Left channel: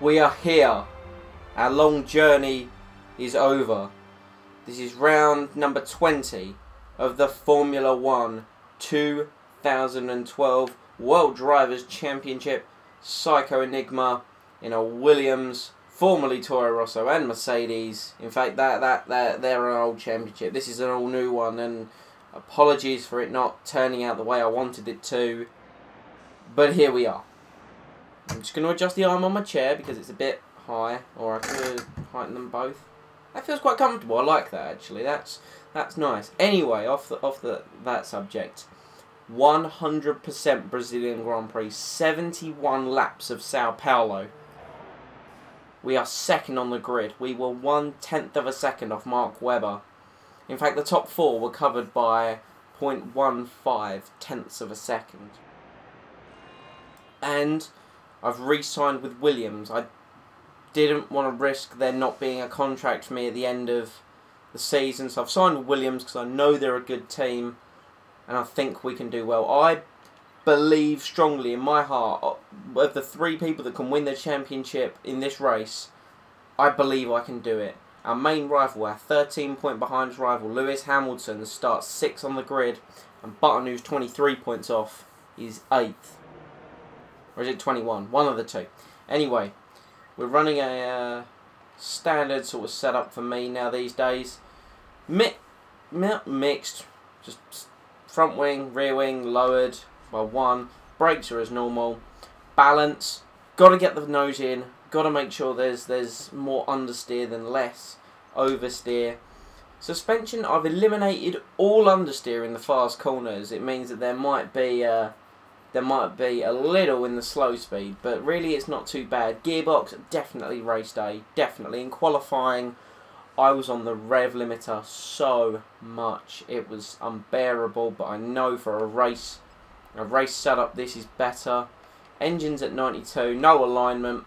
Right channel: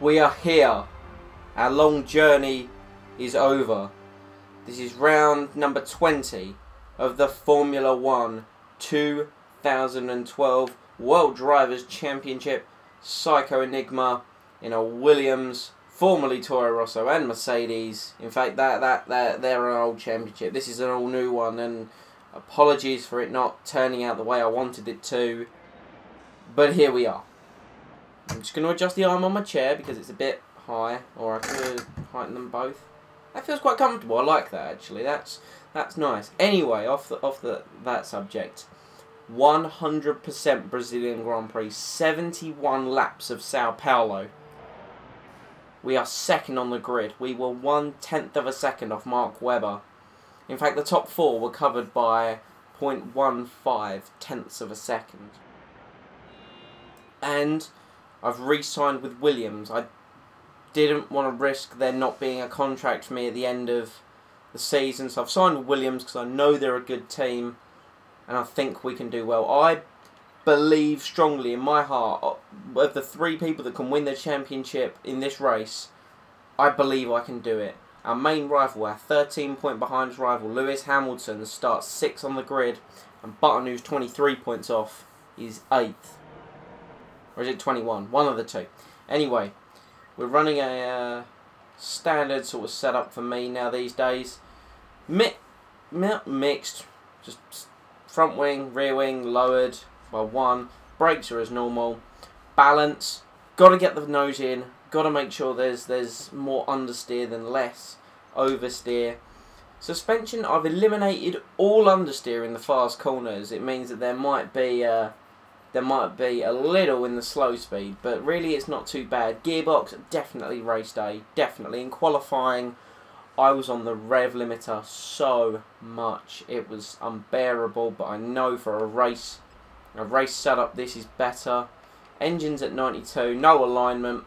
We are here. Our long journey is over. This is round number 20 of the Formula 1 2012 World Drivers' Championship Psycho Enigma in a Williams, formerly Toro Rosso and Mercedes. In fact, they're an old championship. This is an all new one, and apologies for it not turning out the way I wanted it to. But here we are. I'm just going to adjust the arm on my chair because it's a bit high, or I could heighten them both. That feels quite comfortable. I like that, actually. That's nice. Anyway, off that subject, 100% Brazilian Grand Prix, 71 laps of Sao Paulo. We are second on the grid. We were 1/10 of a second off Mark Webber. In fact, the top four were covered by 0.15 tenths of a second. And I've re-signed with Williams. I didn't want to risk there not being a contract for me at the end of the season, so I've signed with Williams because I know they're a good team and I think we can do well. I believe strongly in my heart of the three people that can win the championship in this race. I believe I can do it. Our main rival, our 13-point behind rival, Lewis Hamilton, starts 6th on the grid, and Button, who's 23 points off, is 8th. Or is it 21? One of the two. Anyway, we're running a standard sort of setup for me now these days. Mixed. Just front wing, rear wing, lowered by 1. Brakes are as normal. Balance. Got to get the nose in. Got to make sure there's more understeer than less oversteer. Suspension, I've eliminated all understeer in the fast corners. It means that there might be a little in the slow speed, but really it's not too bad. Gearbox, definitely race day, definitely. In qualifying, I was on the rev limiter so much. It was unbearable, but I know for a race setup this is better. Engines at 92, no alignment.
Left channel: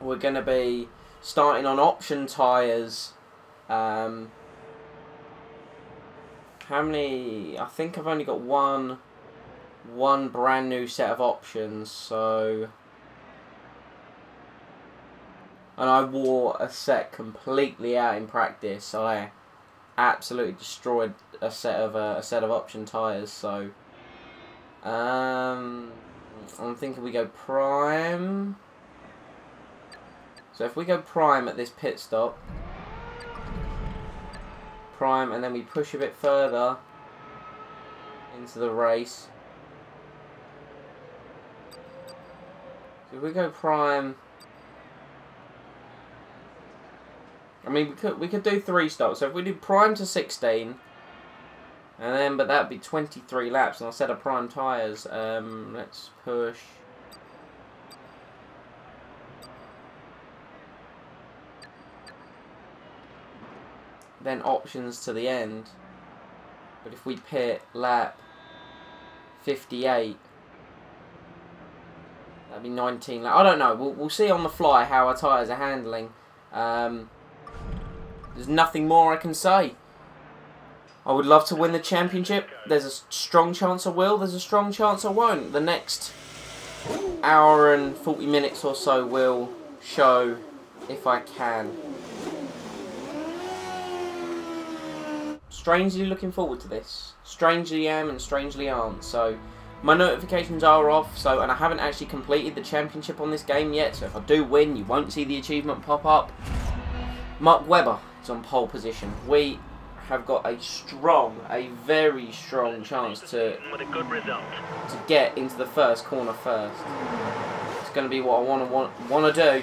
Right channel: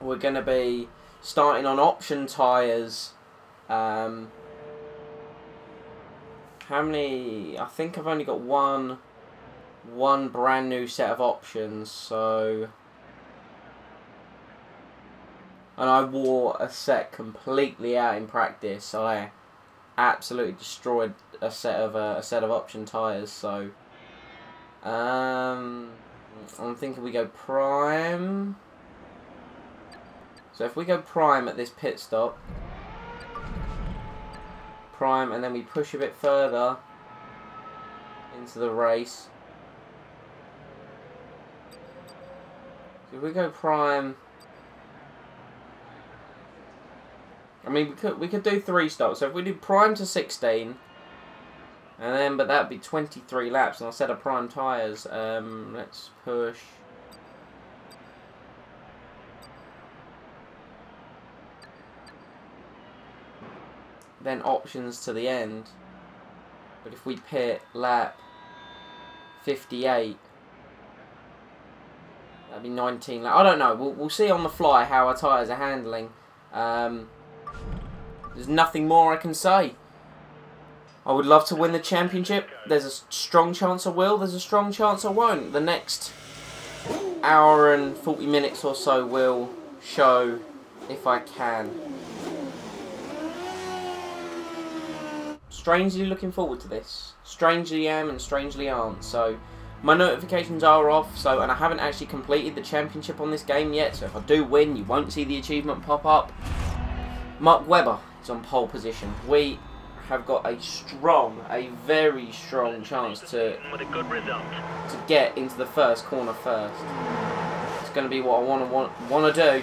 We're going to be starting on option tyres. How many? I think I've only got one brand new set of options, so, and I wore a set completely out in practice. I absolutely destroyed a set of option tyres. So I'm thinking we go prime. So if we go prime at this pit stop, prime, and then we push a bit further into the race. So if we go prime, I mean we could do 3 stops. So if we do prime to 16, and then but that'd be 23 laps on a set of prime tyres. Let's push. Then options to the end. But if we pit lap 58, that'd be 19 laps. I don't know. We'll see on the fly how our tyres are handling. There's nothing more I can say. I would love to win the championship. There's a strong chance I will. There's a strong chance I won't. The next hour and 40 minutes or so will show if I can. Strangely looking forward to this. Strangely am and strangely aren't. So my notifications are off. And I haven't actually completed the championship on this game yet. So if I do win, you won't see the achievement pop up. Mark Webber is on pole position. We have got a very strong chance to get into the first corner first. It's going to be what I want to do.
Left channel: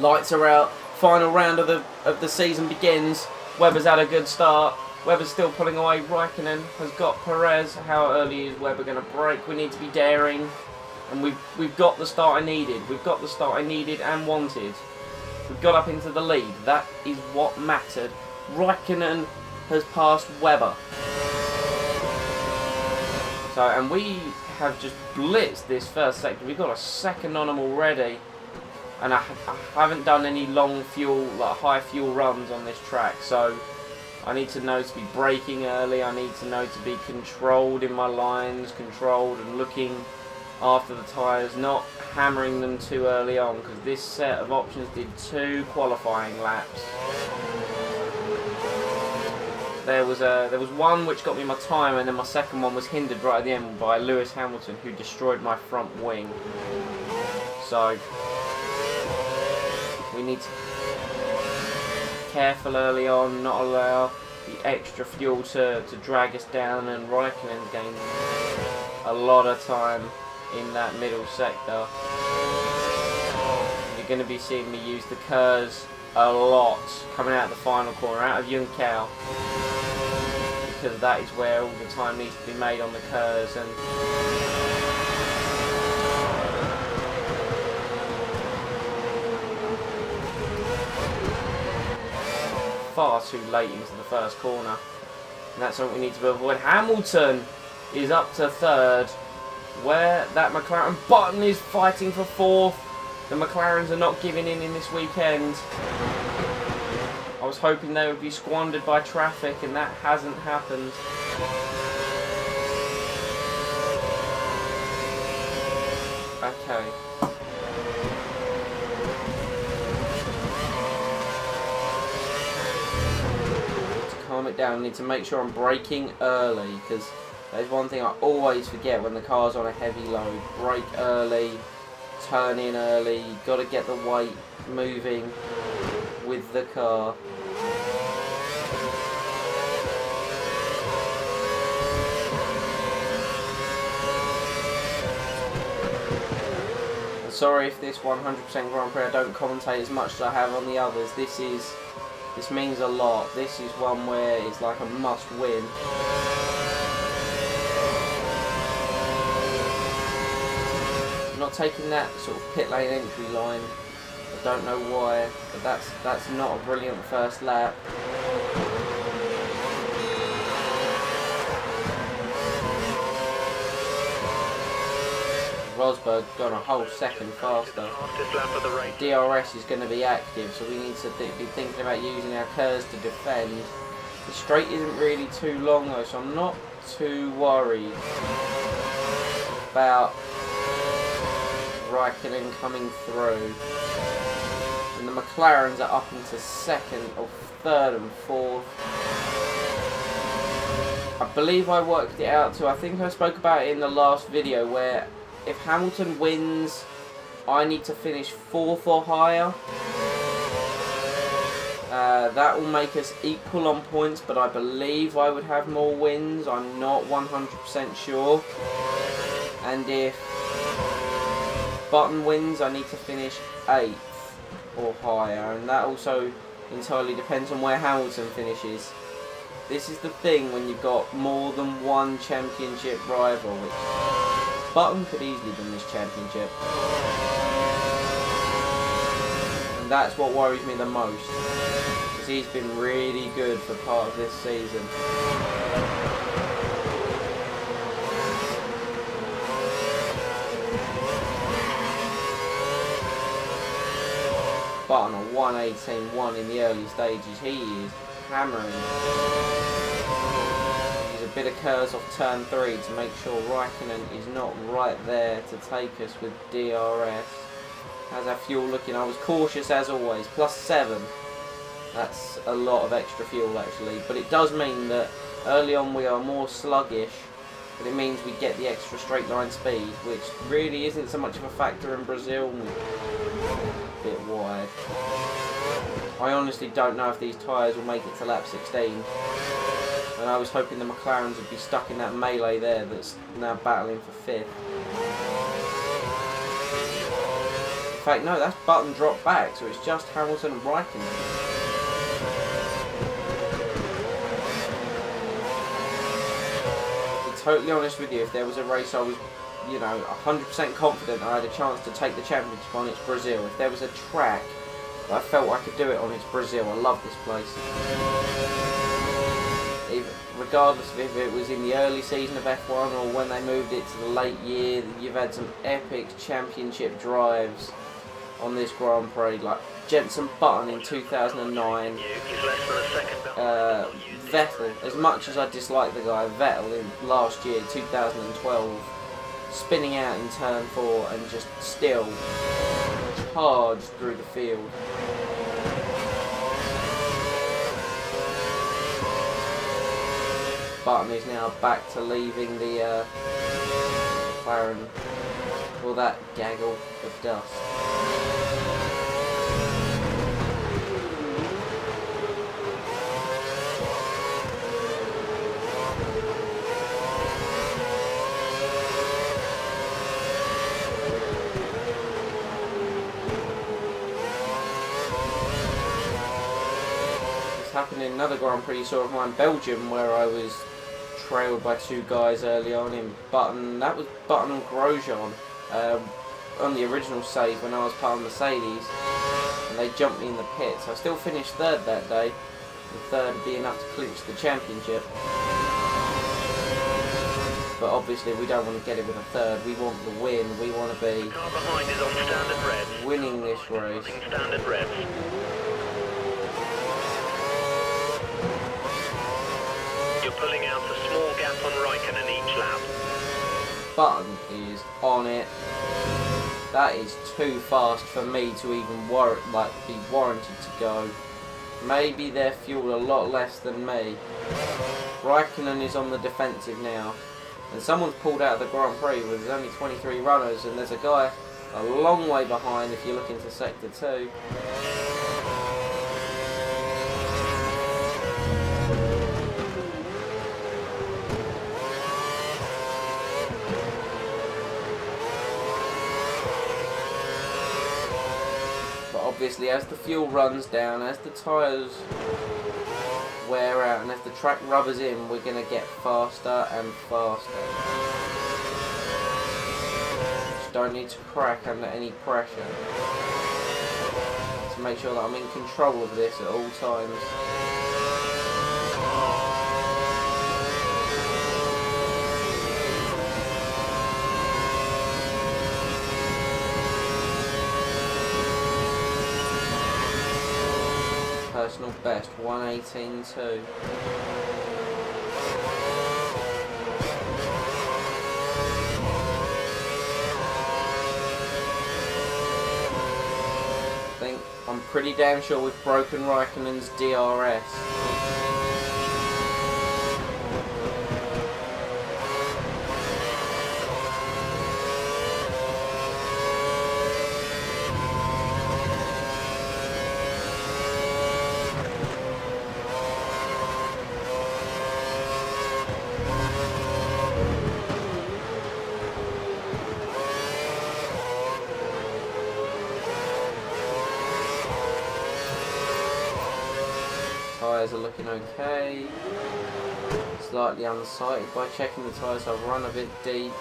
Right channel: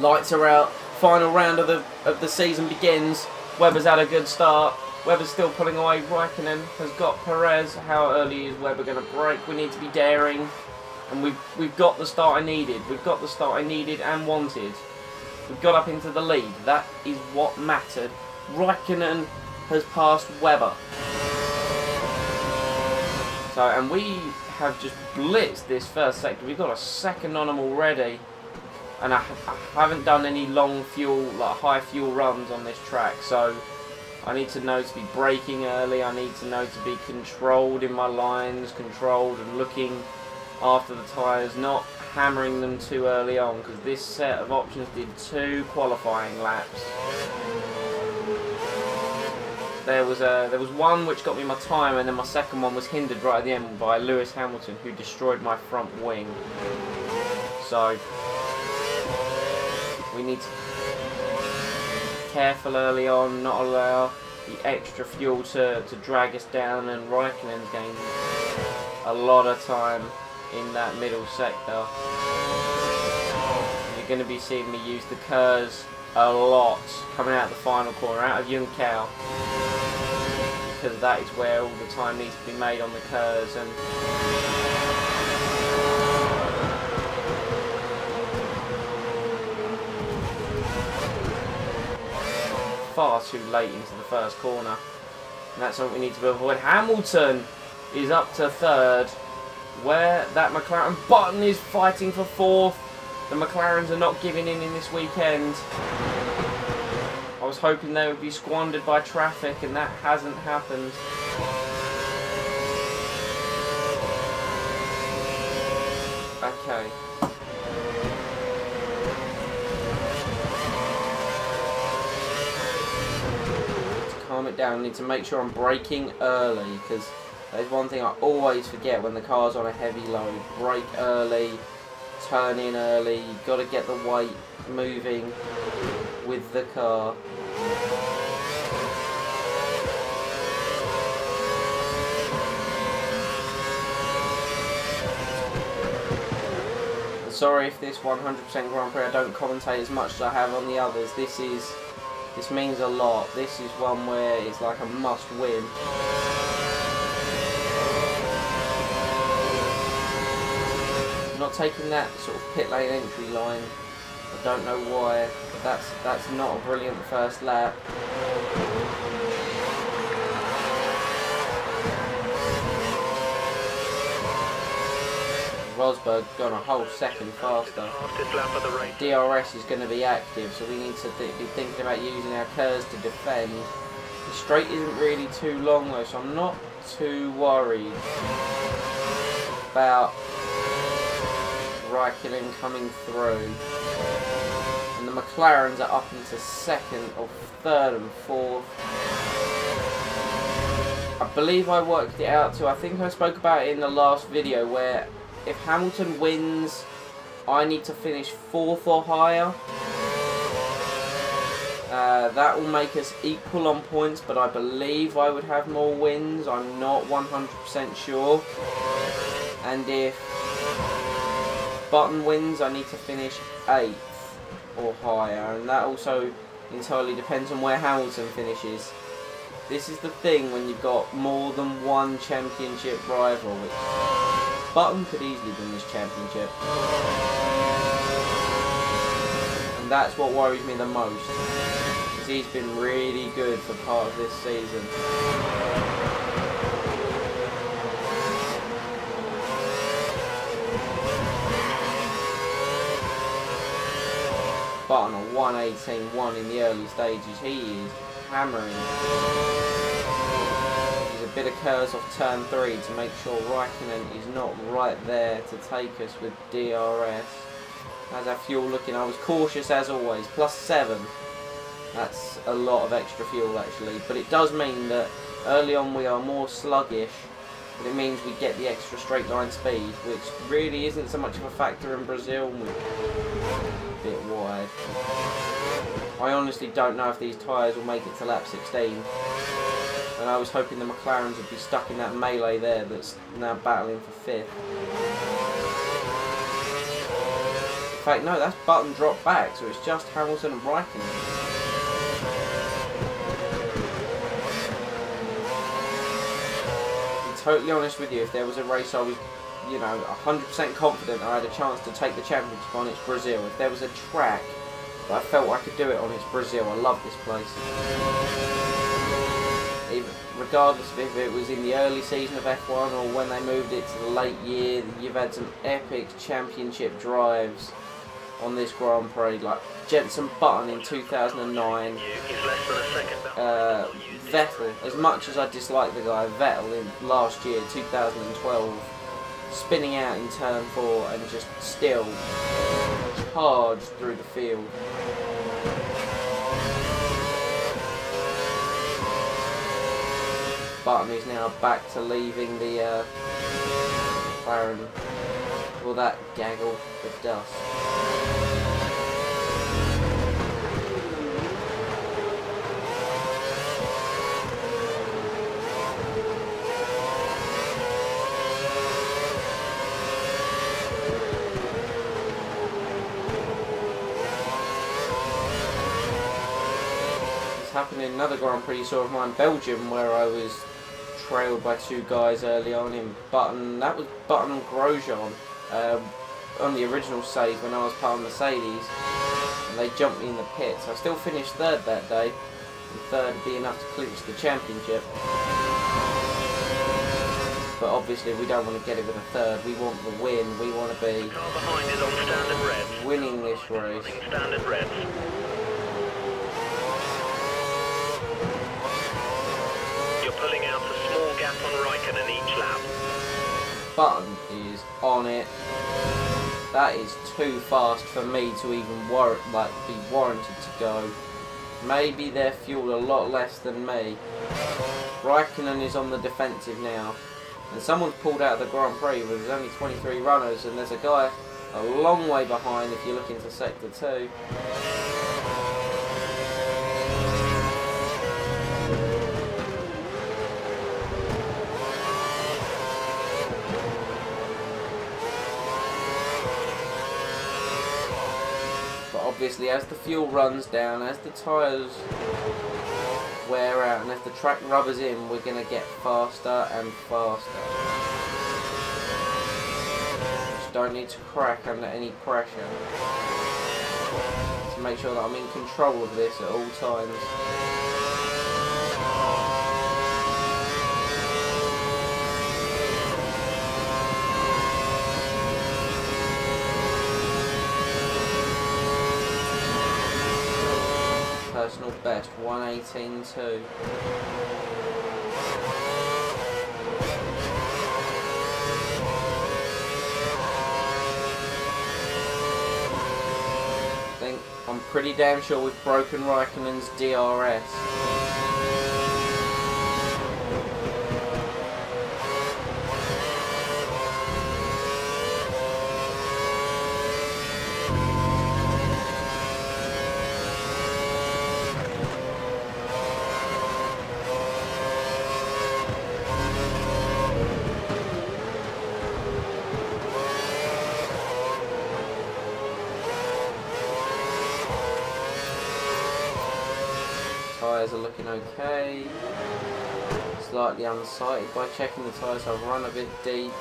Lights are out. Final round of the season begins. Webber's had a good start. Webber's still pulling away. Raikkonen has got Perez. How early is Webber going to brake? We need to be daring. And we've got the start I needed. We've got the start I needed and wanted. We've got up into the lead. That is what mattered. Raikkonen has passed Webber. So, and we have just blitzed this first sector. We've got a second on them already. And I haven't done any long fuel, like high fuel runs on this track, so I need to know to be braking early. I need to know to be controlled in my lines, controlled and looking after the tyres, not hammering them too early on, because this set of options did 2 qualifying laps. There was one which got me my time, and then my second one was hindered right at the end by Lewis Hamilton, who destroyed my front wing. So we need to be careful early on, not allow the extra fuel to drag us down, and Raikkonen's gained a lot of time in that middle sector. And you're going to be seeing me use the KERS a lot coming out of the final corner, out of Junção, because that is where all the time needs to be made on the KERS. And far too late into the first corner, and that's something we need to avoid. Hamilton is up to 3rd, where that McLaren Button is fighting for 4th. The McLarens are not giving in this weekend. I was hoping they would be squandered by traffic, and that hasn't happened. Okay. To calm it down, I need to make sure I'm braking early, because that is one thing I always forget when the car's on a heavy load. Brake early, turn in early, you've got to get the weight moving with the car. And sorry if this 100% Grand Prix I don't commentate as much as I have on the others. This means a lot. This is one where it's like a must win. I'm not taking that sort of pit lane entry line. I don't know why, but that's not a brilliant first lap. Rosberg gone a whole second faster. DRS is going to be active, so we need to be thinking about using our KERS to defend. The straight isn't really too long though, so I'm not too worried about Raikkonen coming through. And the McLarens are up into 2nd or 3rd and 4th. I believe I worked it out too. I think I spoke about it in the last video, where if Hamilton wins, I need to finish 4th or higher. That will make us equal on points, but I believe I would have more wins. I'm not 100% sure. And if Button wins, I need to finish 8th or higher, and that also entirely depends on where Hamilton finishes. This is the thing when you've got more than one championship rival, which Button could easily win this championship, and that's what worries me the most, because he's been really good for part of this season. Button a 1:18.1 in the early stages. He is hammering it. Use a bit of KERS off turn 3 to make sure Raikkonen is not right there to take us with DRS. How's our fuel looking? I was cautious as always. +7. That's a lot of extra fuel actually, but it does mean that early on we are more sluggish, but it means we get the extra straight line speed, which really isn't so much of a factor in Brazil, and we're a bit wide. I honestly don't know if these tyres will make it to lap 16, and I was hoping the McLarens would be stuck in that melee there that's now battling for 5th. In fact, no, that's Button dropped back, so it's just Hamilton and Raikkonen. To be totally honest with you, if there was a race I was, you know, 100% confident I had a chance to take the championship on, it's Brazil. If there was a track that I felt I could do it on, it's Brazil. I love this place. Even, regardless of if it was in the early season of F1 or when they moved it to the late year, you've had some epic championship drives on this Grand Prix, like Jenson Button in 2009, Vettel, as much as I dislike the guy, Vettel in last year, 2012, spinning out in turn 4 and just still charged through the field. Button is now back to leaving the McLaren, all that gaggle for dust. Happened in another Grand Prix you saw of mine, Belgium, where I was trailed by 2 guys early on in Button. That was Button and Grosjean on the original save when I was part of Mercedes, and they jumped me in the pits. I still finished 3rd that day, and 3rd would be enough to clinch the championship. But obviously we don't want to get it with a 3rd. We want the win. We want to be the car behind is on standard revs. Winning this race. Standard revs. You're pulling out a small gap on Raikkonen each lap. Button is on it. That is too fast for me to even be warranted to go. Maybe they're fueled a lot less than me. Raikkonen is on the defensive now, and someone's pulled out of the Grand Prix where there's only 23 runners, and there's a guy a long way behind if you look into Sector 2. But obviously as the fuel runs down, as the tyres wear out, and as the track rubbers in, we're going to get faster and faster. Just don't need to crack under any pressure. To make sure that I'm in control of this at all times. Personal best 1:18.2. I think I'm pretty damn sure we've broken Raikkonen's DRS. Tyres are looking okay. Slightly unsighted by checking the tyres, I've run a bit deep.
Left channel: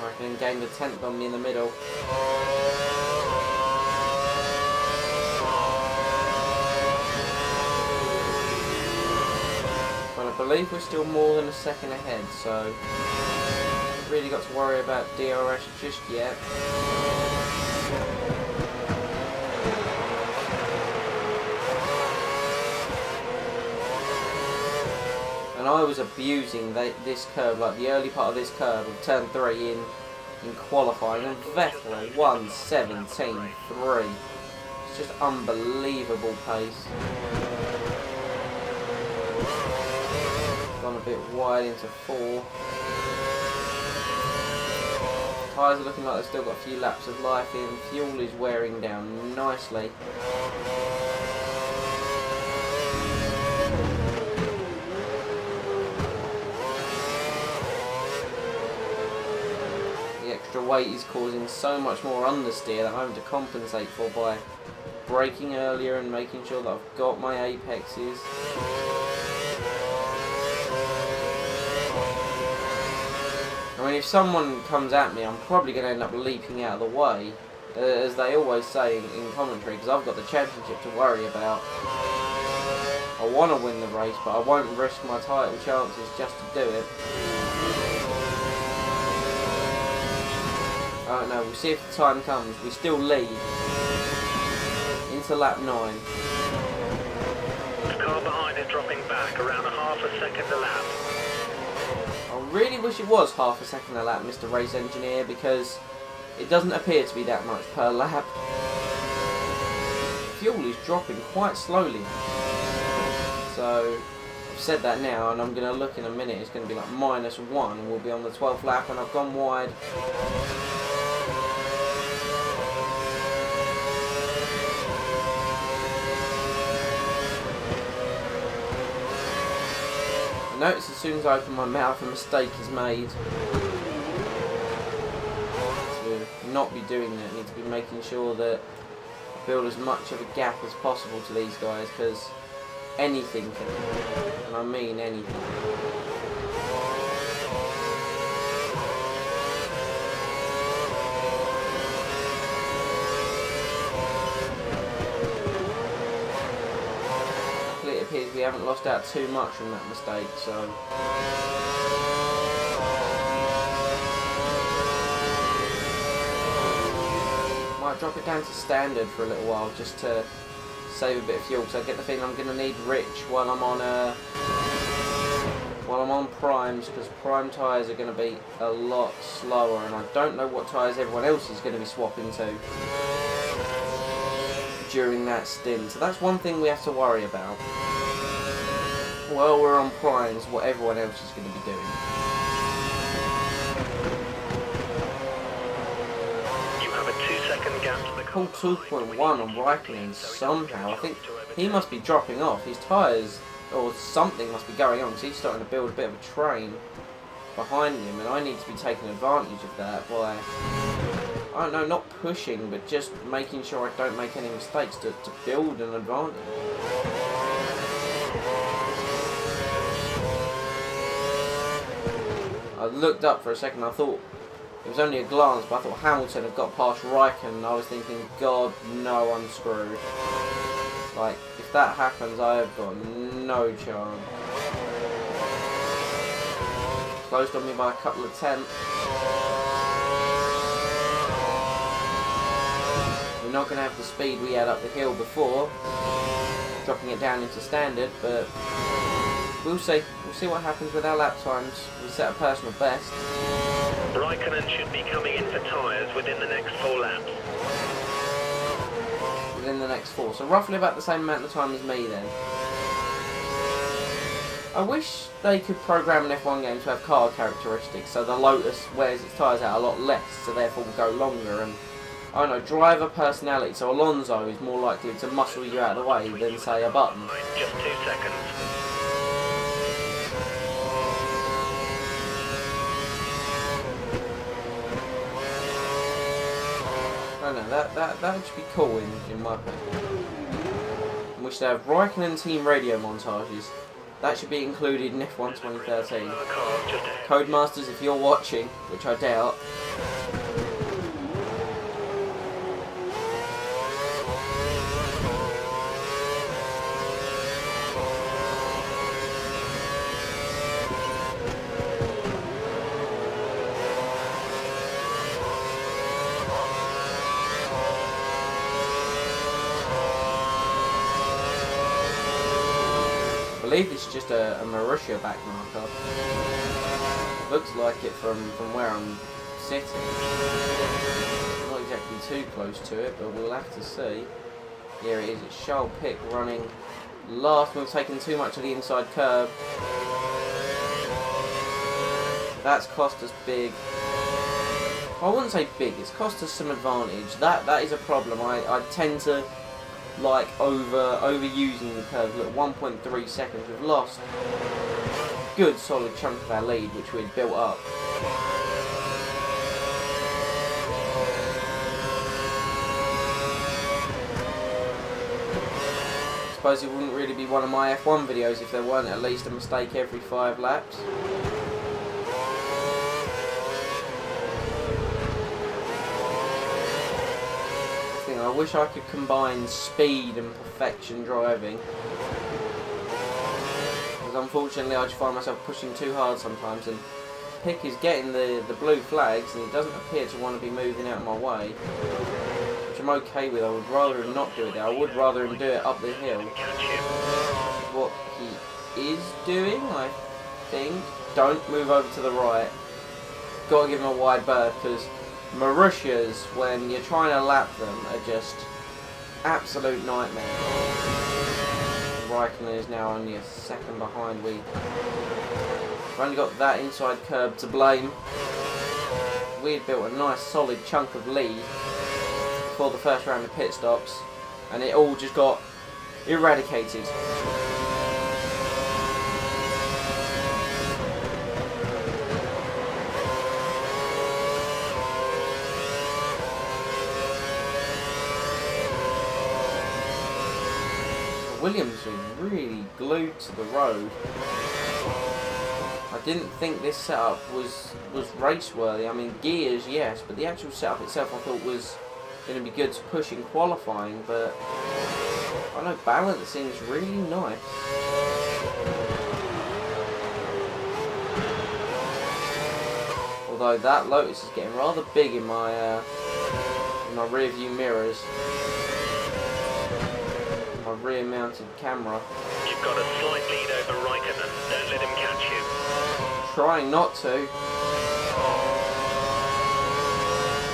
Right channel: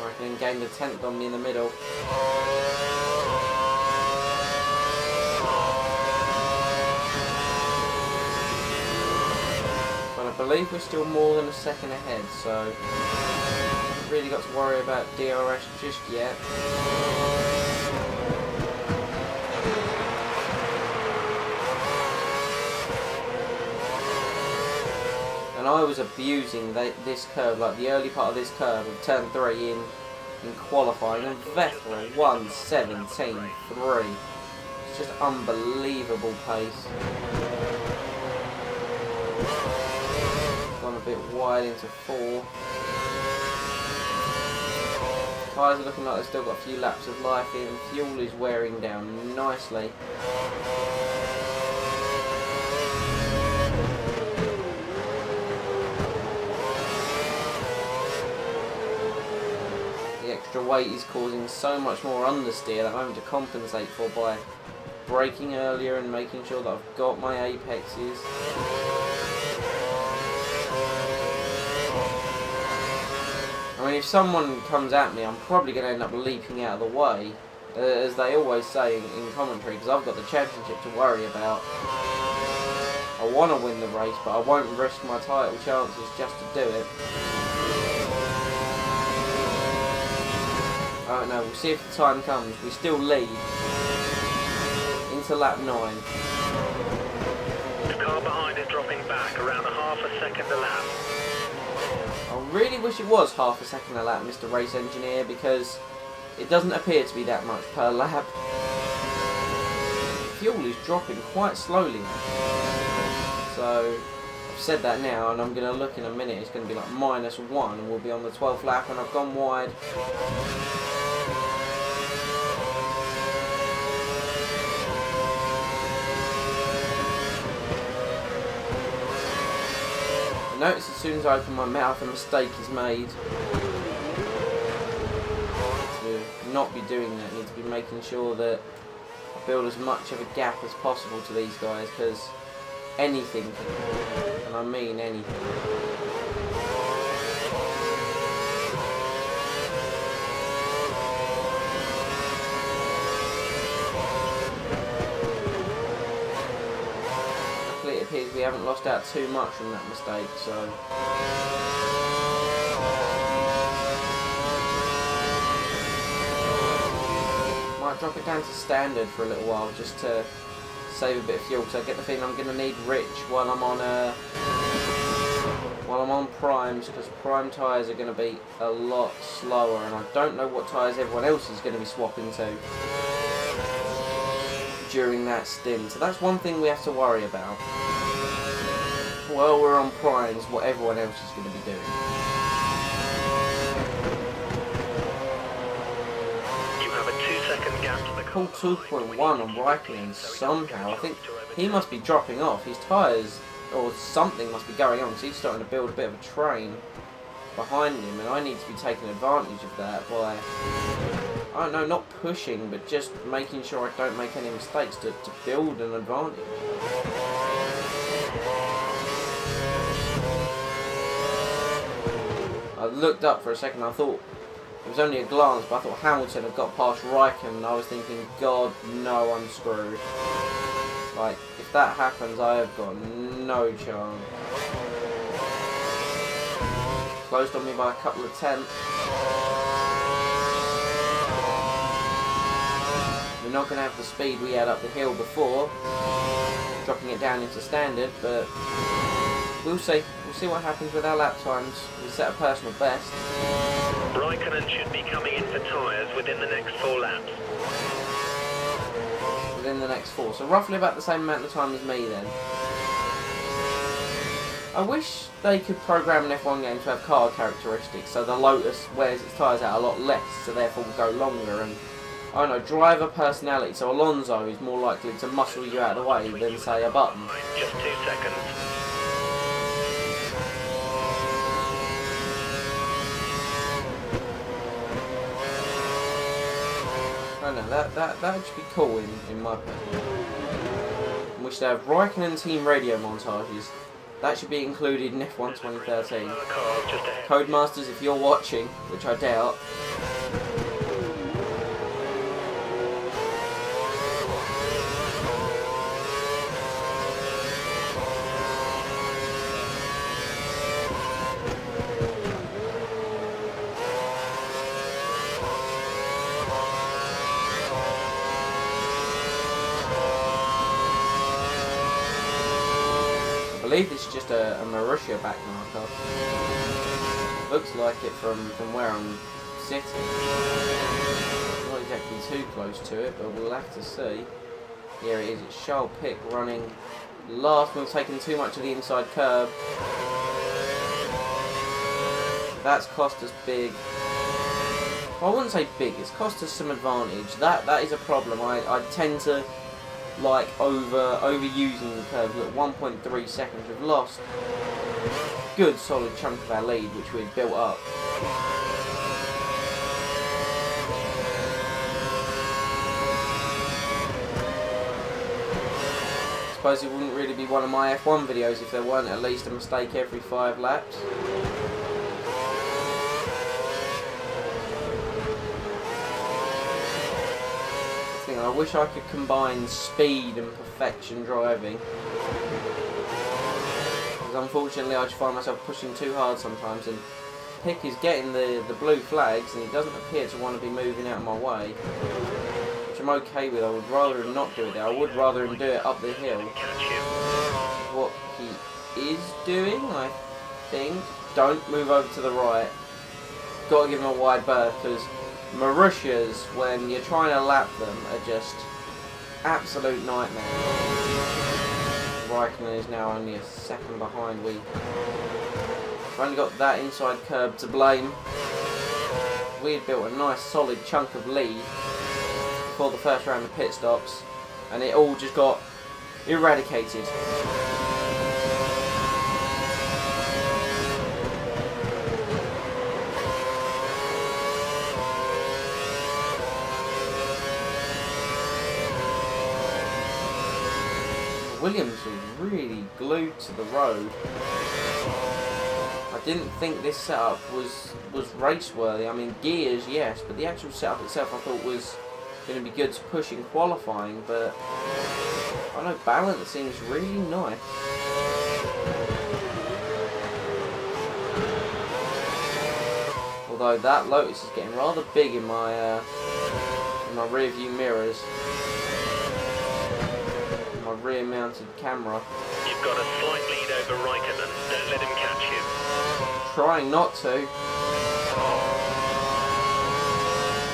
I reckon gained a 10th on me in the middle. But I believe we're still more than a second ahead, so really got to worry about DRS just yet. And I was abusing this curve, like the early part of this curve of turn 3 in qualifying, and Vettel 1:17.3. It's just unbelievable pace. Gone a bit wide into 4. Tyres are looking like they've still got a few laps of life in. Fuel is wearing down nicely. The extra weight is causing so much more understeer that I'm having to compensate for by braking earlier and making sure that I've got my apexes. I mean, if someone comes at me, I'm probably going to end up leaping out of the way, as they always say in commentary, because I've got the championship to worry about. I want to win the race, but I won't risk my title chances just to do it. I don't know, we'll see if the time comes. We still lead into lap 9. car behind is dropping back around a half a second a lap. I really wish it was half a second a lap, Mr. Race Engineer, because it doesn't appear to be that much per lap. The fuel is dropping quite slowly. So, I've said that now, and I'm going to look in a minute. It's going to be like -1, and we'll be on the 12th lap, and I've gone wide. I notice as soon as I open my mouth a mistake is made. To not be doing that, I need to be making sure that I build as much of a gap as possible to these guys, because anything can happen, and I mean anything. It appears we haven't lost out too much from that mistake, so might drop it down to standard for a little while just to save a bit of fuel. So I get the feeling I'm going to need rich while I'm on primes, because prime tyres are going to be a lot slower, and I don't know what tyres everyone else is going to be swapping to during that stint. So that's one thing we have to worry about. While we're on primes, what everyone else is going to be doing. You have a 2-second gap to the car. Pull 2.1 on Raikkonen somehow. I think he must be dropping off. His tyres, or something must be going on, because he's starting to build a bit of a train behind him, and I need to be taking advantage of that by, I don't know, not pushing, but just making sure I don't make any mistakes to build an advantage. I looked up for a second, I thought, it was only a glance, but I thought Hamilton had got past Raikkonen, and I was thinking, God, no, I'm screwed. Like, if that happens, I have got no chance. Closed on me by a couple of tenths. We're not going to have the speed we had up the hill before, dropping it down into standard, but we'll see. We'll see what happens with our lap times. We set a personal best. Raikkonen should be coming in for tyres within the next 4 laps. Within the next 4, so roughly about the same amount of time as me then. I wish they could program an F1 game to have car characteristics, so the Lotus wears its tyres out a lot less, so therefore will go longer, and I don't know, driver personality, so Alonso is more likely to muscle you out of the way than, say, a Button. Just 2 seconds. I don't know, that should be cool in my personal. In which they have Raikkonen team radio montages. That should be included in F1 2013. Codemasters, if you're watching, which I doubt. I believe this is just a Marussia back marker. Looks like it from where I'm sitting. Not exactly too close to it, but we'll have to see. Here it is, it's Charles Pic running last. We've taken too much of the inside curb. That's cost us big. Well, I wouldn't say big, it's cost us some advantage. That is a problem. I tend to like overusing the curves. Look, 1.3 seconds. We've lost a good solid chunk of our lead, which we had built up. I suppose it wouldn't really be one of my F1 videos if there weren't at least a mistake every 5 laps. I wish I could combine speed and perfection driving, because unfortunately I just find myself pushing too hard sometimes, and Pic is getting the blue flags and he doesn't appear to want to be moving out of my way, which I'm okay with. I would rather him not do it there. I would rather him do it up the hill, which is what he is doing, I think. Don't move over to the right. Got to give him a wide berth, because Marussias, when you're trying to lap them, are just absolute nightmares. Raikkonen is now only a second behind. We've only got that inside curb to blame. We had built a nice solid chunk of lead before the first round of pit stops, and it all just got eradicated. Williams was really glued to the road. I didn't think this setup was race worthy. I mean, gears, yes, but the actual setup itself I thought was going to be good to push in qualifying, but I know balance seems really nice. Although that Lotus is getting rather big in my rear view mirrors. My rear mounted camera. You've got a slight lead over Raikkonen. Don't let him catch you. Trying not to.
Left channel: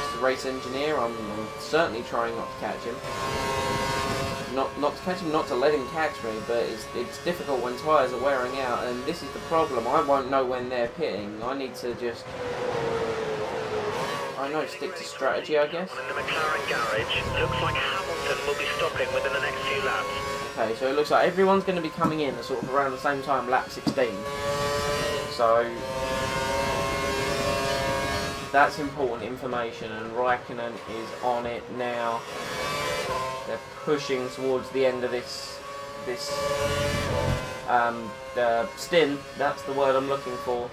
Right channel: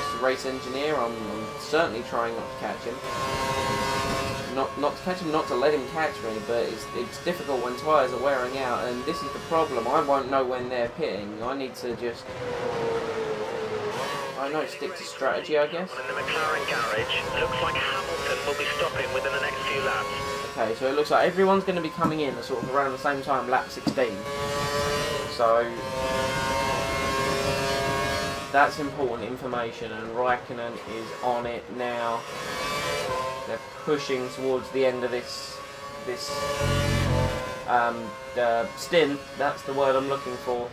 As the race engineer, I'm certainly trying not to catch him. Not to catch him, not to let him catch me, but it's difficult when tyres are wearing out, and this is the problem. I won't know when they're pitting. I need to just, I don't know, stick to strategy, I guess. In the Mclaren garage, looks like Hamilton will be stopping within the next few laps. Okay, so it looks like everyone's going to be coming in sort of around the same time, lap 16. So that's important information, and Raikkonen is on it now. They're pushing towards the end of this stint. That's the word I'm looking for.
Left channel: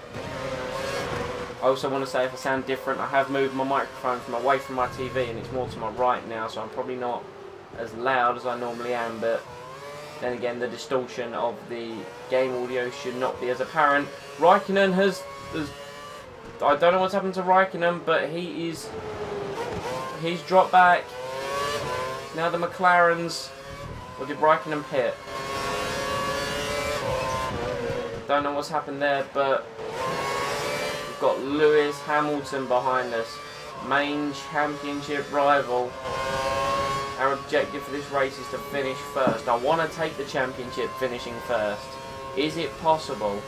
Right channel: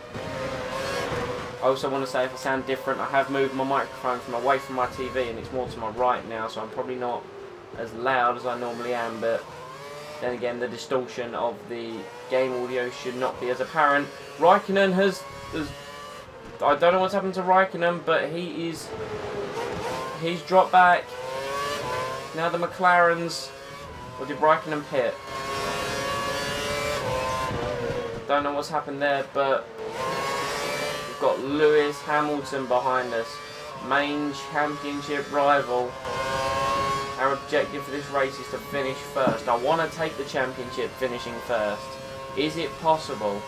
I also want to say, if I sound different, I have moved my microphone from away from my TV and it's more to my right now, so I'm probably not as loud as I normally am, but then again, the distortion of the game audio should not be as apparent. Raikkonen has I don't know what's happened to Raikkonen, but he's dropped back. Now the McLarens, or did Raikkonen pit? I don't know what's happened there, but we've got Lewis Hamilton behind us, main championship rival. Our objective for this race is to finish first. I want to take the championship finishing first. Is it possible?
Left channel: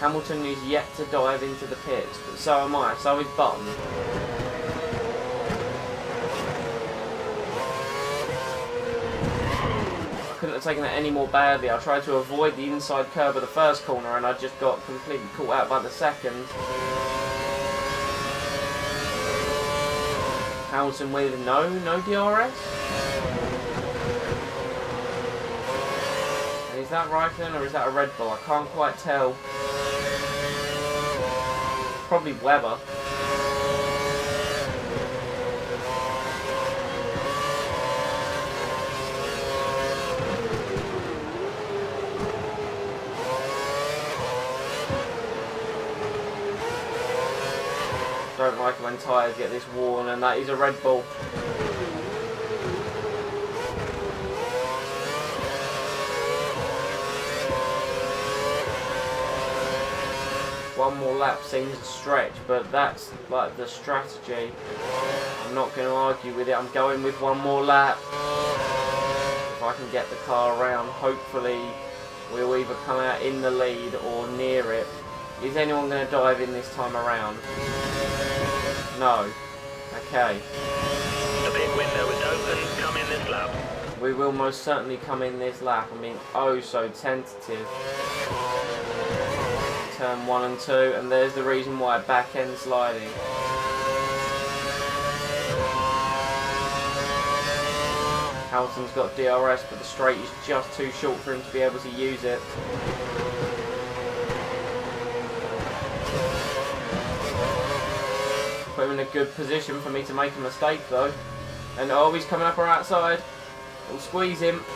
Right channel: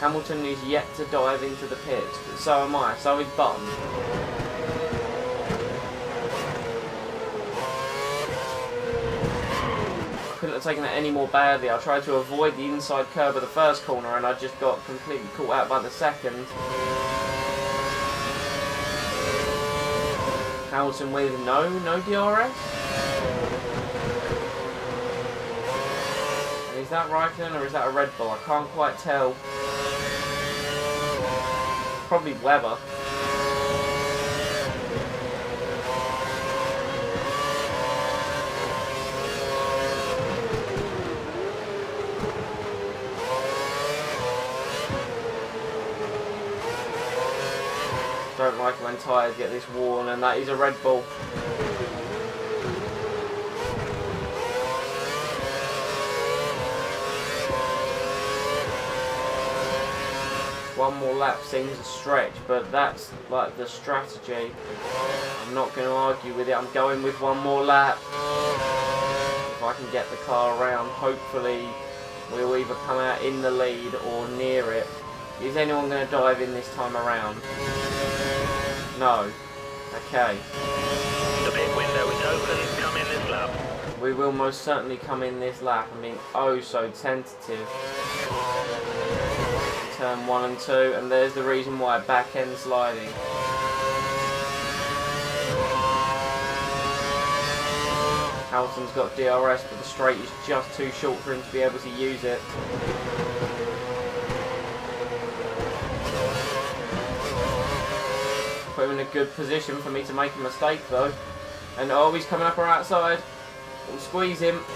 Hamilton is yet to dive into the pits, but so am I. So is Button. I couldn't have taken that any more badly. I tried to avoid the inside curb of the first corner and I just got completely caught out by the second. Hamilton with no DRS. And is that Raikkonen or is that a Red Bull? I can't quite tell. Probably Webber. Don't like it when tyres get this worn, and that is a Red Bull. One more lap seems a stretch, but that's like the strategy. I'm not going to argue with it. I'm going with one more lap. If I can get the car around, hopefully we'll either come out in the lead or near it. Is anyone going to dive in this time around? No. Okay. The pit window is open. Come in this lap. We will most certainly come in this lap. I'm being oh so tentative. In turn 1 and 2, and there's the reason why, back end sliding. Hamilton's got DRS, but the straight is just too short for him to be able to use it. Put him in a good position for me to make a mistake though. And oh, he's coming up our outside. We'll squeeze him.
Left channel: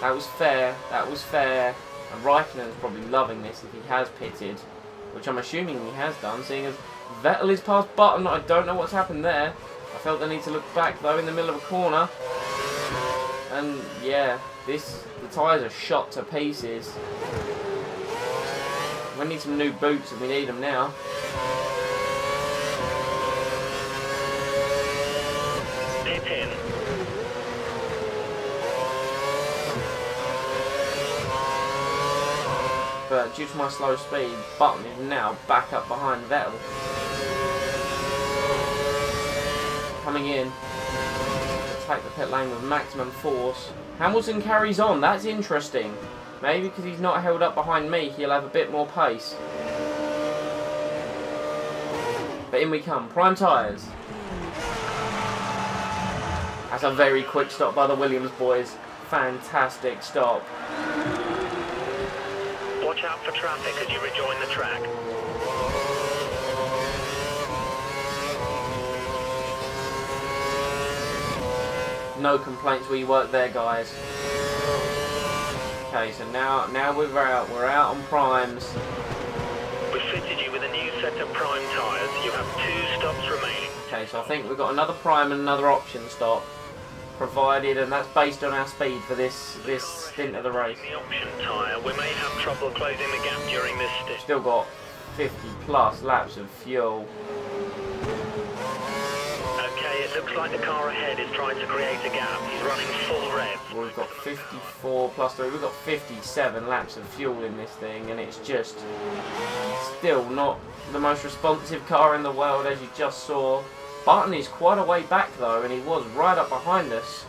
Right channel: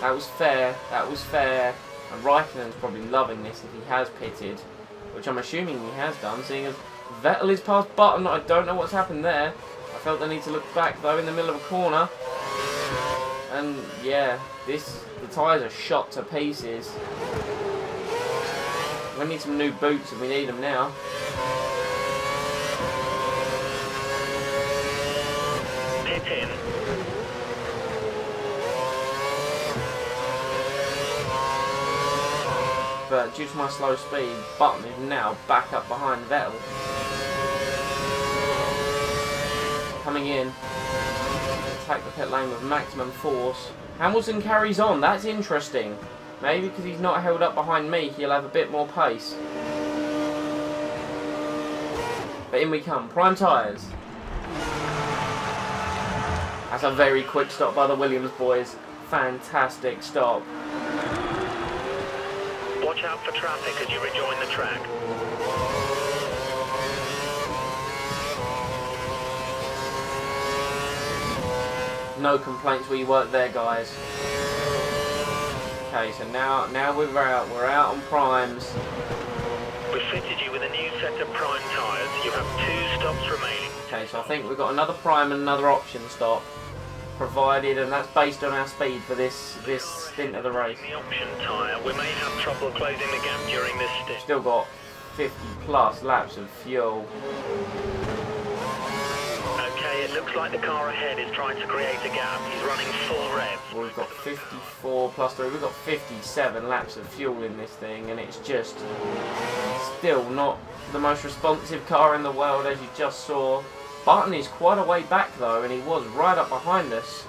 That was fair. That was fair. And Raikkonen's probably loving this if he has pitted, which I'm assuming he has done, seeing as Vettel is past Button. I don't know what's happened there. I felt the need to look back though in the middle of a corner. And yeah, the tyres are shot to pieces. We need some new boots and we need them now. Pit in. But due to my slow speed, Button is now back up behind Vettel. Coming in to attack the pit lane with maximum force. Hamilton carries on, that's interesting. Maybe because he's not held up behind me, he'll have a bit more pace. But in we come, prime tyres. That's a very quick stop by the Williams boys. Fantastic stop. Watch out for traffic as you rejoin the track. No complaints where you work there, guys. Okay, so now we're out on primes. We've fitted you with a new set of prime tyres. You have 2 stops remaining. Okay, so I think we've got another prime and another option stop provided, and that's based on our speed for this stint of the race. The option tyre, we may have trouble closing the gap during this stint. Still got 50 plus laps of fuel. Okay, it looks like the car ahead is trying to create a gap. He's running full rev. Well, we've got 54 plus 3, we've got 57 laps of fuel in this thing, and it's just still not the most responsive car in the world, as you just saw. Button is quite a way back though, and he was right up behind us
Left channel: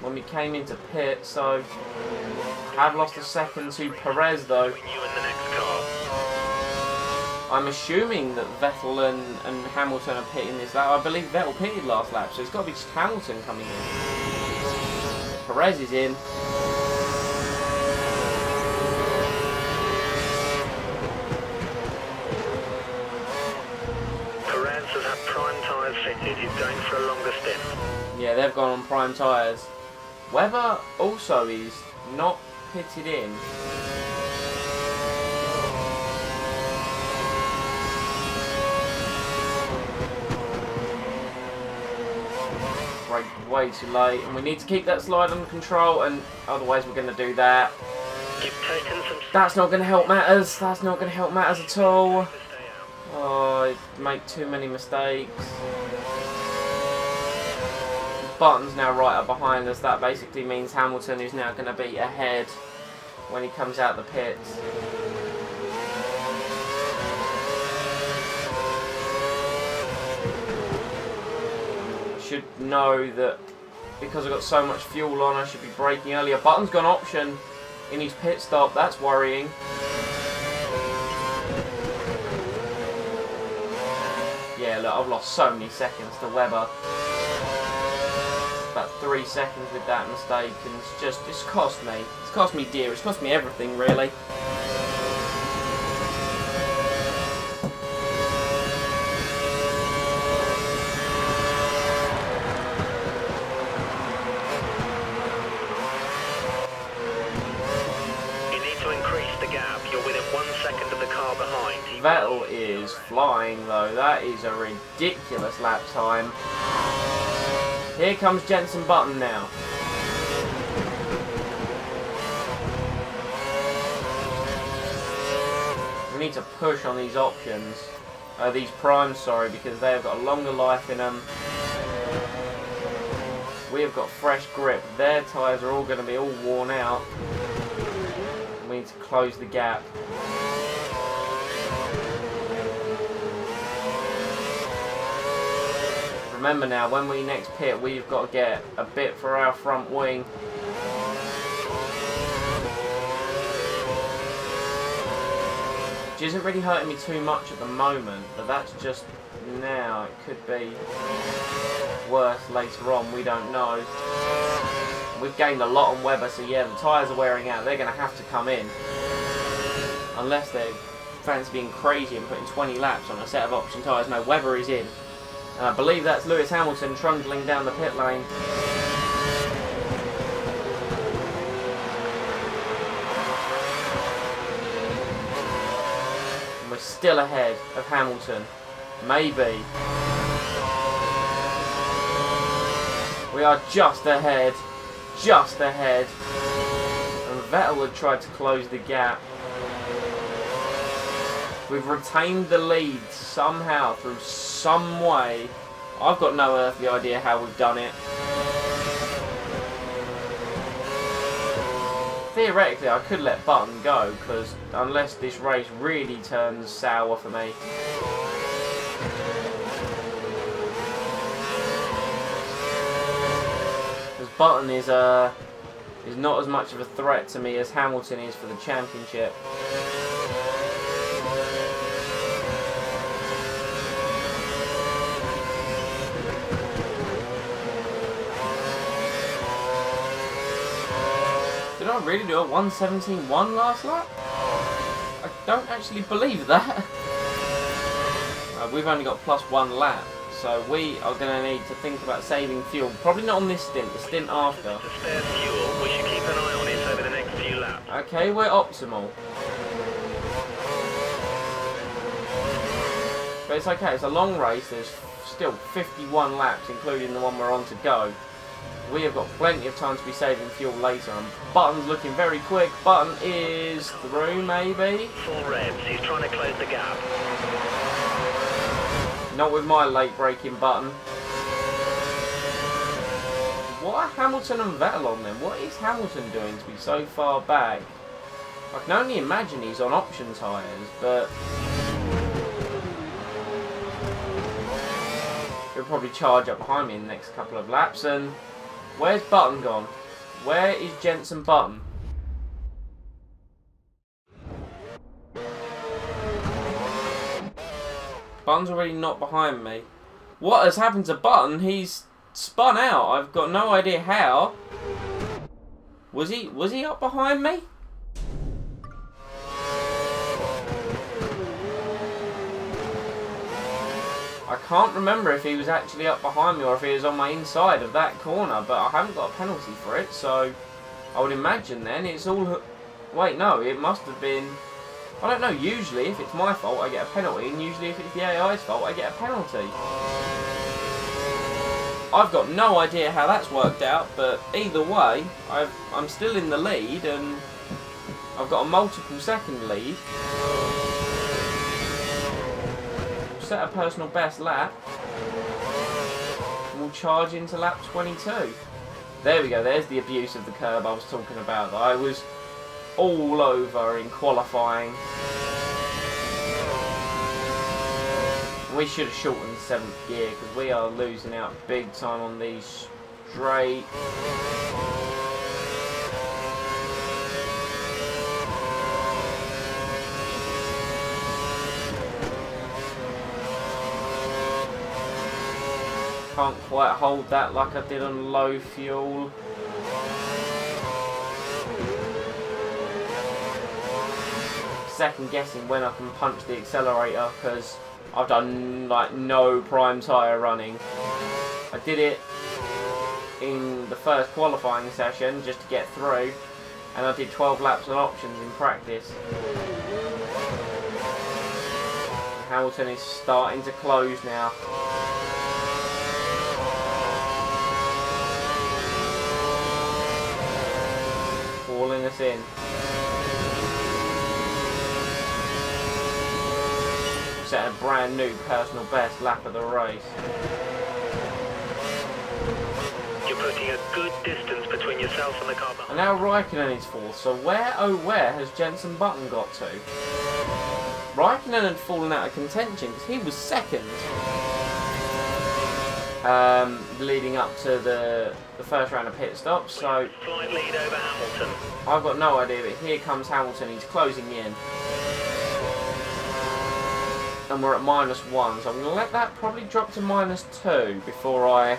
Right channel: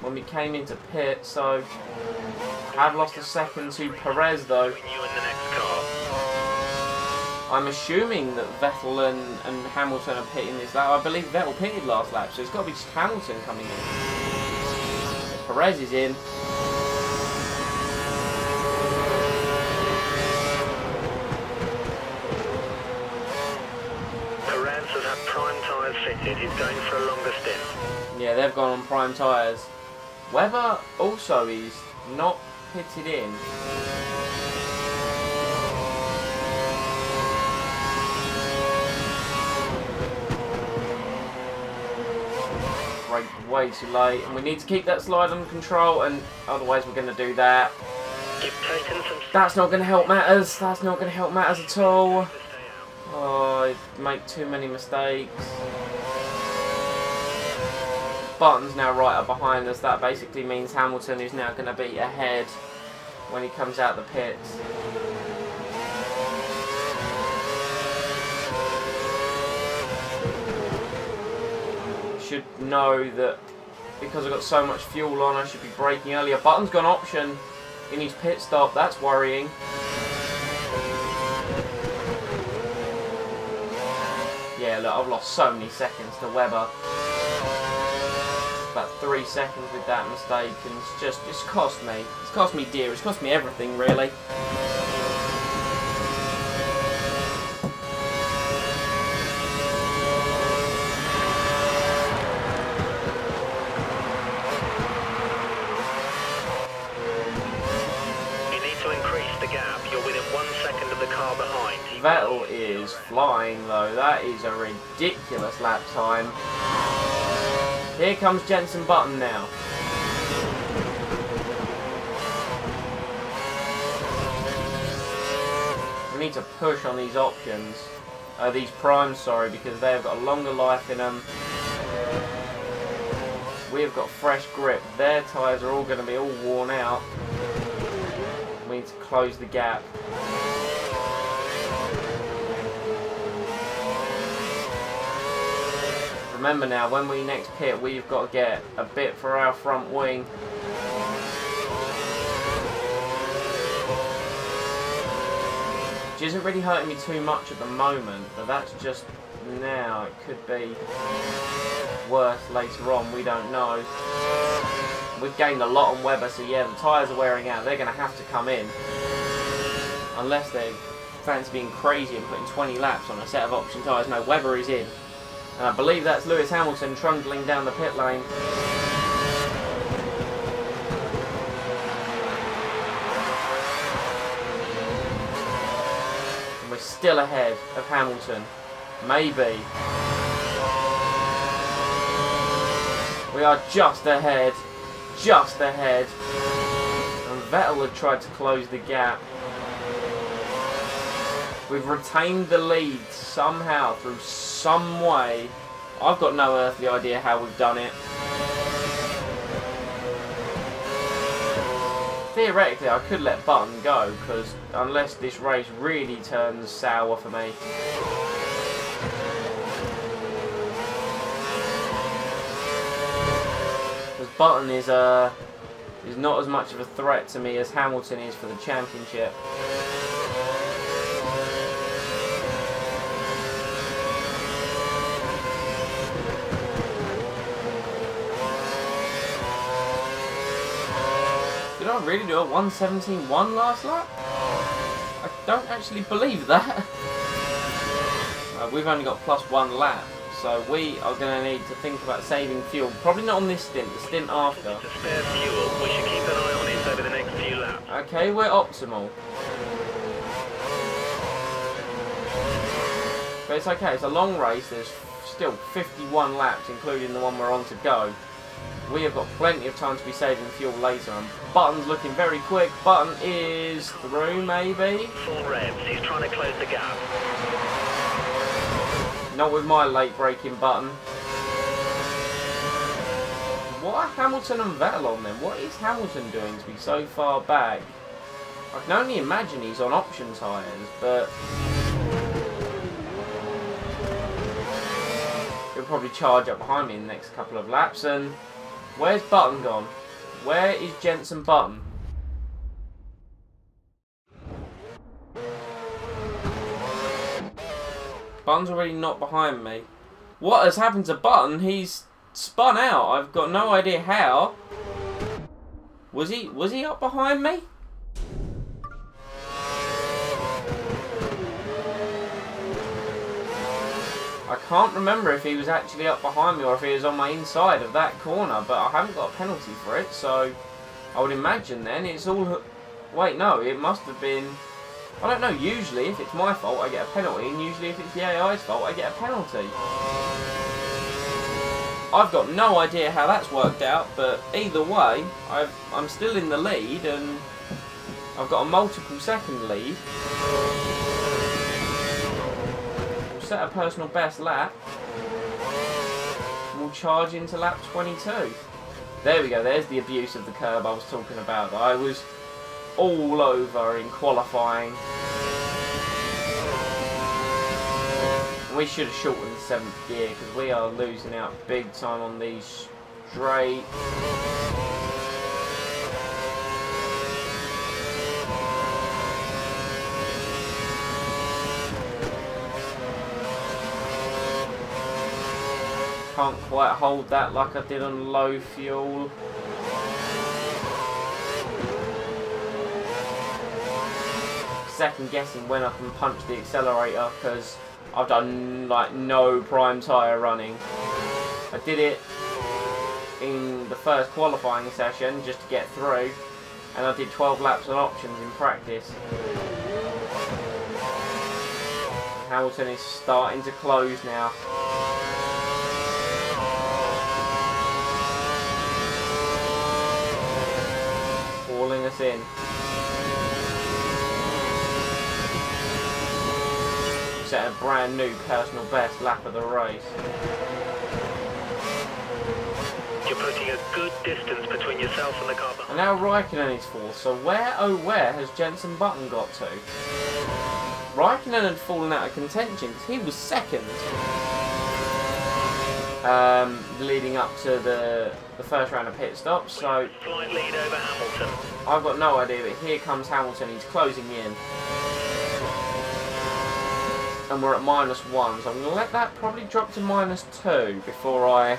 when we came into pit, so I have lost a second to Perez though. You in the next car. I'm assuming that Vettel and Hamilton are pitting this lap. I believe Vettel pitted last lap, so it's got to be just Hamilton coming in. Yeah, Perez is in. Perez has had prime tyres fitted. He's going for a longer stint. Yeah, they've gone on prime tyres. Webber also is not pitted in. Brake way too late, and we need to keep that slide under control, and otherwise we're going to do that. You've taken some. That's not going to help matters. That's not going to help matters at all. Oh, I make too many mistakes. Button's now right up behind us. That basically means Hamilton is now going to be ahead when he comes out the pits. I should know that because I've got so much fuel on, I should be braking earlier. Button's gone option in his pit stop. That's worrying. Yeah, look, I've lost so many seconds to Webber. About 3 seconds with that mistake, and it's cost me. It's cost me dear. It's cost me everything, really. You need to increase the gap. You're within 1 second of the car behind. Vettel is flying, though. That is a ridiculous lap time. Here comes Jenson Button now. We need to push on these options. These primes, sorry, because they have got a longer life in them. We have got fresh grip. Their tyres are all going to be all worn out. And we need to close the gap. Remember now, when we next pit, we've got to get a bit for our front wing. Which isn't really hurting me too much at the moment, but that's just now. It could be worse later on, we don't know. We've gained a lot on Webber, so yeah, the tyres are wearing out. They're going to have to come in. Unless they fancy being crazy and putting 20 laps on a set of option tyres. No, Webber is in. And I believe that's Lewis Hamilton trundling down the pit lane. And we're still ahead of Hamilton. Maybe. We are just ahead. just ahead. And Vettel had tried to close the gap. We've retained the lead somehow, through some way. I've got no earthly idea how we've done it. Theoretically, I could let Button go, because unless this race really turns sour for me. Because Button is not as much of a threat to me as Hamilton is for the championship. Did I really do a 1:17.1 last lap? I don't actually believe that. We've only got +1 lap, so we are going to need to think about saving fuel. Probably not on this stint, the stint after. To spare fuel, we should keep an eye on it over the next few laps. Okay, we're optimal. But it's okay, it's a long race, there's still 51 laps, including the one we're on to go. We have got plenty of time to be saving fuel later, and Button's looking very quick. Button is through, maybe? Full revs, he's trying to close the gap. Not with my late braking Button. What are Hamilton and Vettel on then? What is Hamilton doing to be so far back? I can only imagine he's on option tyres, but he'll probably charge up behind me in the next couple of laps. And where's Button gone? Where is Jenson Button? Button's already not behind me. What has happened to Button? He's spun out. I've got no idea how. Was he up behind me? I can't remember if he was actually up behind me or if he was on my inside of that corner, but I haven't got a penalty for it, so I would imagine then it's all... Wait, no, it must have been... I don't know, usually if it's my fault I get a penalty, and usually if it's the AI's fault I get a penalty. I've got no idea how that's worked out, but either way, I'm still in the lead, and I've got a multiple second lead. We'll set a personal best lap, and we'll charge into lap 22. There we go, there's the abuse of the curb I was talking about, that I was all over in qualifying. We should have shortened the 7th gear because we are losing out big time on these straight. Can't quite hold that like I did on low fuel. Second guessing when I can punch the accelerator because I've done like no prime tyre running. I did it in the first qualifying session just to get through, and I did 12 laps on options in practice. And Hamilton is starting to close now. Hauling us in. Set a brand new personal best lap of the race. You're putting a good distance between yourself and the car behind. And now Raikkonen is 4th, so where oh where has Jenson Button got to? Raikkonen had fallen out of contention because he was 2nd. Leading up to the first round of pit stops, so slight lead over Hamilton. I've got no idea, but here comes Hamilton, he's closing in. And we're at -1, so I'm going to let that probably drop to -2 before I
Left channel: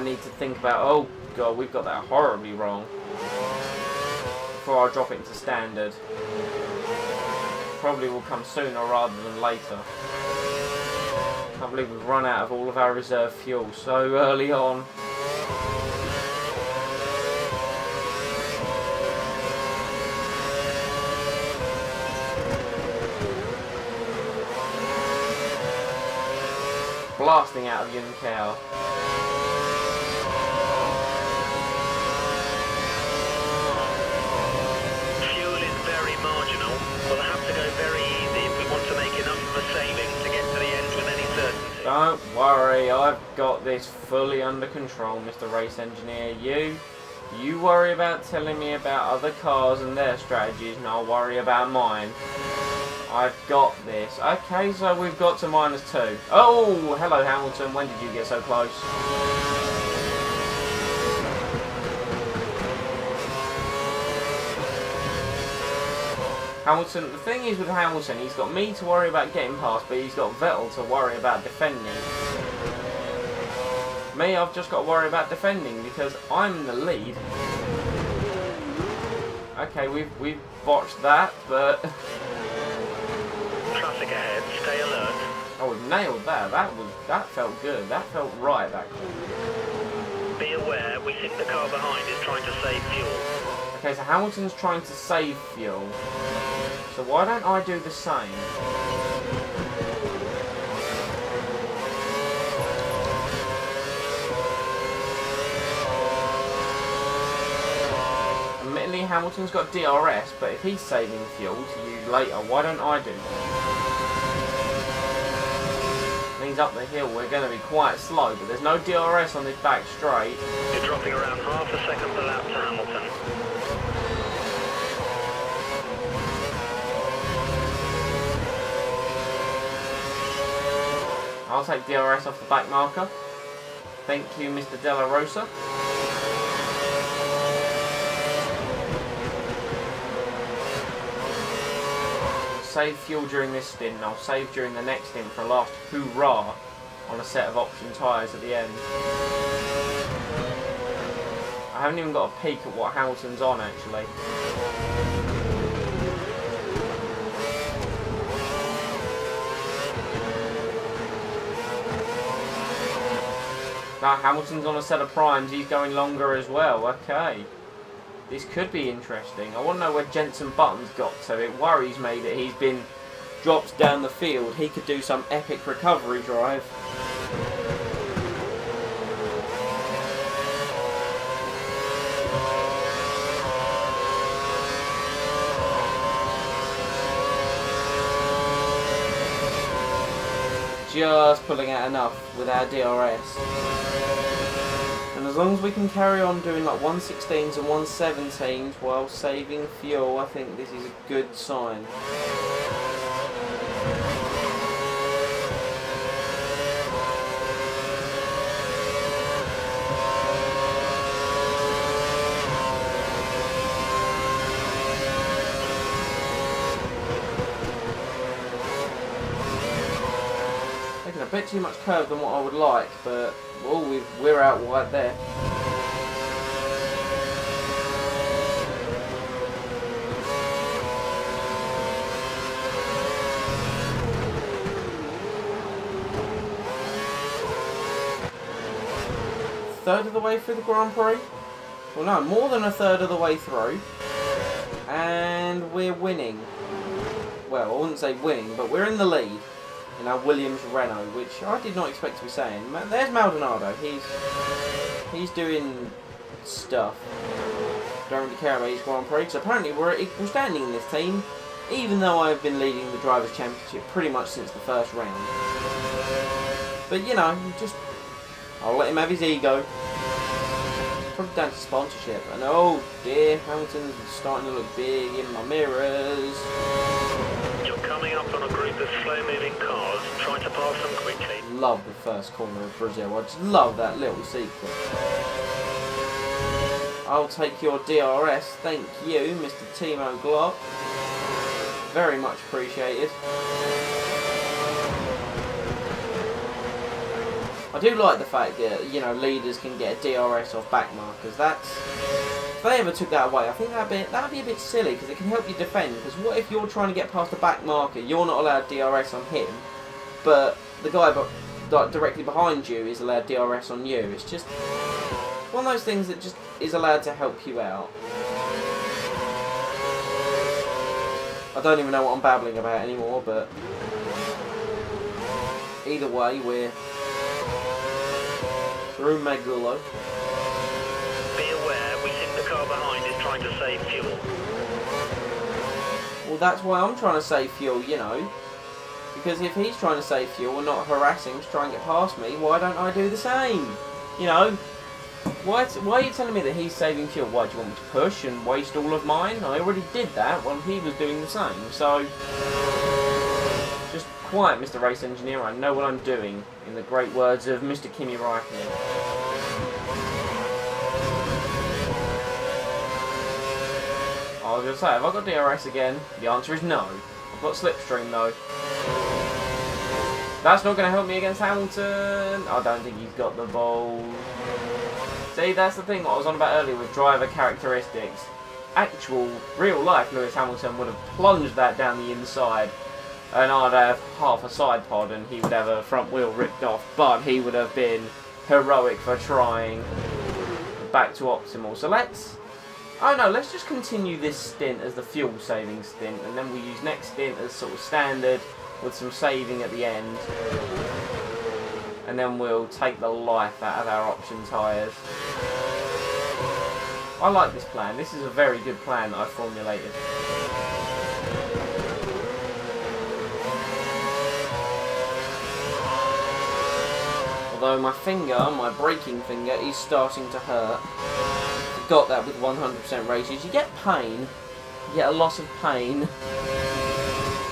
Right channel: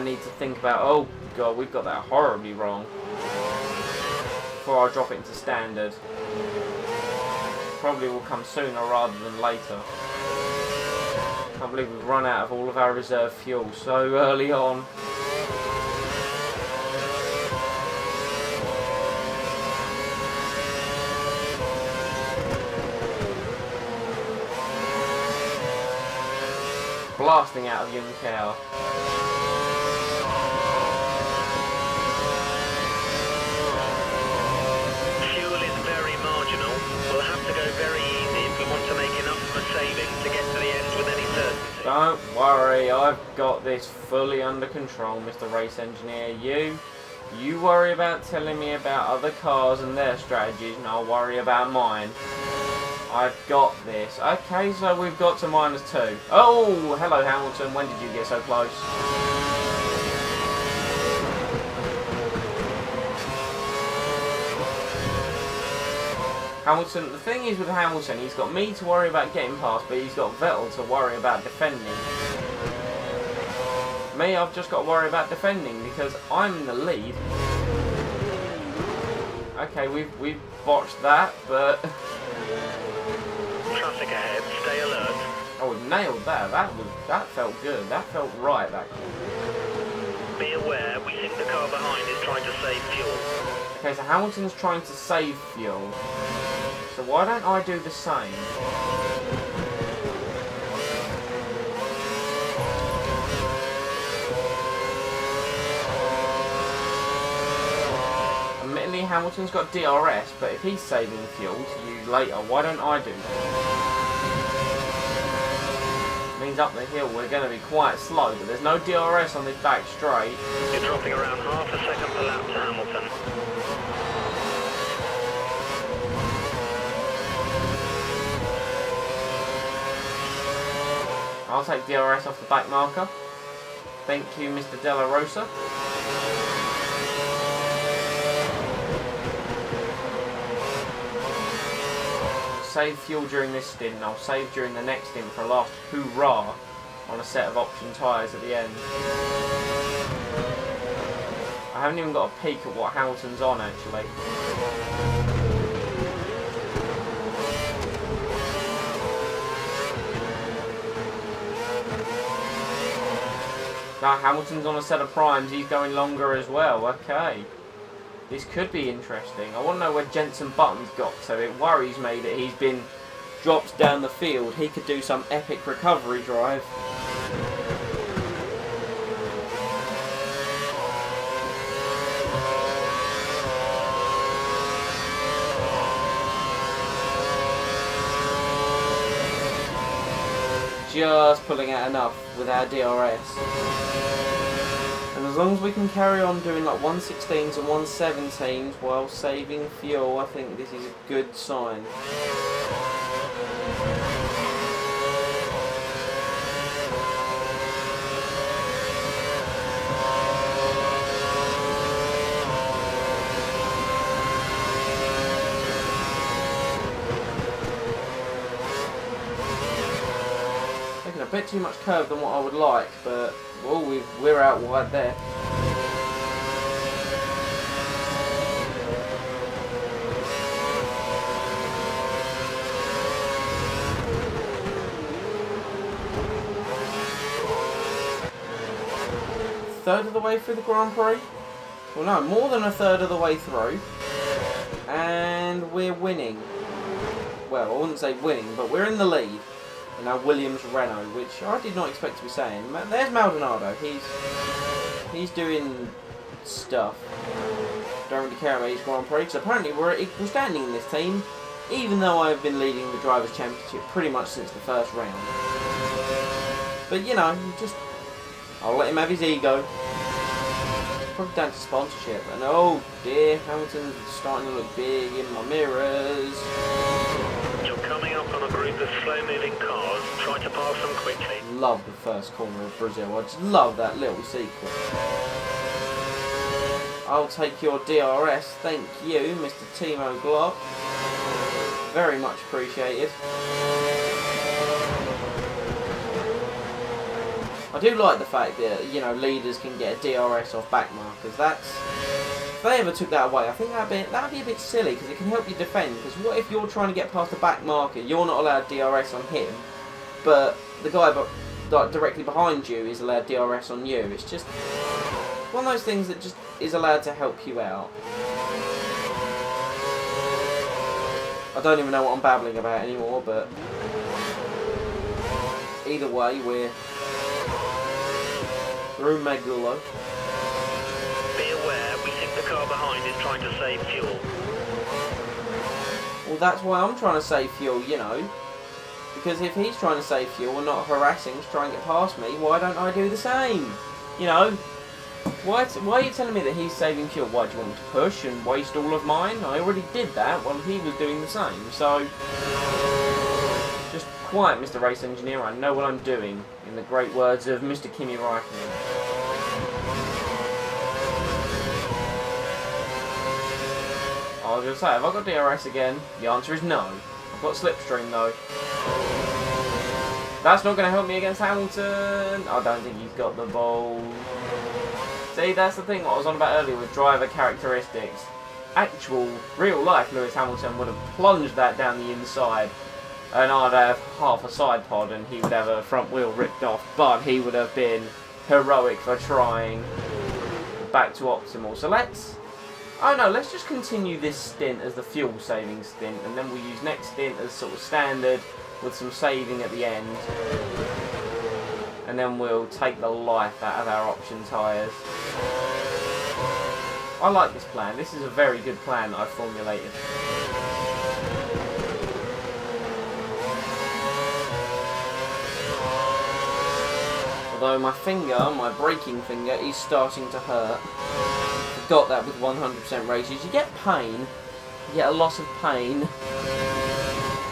need to think about, oh god, we've got that horribly wrong, before I drop it into standard. Probably will come sooner rather than later. Can't believe we've run out of all of our reserve fuel so early on. Blasting out of Juncker. very marginal. We'll have to go very easy if we want to make enough of a saving to get to the end with any certainty. Don't worry, I've got this fully under control, Mr. Race Engineer. You worry about telling me about other cars and their strategies, and I'll worry about mine. I've got this. Okay, so we've got to -2. Oh, hello Hamilton, when did you get so close? Hamilton, the thing is with Hamilton, he's got me to worry about getting past, but he's got Vettel to worry about defending. Me, I've just got to worry about defending because I'm in the lead. Okay, we've botched that, but Traffic ahead, stay alert. oh, we've nailed that. That felt good. That felt right. That corner. Be aware, we think the car behind is trying to save fuel. Okay, so Hamilton's trying to save fuel. So why don't I do the same? Admittedly, Hamilton's got DRS, but if he's saving fuel to use later, why don't I do that? Means up the hill we're going to be quite slow, but there's no DRS on this back straight. You're dropping around half a second per lap to Hamilton. I'll take DRS off the back marker. Thank you, Mr. Della Rosa. I'll save fuel during this stint, and I'll save during the next stint for a last hoorah on a set of option tyres at the end. I haven't even got a peek at what Hamilton's on, actually. Now Hamilton's on a set of primes, he's going longer as well. Okay. This could be interesting. I want to know where Jenson Button's got to. It worries me that he's been dropped down the field. He could do some epic recovery drive. Just pulling out enough with our DRS. And as long as we can carry on doing like 116s and 117s while saving fuel, I think this is a good sign. Taking a bit too much curve than what I would like, but well, we're out wide there. Third of the way through the Grand Prix? Well, no, more than a third of the way through. And we're winning. Well, I wouldn't say winning, but we're in the lead in our Williams Renault, which I did not expect to be saying. There's Maldonado. He's doing stuff. Don't really care about his Grand Prix, because apparently we're at equal standing in this team, even though I've been leading the Drivers' Championship pretty much since the first round. But, you know, I'll let him have his ego. Probably down to sponsorship. And oh dear, Hamilton's starting to look big in my mirrors. You're coming up on a group of slow-moving cars. Try to pass them quickly. Love the first corner of Brazil. I just love that little sequence. I'll take your DRS. Thank you, Mr. Timo Glock. Very much appreciated. I do like the fact that, you know, leaders can get a DRS off back markers. If they ever took that away, I think that'd be a bit silly, because it can help you defend. Because what if you're trying to get past a back marker, you're not allowed DRS on him, but the guy directly behind you is allowed DRS on you? It's just one of those things that just is allowed to help you out. I don't even know what I'm babbling about anymore, but either way, we're through Magulo. Be aware, we think the car behind is trying to save fuel. Well, that's why I'm trying to save fuel, you know. Because if he's trying to save fuel and not harassing to try and get past me, why don't I do the same? You know? Why are you telling me that he's saving fuel? Why, do you want me to push and waste all of mine? I already did that while he was doing the same, so... Just quiet, Mr. Race Engineer, I know what I'm doing, in the great words of Mr. Kimi Räikkönen. I was going to say, have I got DRS again? The answer is no. I've got Slipstream though. That's not going to help me against Hamilton. I don't think he's got the balls. See, that's the thing I was on about earlier with driver characteristics. Actual, real life Lewis Hamilton would have plunged that down the inside. And I'd have half a side pod and he would have a front wheel ripped off. But he would have been heroic for trying. We're back to optimal. So let's... Oh no, let's just continue this stint as the fuel saving stint, and then we'll use next stint as sort of standard with some saving at the end. And then we'll take the life out of our option tyres. I like this plan. This is a very good plan that I've formulated. Although my finger, my braking finger, is starting to hurt. Got that with 100% races. You get pain. You get a loss of pain.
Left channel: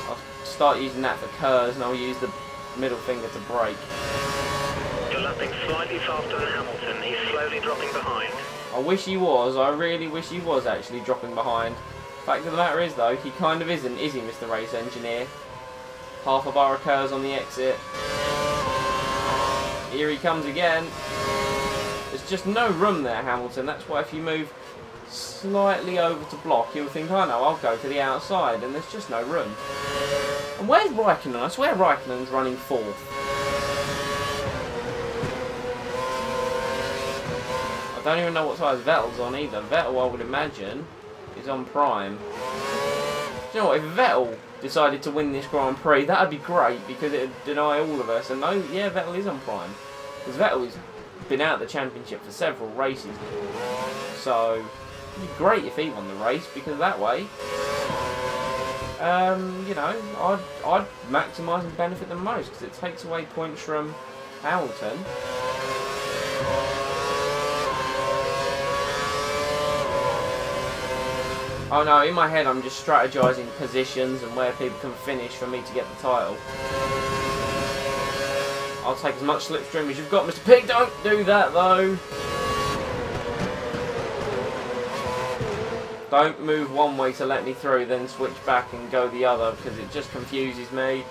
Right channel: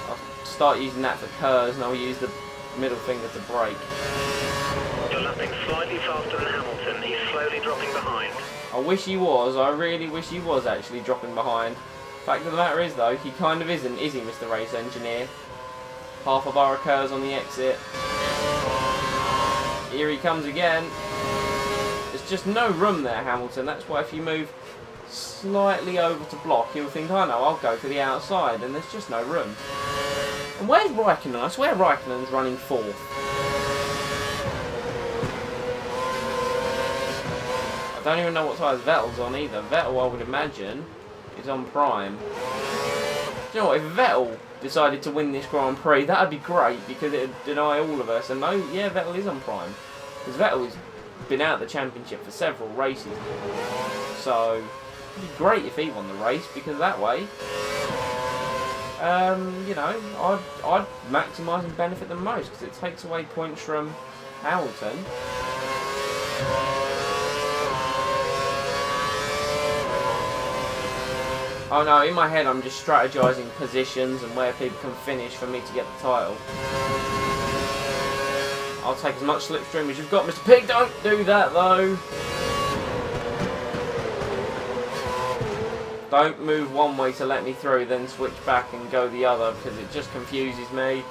I'll start using that for curves and I'll use the middle finger to brake. You're lapping slightly faster than Hamilton. He's slowly dropping behind. I wish he was. I really wish he was actually dropping behind. Fact of the matter is though, he kind of isn't, is he, Mr. Race Engineer? Half a bar of curves on the exit. Here he comes again. There's just no room there, Hamilton. That's why if you move slightly over to block, you'll think, oh no, I'll go for the outside. And there's just no room. And where's Räikkönen? I swear Räikkönen's running fourth. I don't even know what size Vettel's on either. Vettel, I would imagine, is on prime. Do you know what? If Vettel decided to win this Grand Prix, that would be great because it would deny all of us. And no, yeah, Vettel is on prime. Because Vettel is... been out of the championship for several races now, so it'd be great if he won the race because that way, you know, I'd maximise and benefit the most because it takes away points from Hamilton. Oh no, in my head I'm just strategising positions and where people can finish for me to get the title. I'll take as much slipstream as you've got, Mr. Pig. Don't do that, though. Don't move one way to let me through, then switch back and go the other, because it just confuses me.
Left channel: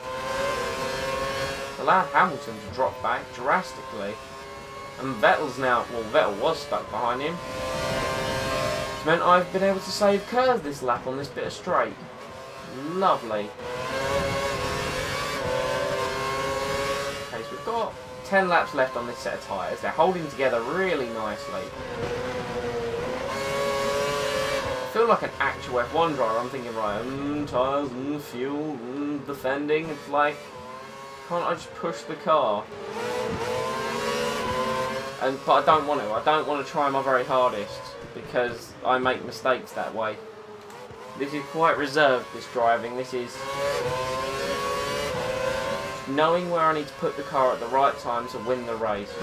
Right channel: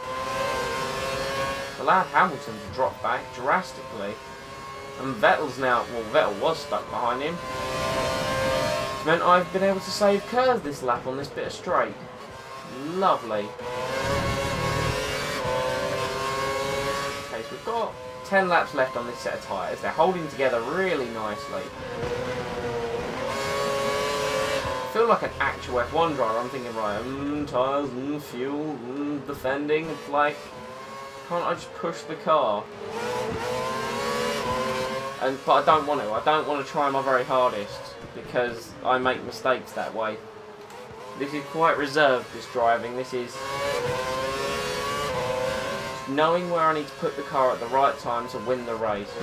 It's allowed Hamilton to drop back drastically. And Vettel's now... Well, Vettel was stuck behind him. It's meant I've been able to save curves this lap on this bit of straight. Lovely. Okay, so we've got 10 laps left on this set of tyres. They're holding together really nicely. I feel like an actual F1 driver. I'm thinking, right, tyres, fuel, defending. It's like, can't I just push the car? But I don't want to. I don't want to try my very hardest because I make mistakes that way. This is quite reserved, this driving. This is... knowing where I need to put the car at the right time to win the race.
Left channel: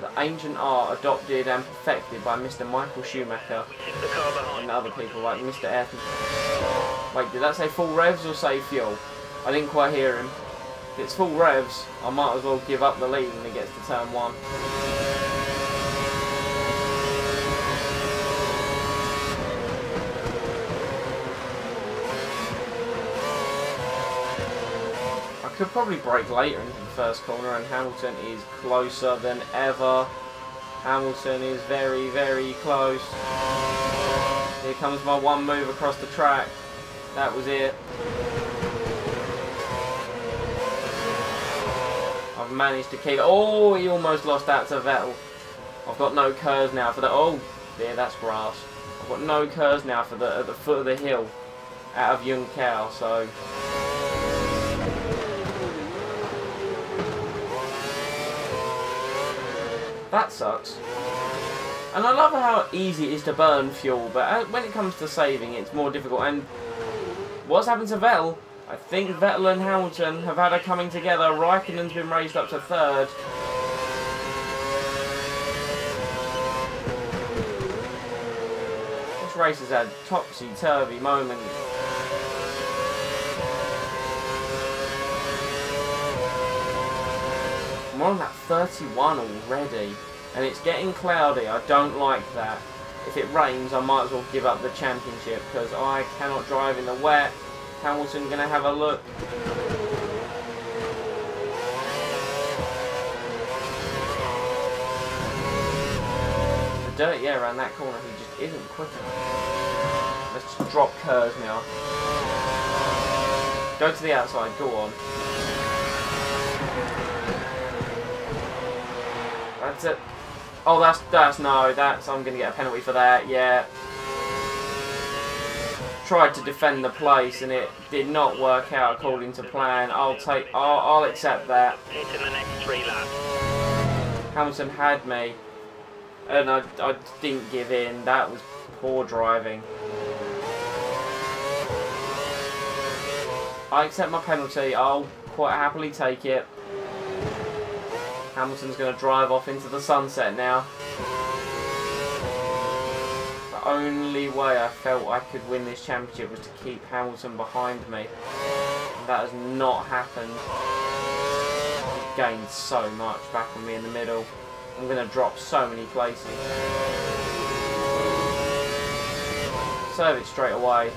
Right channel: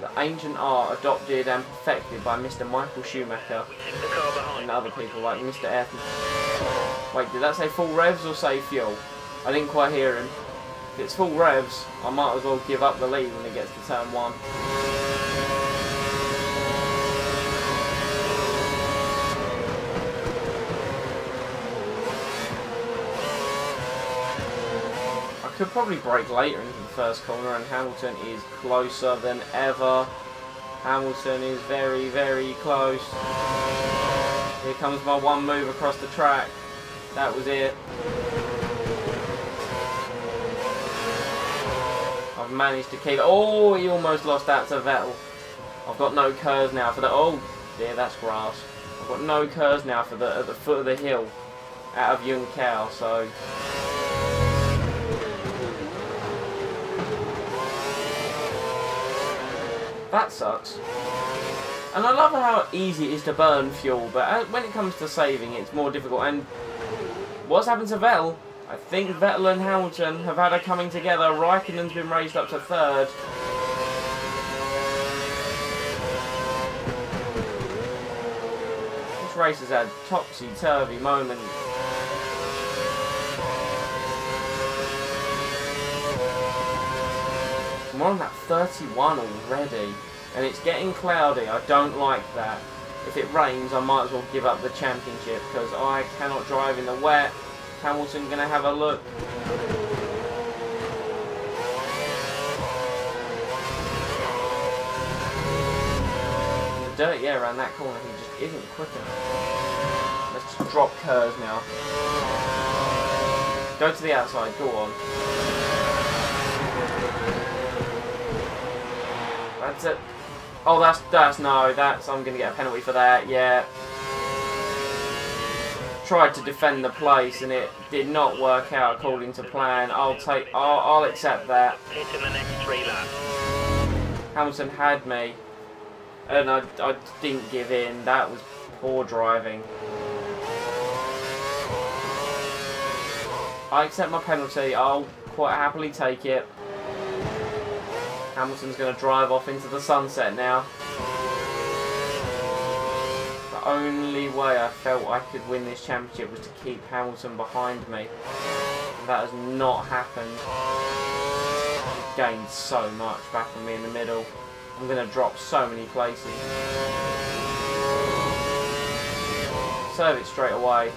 The ancient art adopted and perfected by Mr. Michael Schumacher and other people like Mr. Ayrton. Wait, did that say full revs or say fuel? I didn't quite hear him. If it's full revs, I might as well give up the lead when it gets to turn 1. I could probably brake later into the first corner, and Hamilton is closer than ever. Hamilton is very, very close. Here comes my one move across the track. That was it. I've managed to keep... Oh, he almost lost out to Vettel. I've got no curves now for the... Oh, dear, that's grass. I've got no curves now for the at the foot of the hill out of Young Cow, so... That sucks. And I love how easy it is to burn fuel, but when it comes to saving, it's more difficult. And What's happened to Vettel? I think Vettel and Hamilton have had a coming together. Raikkonen's been raised up to third. This race has had topsy-turvy moments. We're on that 31 already, and it's getting cloudy. I don't like that. If it rains, I might as well give up the championship because I cannot drive in the wet. Hamilton gonna have a look. In the dirty air around that corner, he just isn't quick enough. Let's just drop curves now. Go to the outside, go on. That's it. Oh, I'm gonna get a penalty for that. Yeah. Tried to defend the place and it did not work out according to plan. I'll accept that. Pit in the next 3 laps. Hamilton had me, and I didn't give in. That was poor driving. I accept my penalty. I'll quite happily take it. Hamilton's going to drive off into the sunset now. The only way I felt I could win this championship was to keep Hamilton behind me. And that has not happened. He gained so much back on me in the middle. I'm going to drop so many places. Serve it straight away.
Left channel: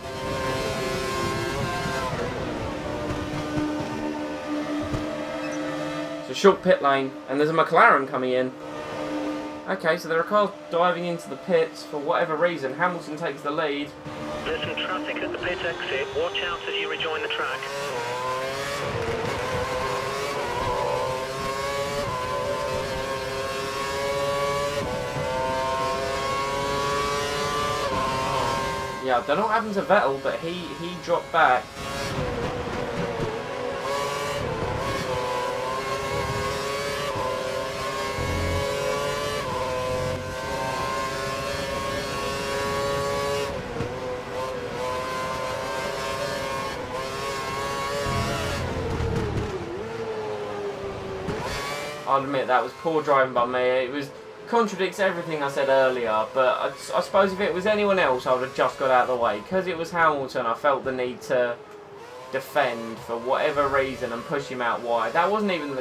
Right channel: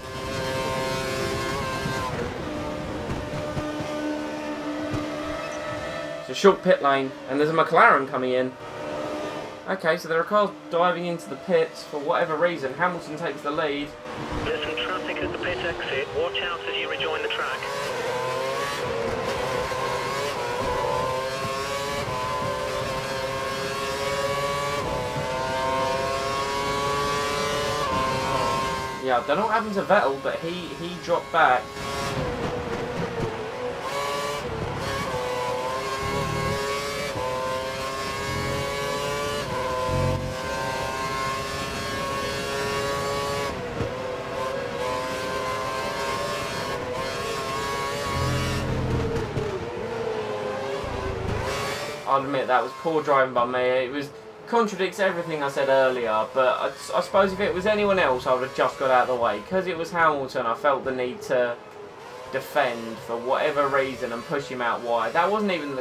It's a short pit lane, and there's a Mclaren coming in. Okay, so there are cars diving into the pits for whatever reason. Hamilton takes the lead. There's some traffic at the pit exit. Watch out as you rejoin the track. Yeah, I don't know what happened to Vettel, but he dropped back. I'll admit that was poor driving by me. It contradicts everything I said earlier, but I suppose if it was anyone else, I would have just got out of the way. Because it was Hamilton, I felt the need to defend for whatever reason and push him out wide. That wasn't even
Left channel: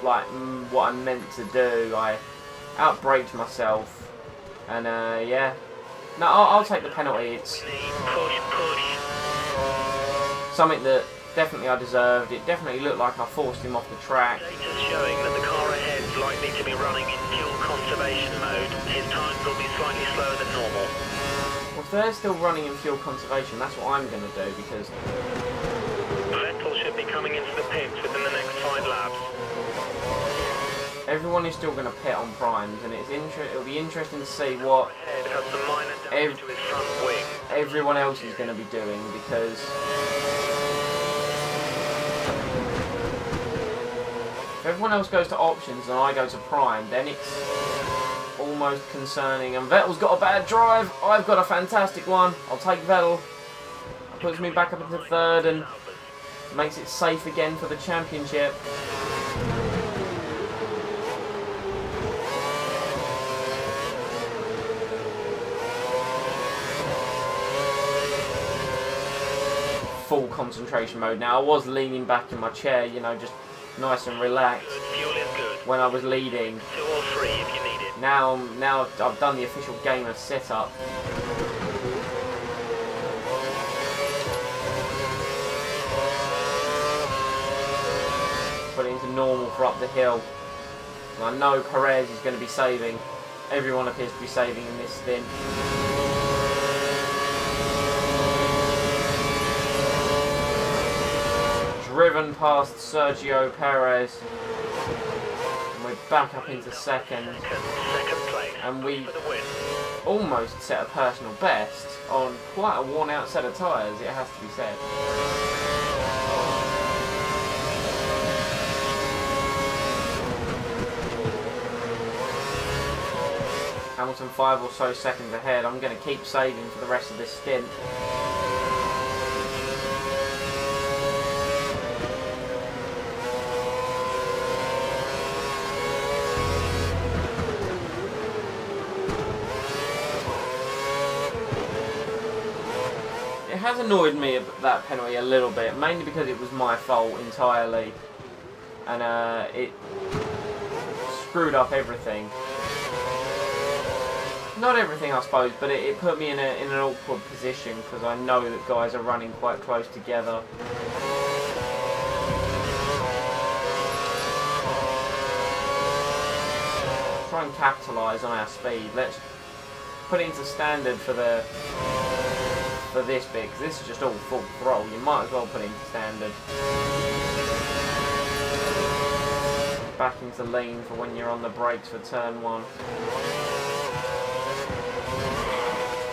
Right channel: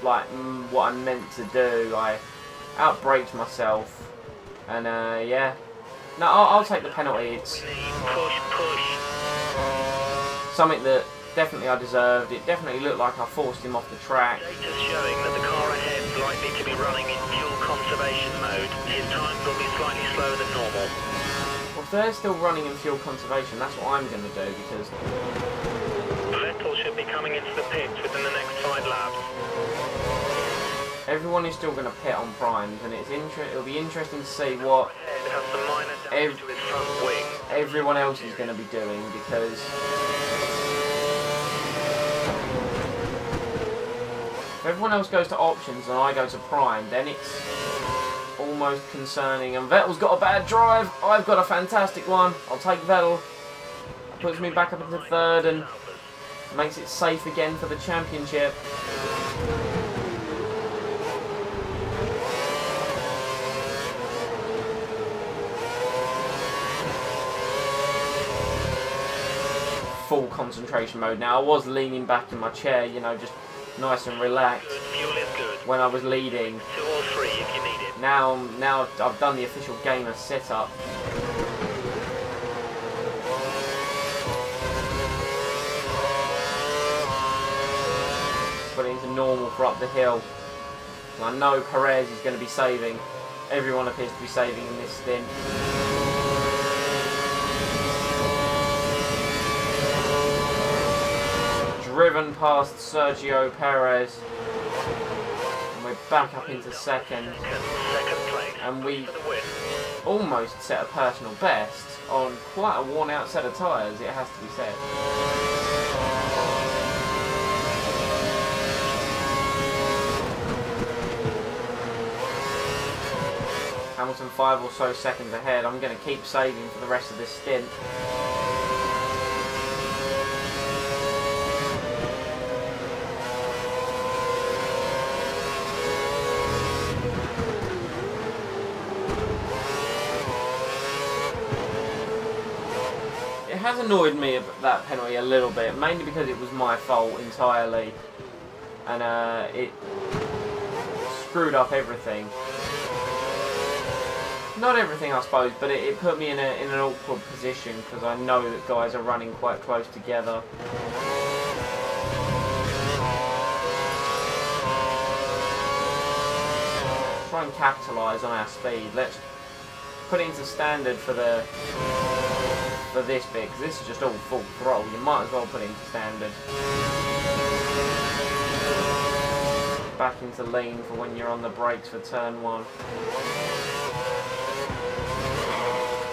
what I meant to do. I outbraked myself, and yeah. No, I'll take the penalty. It's push. something that definitely I deserved. It definitely looked like I forced him off the track. Data's showing that the car ahead's likely to be running in fuel conservation mode. His times will be slightly slower than normal. Well, if they're still running in fuel conservation, that's what I'm going to do, because Vettel should be coming into the pits within the next 5 laps. everyone is still going to pit on primes, and it'll be interesting to see what Ahead has some minor damage to his front wing. everyone else is going to be doing, because if everyone else goes to options and I go to prime, then it's almost concerning. And Vettel's got a bad drive. I've got a fantastic one. I'll take Vettel. That puts me back up into third and makes it safe again for the championship. Full concentration mode now. I was leaning back in my chair, you know, just nice and relaxed Fuel is good. when I was leading. 2 or 3 if you need it. Now I've done the official gamer setup. Put it into normal for up the hill. So I know Perez is going to be saving. Everyone appears to be saving in this stint. Driven past Sergio Perez, and we're back up into second. Second place. And we for the win. almost set a personal best on quite a worn out set of tyres, it has to be said. Hamilton 5 or so seconds ahead. I'm going to keep saving for the rest of this stint. has annoyed me, that penalty, a little bit, mainly because it was my fault entirely, and it screwed up everything. Not everything, I suppose, but it put me in an awkward position because I know that guys are running quite close together. Try and capitalise on our speed. Let's put it into standard for this bit, because this is just all full throttle. You might as well put it into standard. Back into lean for when you're on the brakes for turn 1.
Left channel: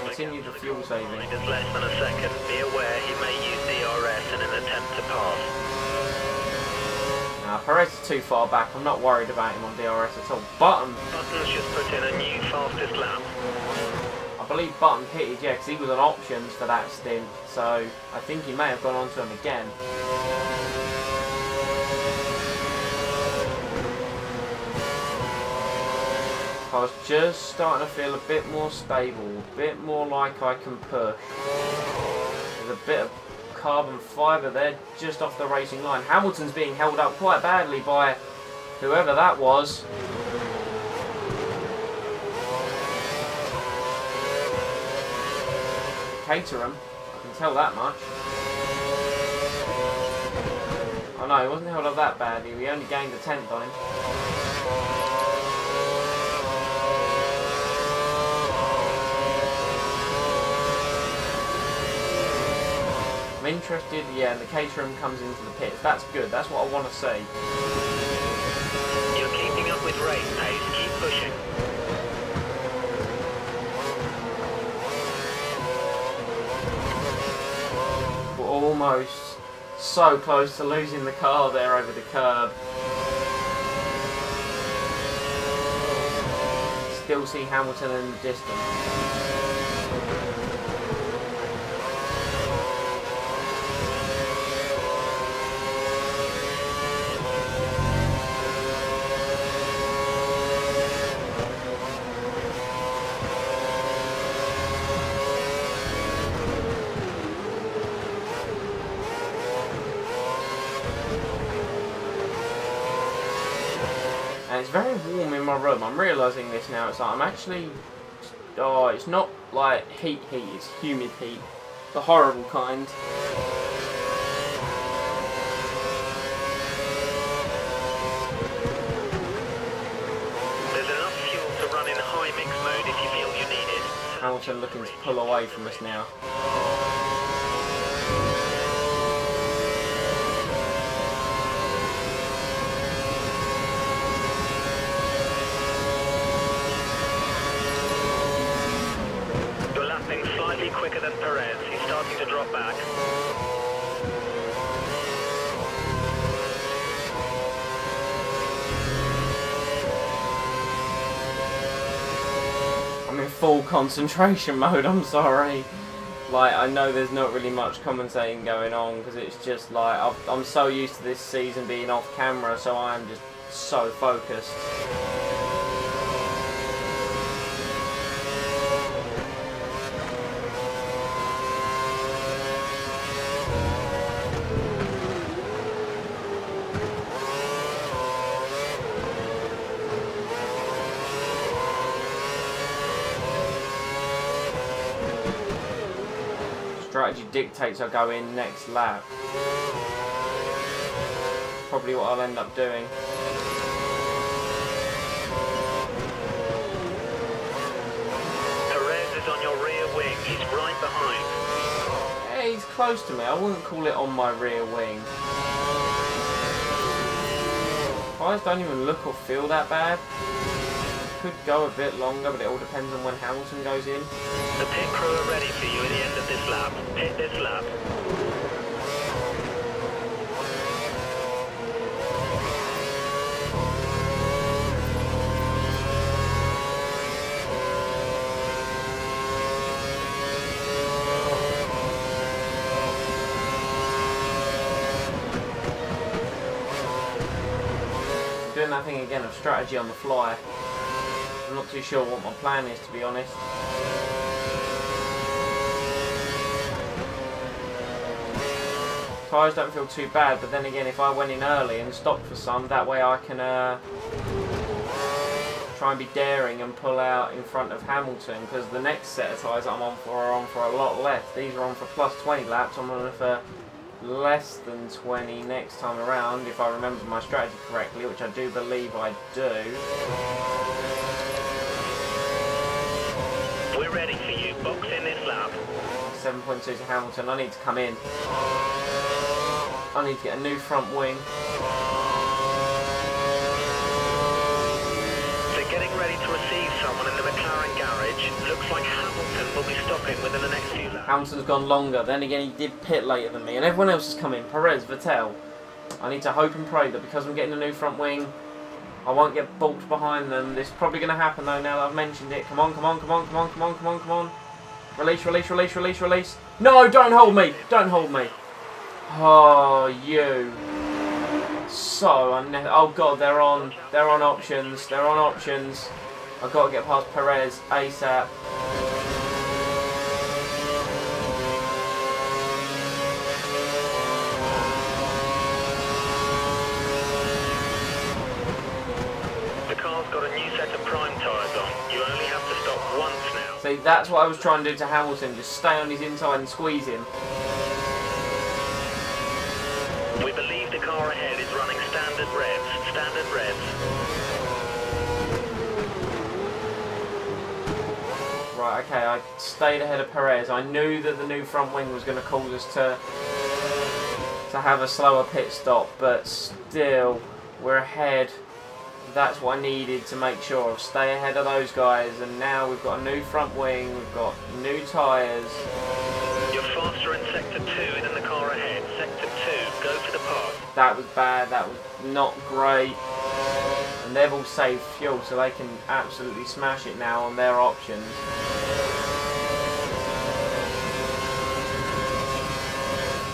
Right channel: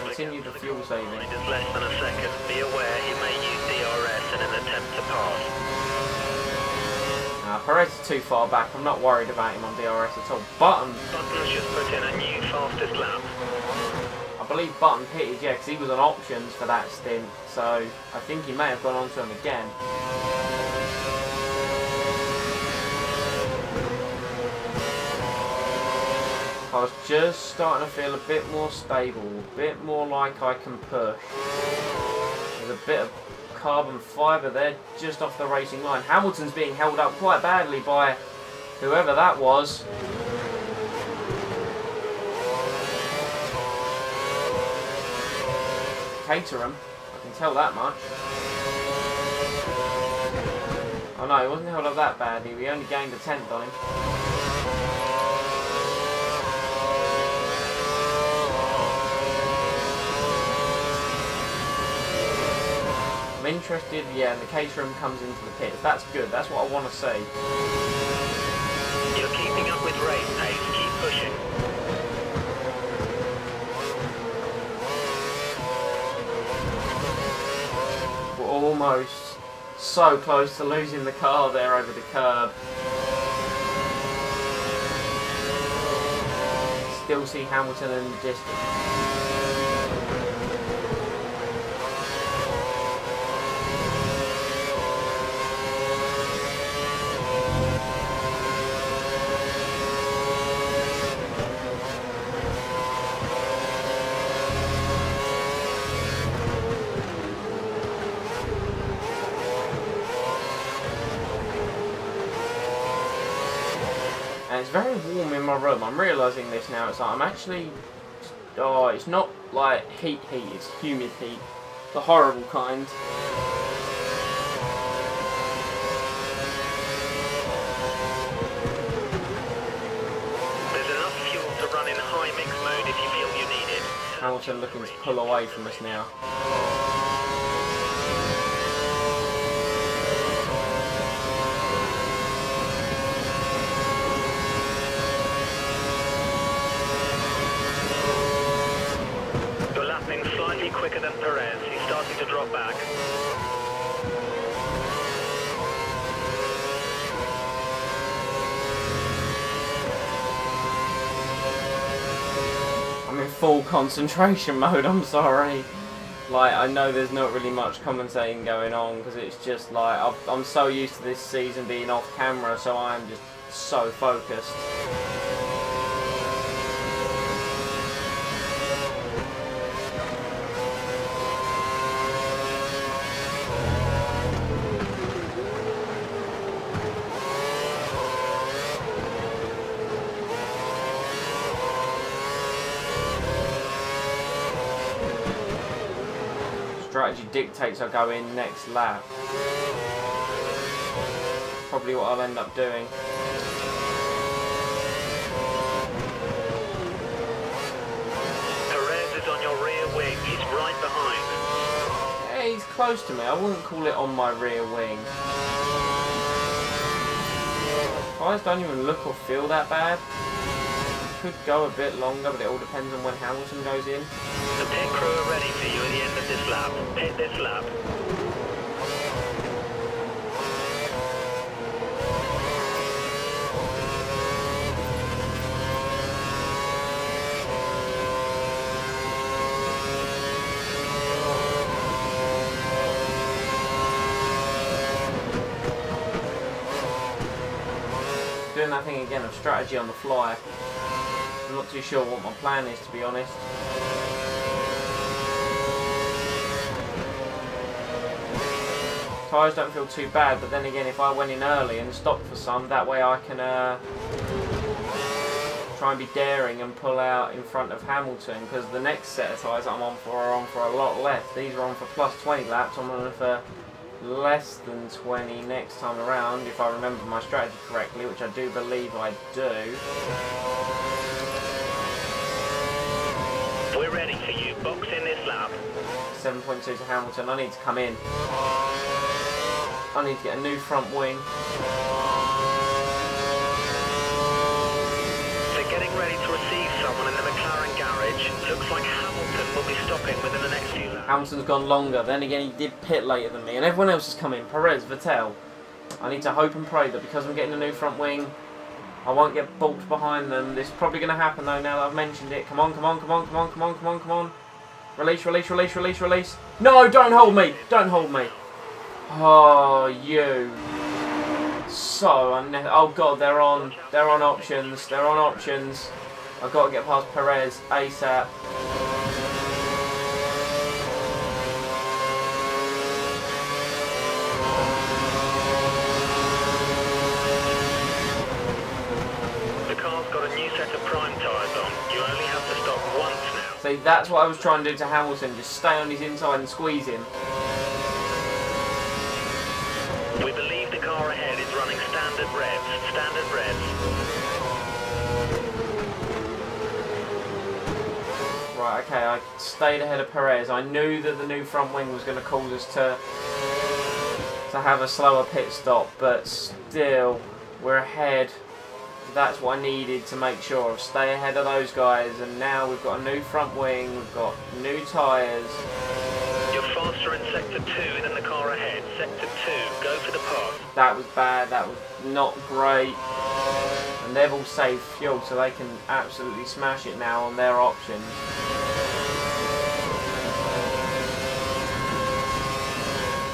Continue the fuel saving. Is less than a second. Be aware he may use DRS in an attempt to pass. Nah, Perez is too far back. I'm not worried about him on DRS at all. Button's just put in a new fastest lap. I believe Button pitted, yeah, because he was on options for that stint. So I think he may have gone on to him again. I was just starting to feel a bit more stable, a bit more like I can push. There's a bit of carbon fibre there just off the racing line. Hamilton's being held up quite badly by whoever that was. To Caterham, I can tell that much. Oh no, he wasn't held up that badly. We only gained a 10th on him. I'm interested, yeah, and the Caterham comes into the pits. That's good. That's what I want to see. You're keeping up with race pace. Keep pushing. We're almost so close to losing the car there over the curb. Still see Hamilton in the distance. And it's very warm in my room. I'm realising this now. It's like I'm actually... Oh, it's not like heat, it's humid heat. The horrible kind. There's enough fuel to run in high mix mode if you feel you need it. Hamilton looking to pull away from us now. You're lapping slightly quicker than Perez. He's starting to drop back. I'm in full concentration mode, I'm sorry. Like, I know there's not really much commentating going on, because it's just like, I'm so used to this season being off camera, so I'm just so focused. Strategy dictates I go in next lap. Probably what I'll end up doing. Perez is on your rear wing. He's right behind. Yeah, he's close to me. I wouldn't call it on my rear wing. Tyres don't even look or feel that bad. Could go a bit longer, but it all depends on when Hamilton goes in. The pit crew are ready for you at the end of this lap. Pit this lap. I'm doing that thing again of strategy on the fly. I'm not too sure what my plan is, to be honest. Tyres don't feel too bad, but then again, if I went in early and stopped for some, that way I can try and be daring and pull out in front of Hamilton, because the next set of tyres that I'm on for are on for a lot less. These are on for plus 20 laps. I'm on for less than 20 next time around, if I remember my strategy correctly, which I do believe I do. We're ready for you. Box in this lap. 7.2 to Hamilton. I need to come in. I need to get a new front wing. They're getting ready to receive someone in the Mclaren garage. Looks like Hamilton will be stopping within the next few laps. Hamilton's gone longer. Then again, he did pit later than me. And everyone else has come in. Perez, Vettel. I need to hope and pray that because I'm getting a new front wing, I won't get balked behind them. This is probably going to happen though now that I've mentioned it. Come on, come on, come on, come on, come on, come on, come on. Release, release, release, release, release. No, don't hold me. Don't hold me. Oh, you. So oh god, they're on options. They're on options. I've got to get past Perez ASAP. The car's got a new set of prime tyres on. You only have to stop once now. See, that's what I was trying to do to Hamilton. Just stay on his inside and squeeze him. We believe the car ahead is running standard revs. Standard revs. Right, okay, I stayed ahead of Perez. I knew that the new front wing was going to cause us to have a slower pit stop, but still, we're ahead. That's what I needed to make sure of. Stay ahead of those guys, and now we've got a new front wing, we've got new tyres. You're faster in Sector 2 than the car ahead. Sector 2, go for the pass. That was bad, that was not great. And they've all saved fuel, so they can absolutely smash it now on their options.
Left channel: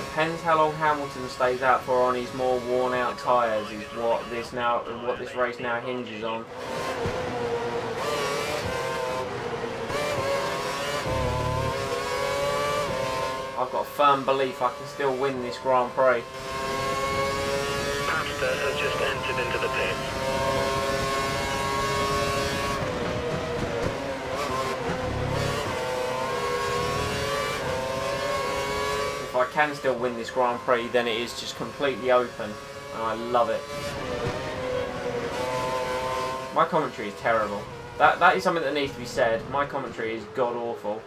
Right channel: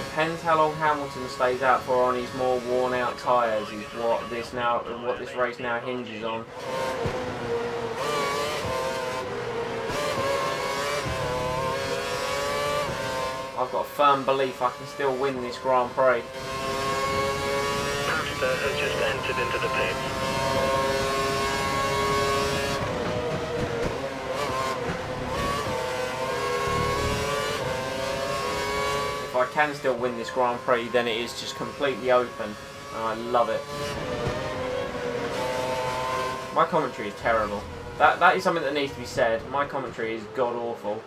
Depends how long Hamilton stays out for on his more worn out tyres is what this race now hinges on. I've got a firm belief I can still win this Grand Prix. Pasta has just entered into the pits. If I can still win this Grand Prix, then it is just completely open, and I love it. My commentary is terrible. That is something that needs to be said. My commentary is god awful.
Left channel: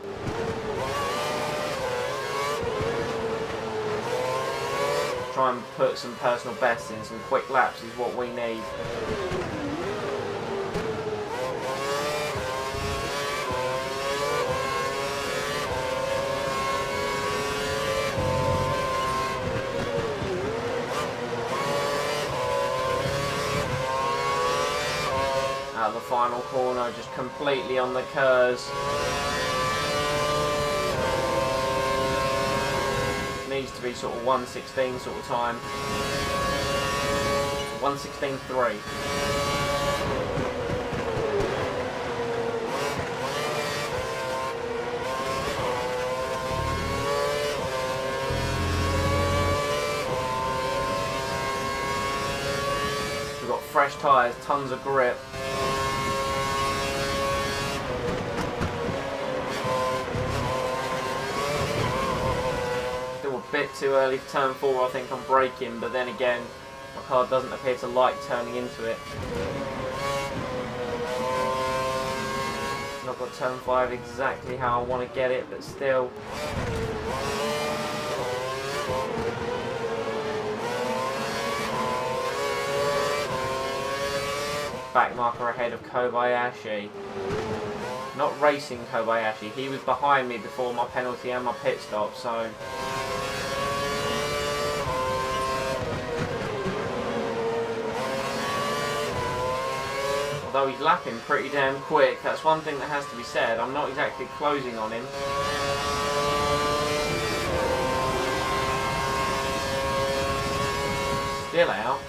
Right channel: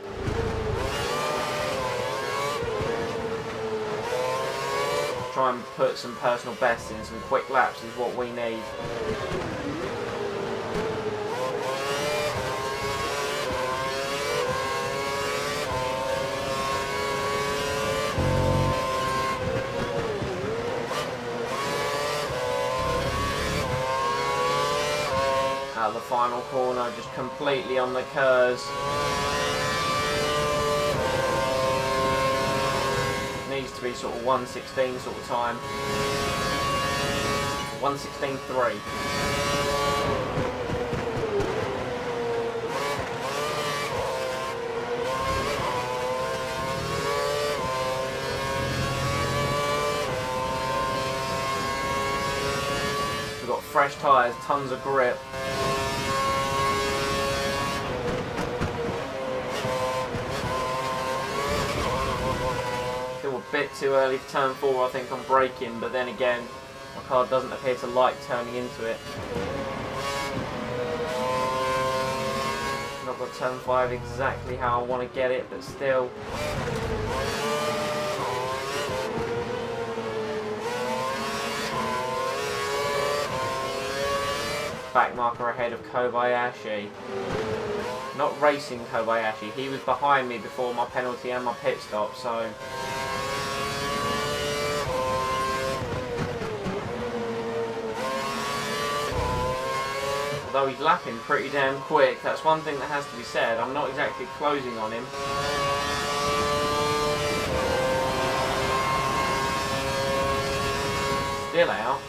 Try and put some personal bests in, some quick laps is what we need. Out of the final corner, just completely on the curves. Needs to be sort of 1:16 sort of time. 1:16.3. So we've got fresh tyres, tons of grip. Still a bit too early for turn 4, I think, on braking, but then again, my car doesn't appear to like turning into it. Not got turn 5 exactly how I want to get it, but still. Back marker ahead of Kobayashi. Not racing Kobayashi, he was behind me before my penalty and my pit stop, so... Although he's lapping pretty damn quick, that's one thing that has to be said. I'm not exactly closing on him. Still out.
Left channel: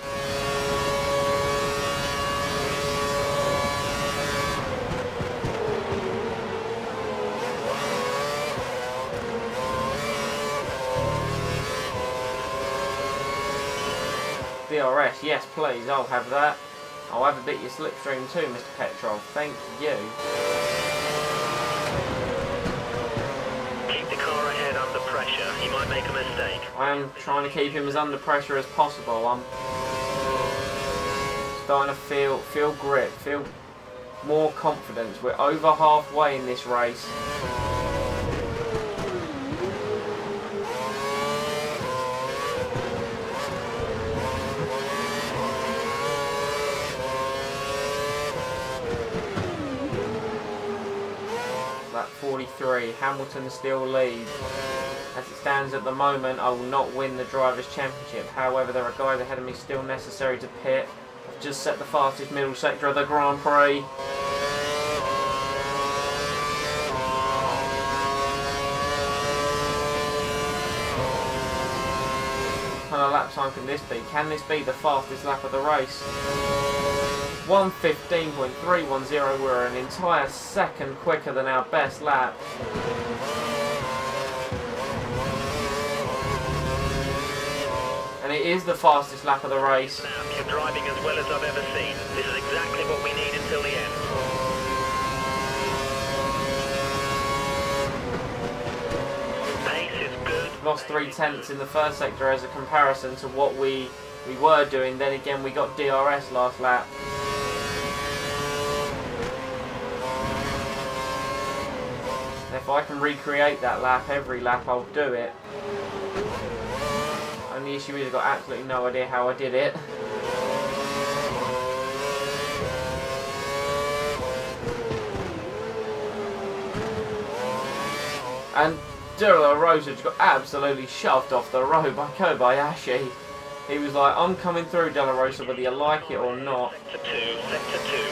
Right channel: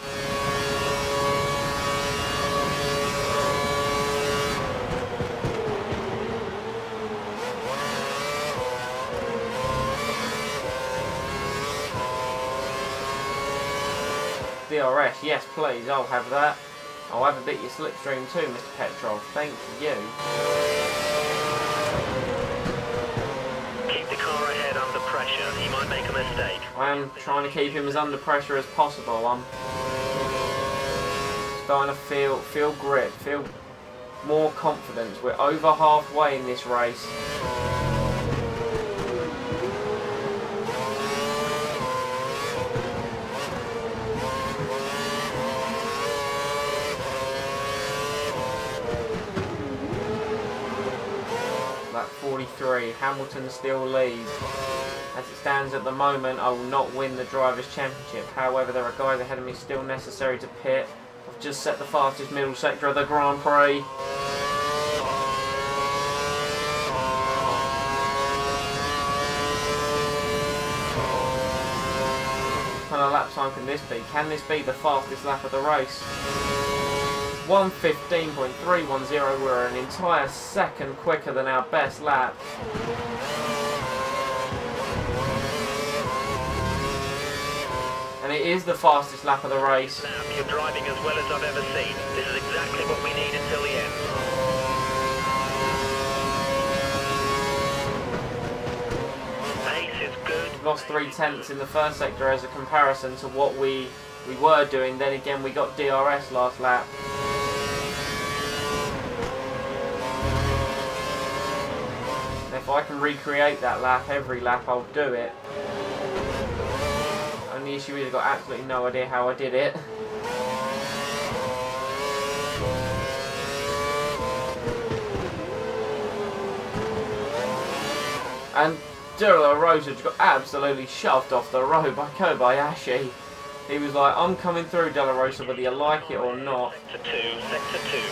DRS. Yes, please. I'll have that. I'll have a bit of your slipstream too, Mr. Petrov. Thank you. Keep the car ahead under pressure. He might make a mistake. I am trying to keep him as under pressure as possible. I'm starting to feel grip, feel more confidence. We're over halfway in this race. Lap 43, Hamilton still leads. As it stands at the moment, I will not win the Drivers' Championship. However, there are guys ahead of me still necessary to pit. I've just set the fastest middle sector of the Grand Prix. What kind of lap time can this be? Can this be the fastest lap of the race? 1:15.310, we're an entire second quicker than our best lap. And it is the fastest lap of the race. You're driving as well as I've ever seen. This is exactly what we need until the end. Pace is good. Lost 3/10 in the first sector as a comparison to what we were doing. Then again, we got DRS last lap. And if I can recreate that lap, every lap, I'll do it. Only issue is I've got absolutely no idea how I did it. And De La Rosa just got absolutely shoved off the road by Kobayashi. He was like, I'm coming through, De La Rosa, whether you like it or not. Sector 2.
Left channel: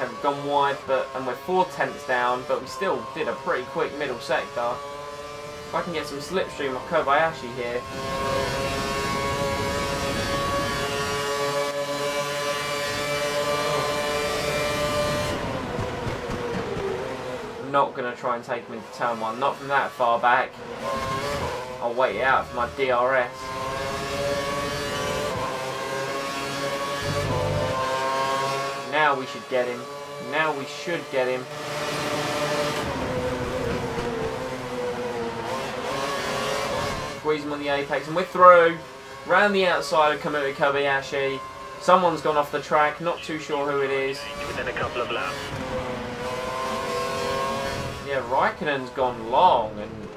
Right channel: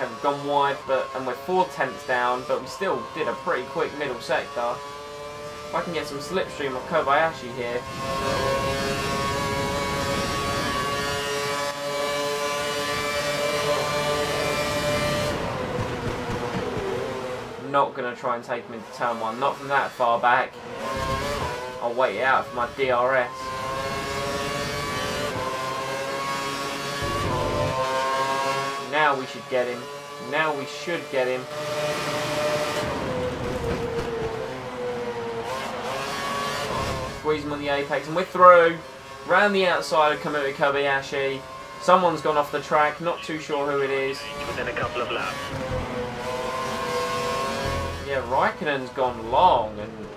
Okay, we've gone wide, and we're 4/10 down, but we still did a pretty quick middle sector. If I can get some slipstream of Kobayashi here. I'm not going to try and take him into turn 1, not from that far back. I'll wait it out for my DRS. Now we should get him. Now we should get him. Squeeze him on the apex, and we're through. Round the outside of Kamui Kobayashi. Someone's gone off the track, not too sure who it is. Within a couple of laps. Yeah, Raikkonen's gone long, and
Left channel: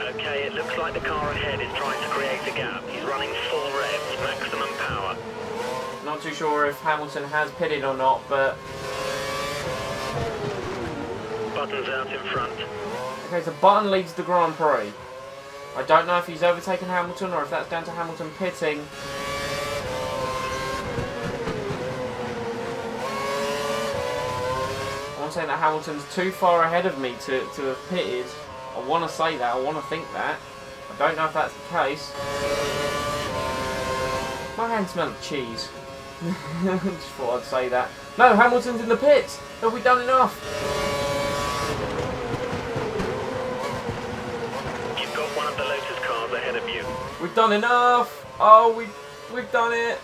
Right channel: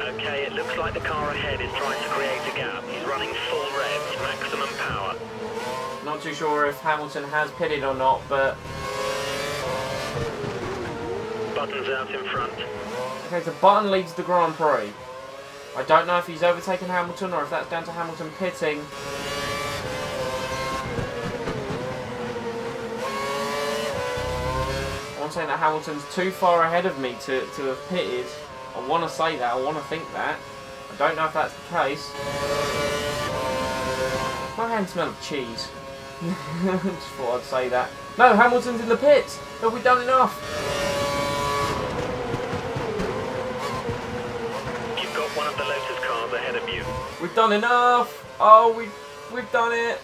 Okay, it looks like the car ahead is trying to create a gap. He's running full revs, maximum power. not too sure if Hamilton has pitted or not, but... Button's out in front. Okay, so Button leads the Grand Prix. I don't know if he's overtaken Hamilton or if that's down to Hamilton pitting. I'm saying that Hamilton's too far ahead of me to have pitted. I want to say that, I want to think that. I don't know if that's the case. My hands smell of cheese. Just thought I'd say that. No, Hamilton's in the pits! Have we done enough? You've got one of the Lotus cars ahead of you. We've done enough! Oh, we've done it!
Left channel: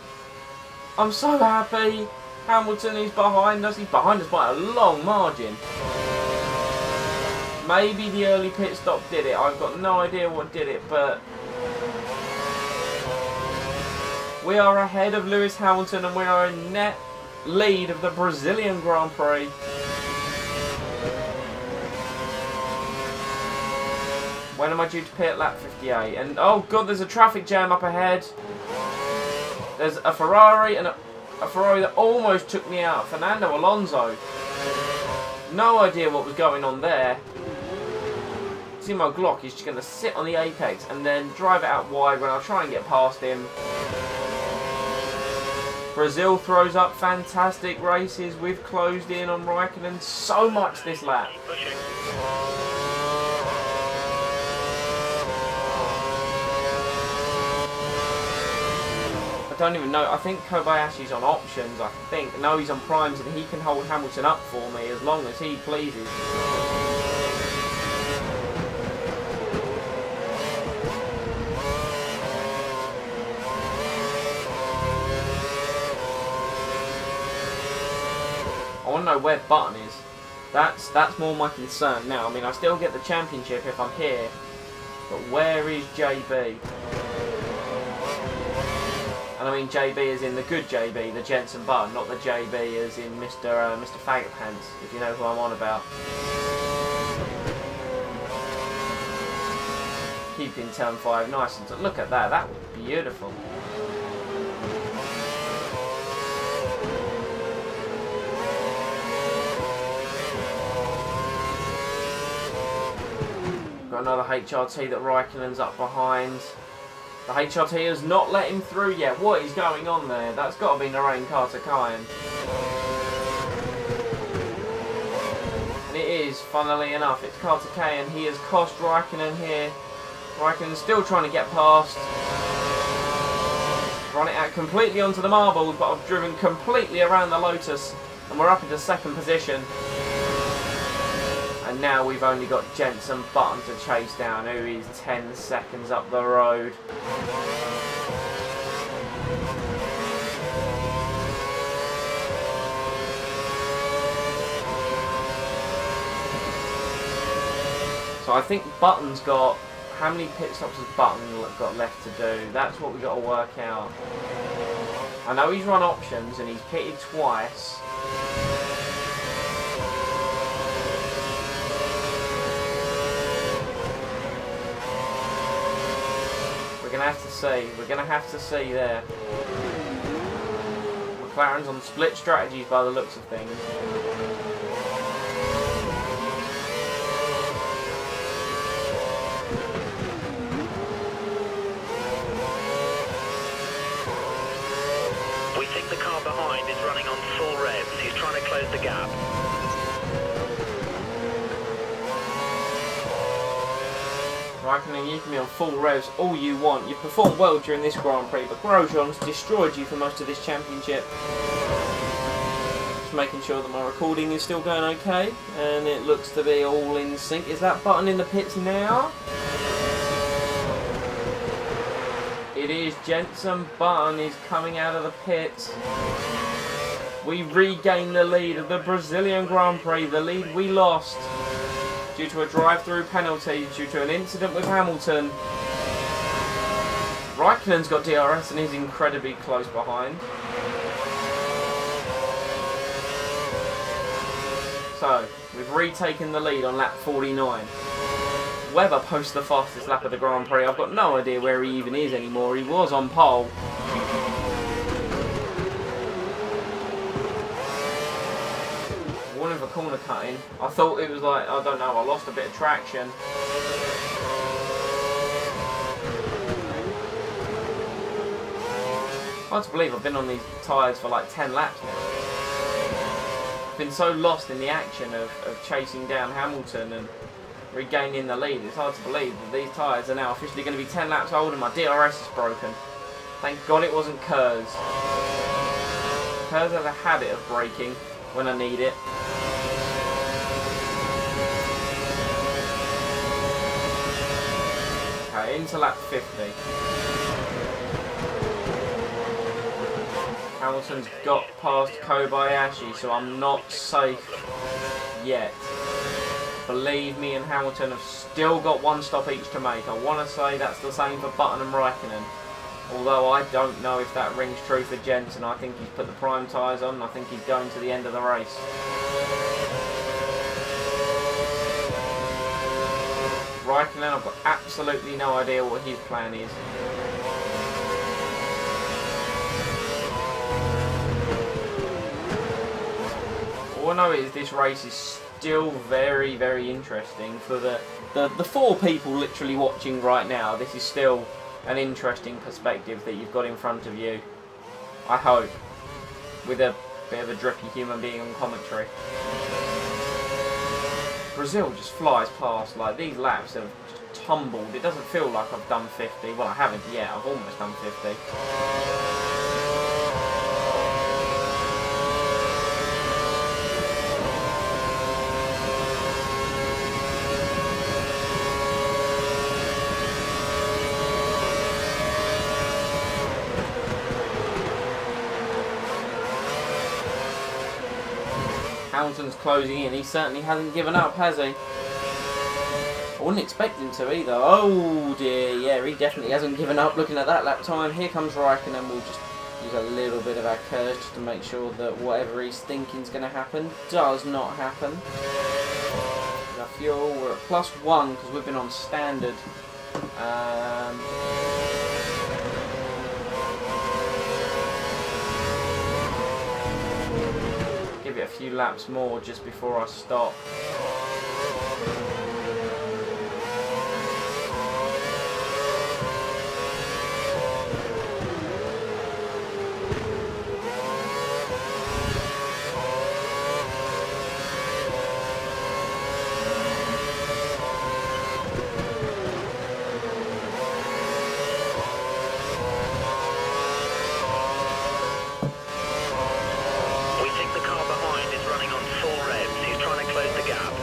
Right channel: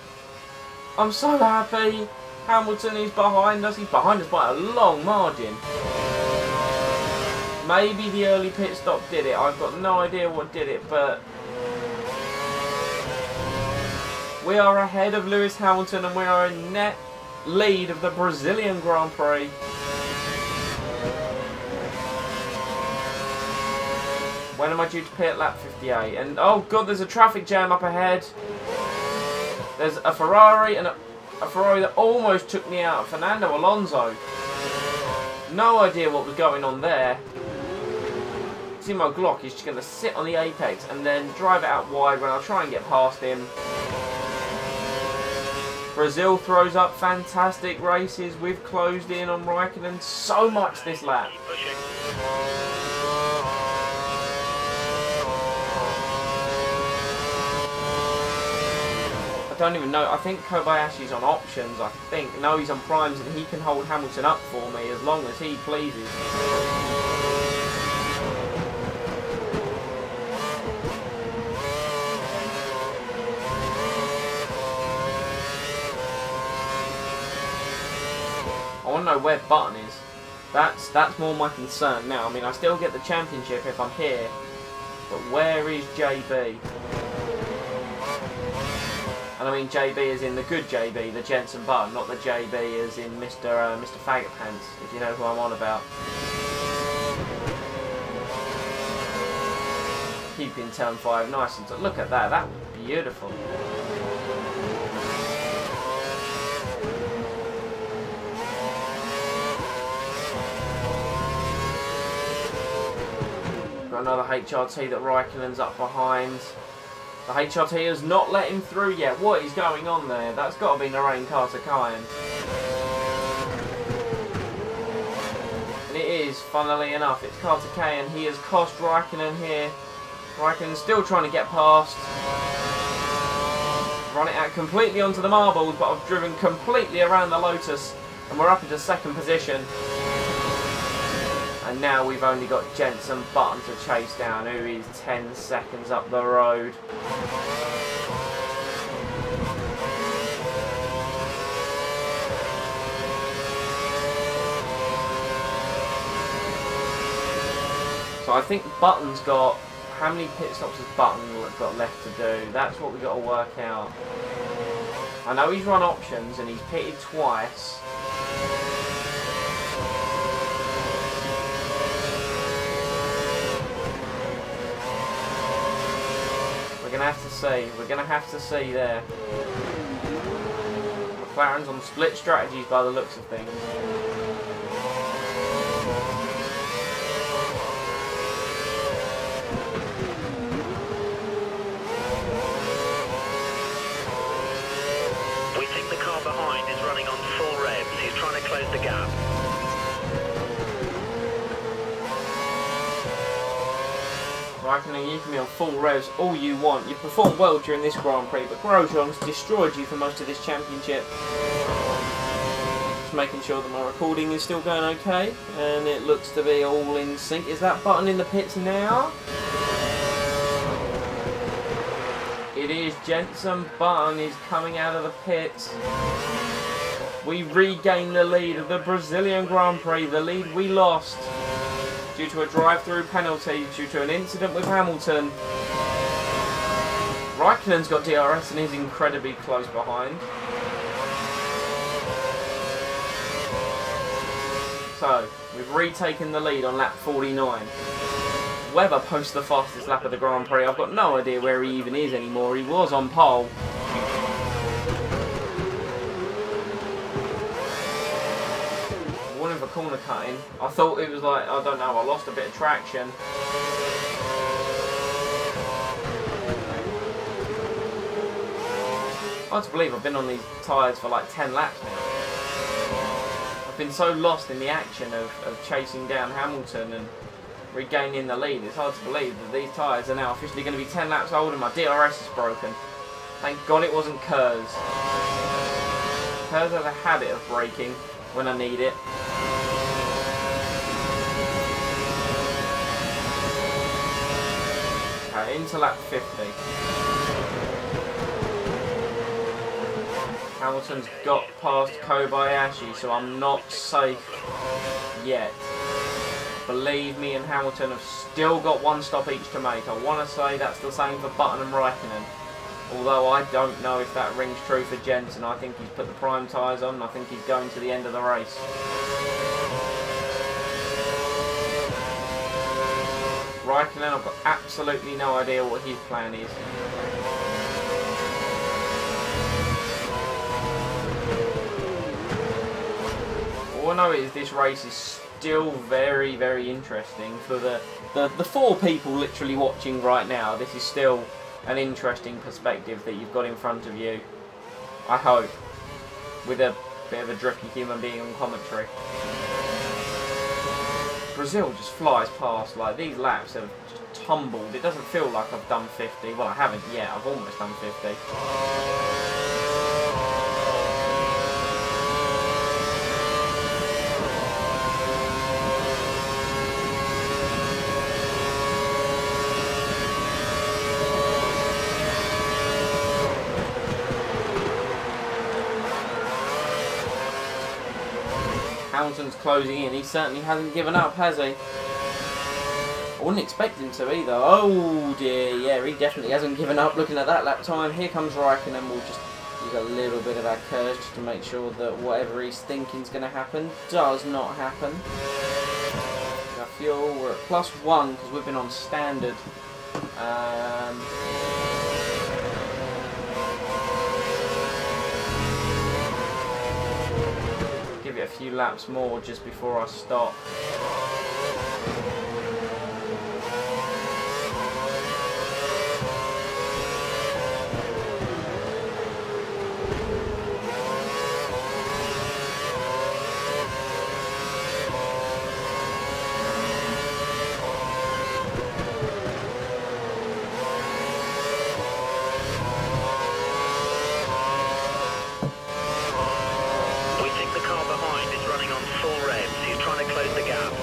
I'm so happy! Hamilton is behind us. He's behind us by a long margin. Maybe the early pit stop did it. I've got no idea what did it, but... we are ahead of Lewis Hamilton and we are in net lead of the Brazilian Grand Prix. When am I due to pit? Lap 58. And oh god, there's a traffic jam up ahead. There's a Ferrari and a Ferrari that almost took me out. Fernando Alonso. No idea what was going on there. Timo Glock is just going to sit on the apex and then drive it out wide when I try and get past him. Brazil throws up fantastic races. We've closed in on Raikkonen so much this lap. Keep pushing. I don't even know. I think Kobayashi's on options, I think. No, he's on primes and he can hold Hamilton up for me as long as he pleases. I want to know where Button is. That's more my concern now. I mean, I still get the championship if I'm here, but where is JB? And I mean JB as in the good JB, the Jensen Button, not the JB as in Mr. Faggot Pants, if you know who I'm on about. Keeping turn 5 nice and look at that. That was beautiful. Got another HRT that Raikkonen's up behind. The HRT has not let him through yet. What is going on there? That's got to be Narain Carter-Kyan. And it is, funnily enough, it's Carter-Kyan. He has cost Raikkonen here. Raikkonen's still trying to get past. Run it out completely onto the marbles, but I've driven completely around the Lotus. And we're up into second position. And now we've only got Jensen Button to chase down, who is 10 seconds up the road. So I think Button's got... How many pit stops has Button got left to do? That's what we got to work out. I know he's run options and he's pitted twice. We're going to have to see. We're going to have to see there. McLaren's on split strategies by the looks of things. We think the car behind is running on full revs. He's trying to close the gap. Raikkonen, you can be on full revs all you want. You've performed well during this Grand Prix, but Grosjean's destroyed you for most of this championship. Just making sure that my recording is still going okay, and it looks to be all in sync. Is that Button in the pits now? It is. Jensen Button is coming out of the pits. We regain the lead of the Brazilian Grand Prix, the lead we lost due to a drive-through penalty, due to an incident with Hamilton. Raikkonen's got DRS and is incredibly close behind. So, we've retaken the lead on lap 49. Webber posts the fastest lap of the Grand Prix. I've got no idea where he even is anymore. He was on pole. Warning for corner cutting. I thought it was like, I don't know, I lost a bit of traction. Hard to believe I've been on these tyres for like 10 laps now. I've been so lost in the action of chasing down Hamilton and regaining the lead. It's hard to believe that these tyres are now officially going to be 10 laps old and my DRS is broken. Thank God it wasn't Kurz. Kurz has a habit of braking when I need it. Okay, into lap 50. Hamilton's got past Kobayashi, so I'm not safe yet. Believe me and Hamilton have still got one stop each to make. I want to say that's the same for Button and Raikkonen. Although I don't know if that rings true for Jensen. I think he's put the prime tyres on and I think he's going to the end of the race. Raikkonen, I've got absolutely no idea what his plan is. All I know is this race is still very, very interesting for the 4 people literally watching right now. This is still an interesting perspective that you've got in front of you. I hope. With a bit of a drippy human being on commentary. Brazil just flies past. Like, these laps have just tumbled. It doesn't feel like I've done 50. Well, I haven't yet. I've almost done 50. Hamilton's closing in. He certainly hasn't given up, has he? I wouldn't expect him to either. Oh dear, yeah, he definitely hasn't given up looking at that lap time. Here comes Raikkonen. We'll just use a little bit of our curse just to make sure that whatever he's thinking is going to happen does not happen. Our fuel, we're at +1 because we've been on standard. I'll give it a few laps more just before I stop. We think the car behind is running on full revs. He's trying to close the gap.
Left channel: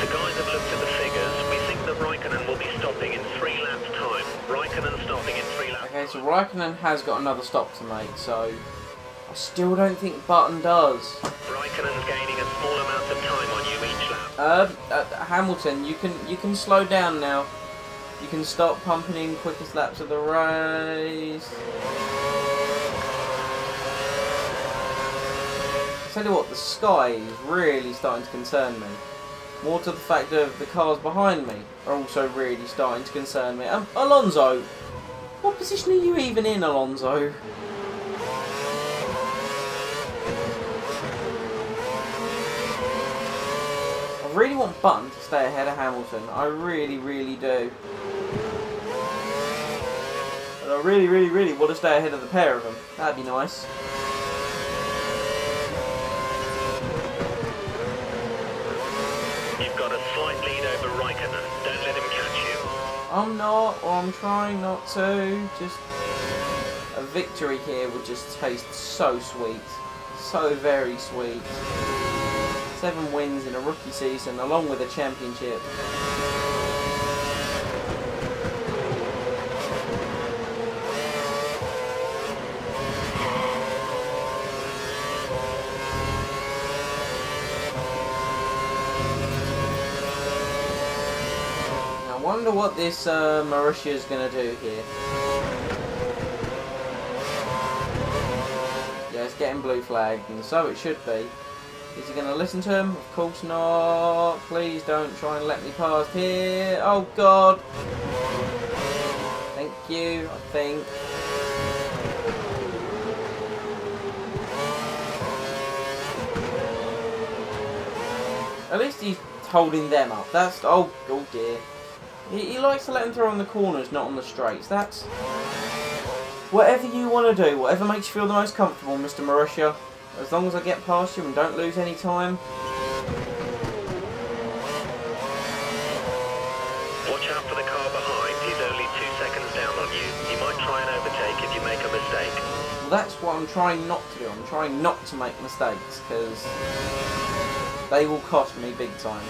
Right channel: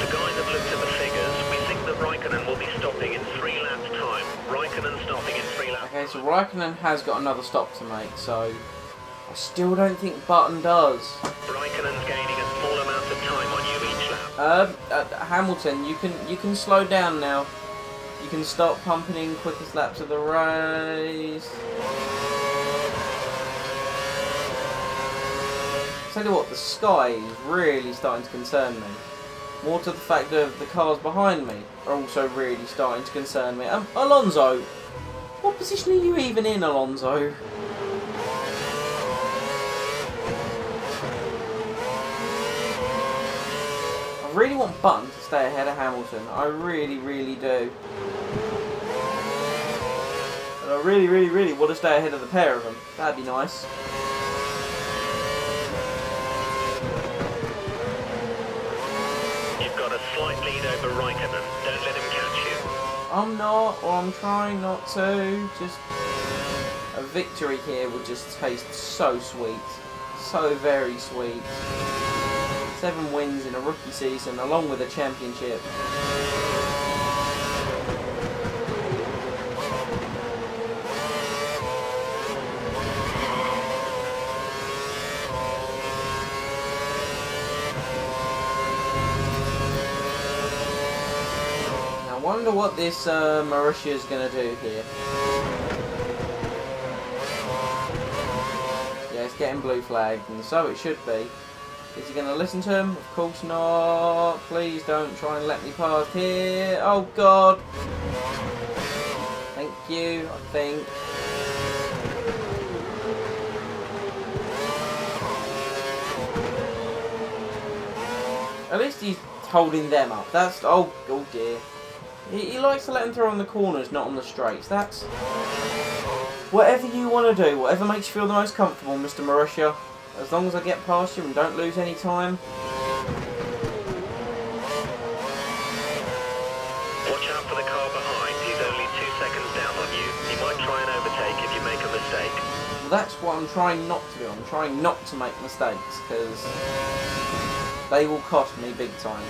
The guys have looked at the figures. We think that Raikkonen will be stopping in 3 laps' time. Raikkonen stopping in 3 laps. Okay, so Raikkonen has got another stop to make, so I still don't think Button does. Raikkonen's gaining a small amount of time on you each lap. Hamilton, you can slow down now. You can stop pumping in quickest laps of the race. I tell you what, the sky is really starting to concern me. More to the fact of the cars behind me are also really starting to concern me. Alonso, what position are you even in, Alonso? I really want Button to stay ahead of Hamilton. I really, really do. And I really, really, really want to stay ahead of the pair of them. That'd be nice. You've got a slight lead over Raikkonen. Don't let him catch you. I'm not, or I'm trying not to. Just a victory here would just taste so sweet. So very sweet. 7 wins in a rookie season, along with a championship. I wonder what this Mauritia is going to do here. Yeah, it's getting blue flagged, and so it should be. Is he going to listen to him? Of course not. Please don't try and let me past here. Oh, God. Thank you, I think. At least he's holding them up. That's... Oh dear. He likes to let them through on the corners, not on the straights. That's... Whatever you want to do, whatever makes you feel the most comfortable, Mr. Mauritia. As long as I get past you and don't lose any time. Watch out for the car behind. He's only 2 seconds down on you. He might try and overtake if you make a mistake. Well, that's what I'm trying not to do. I'm trying not to make mistakes, because they will cost me big time.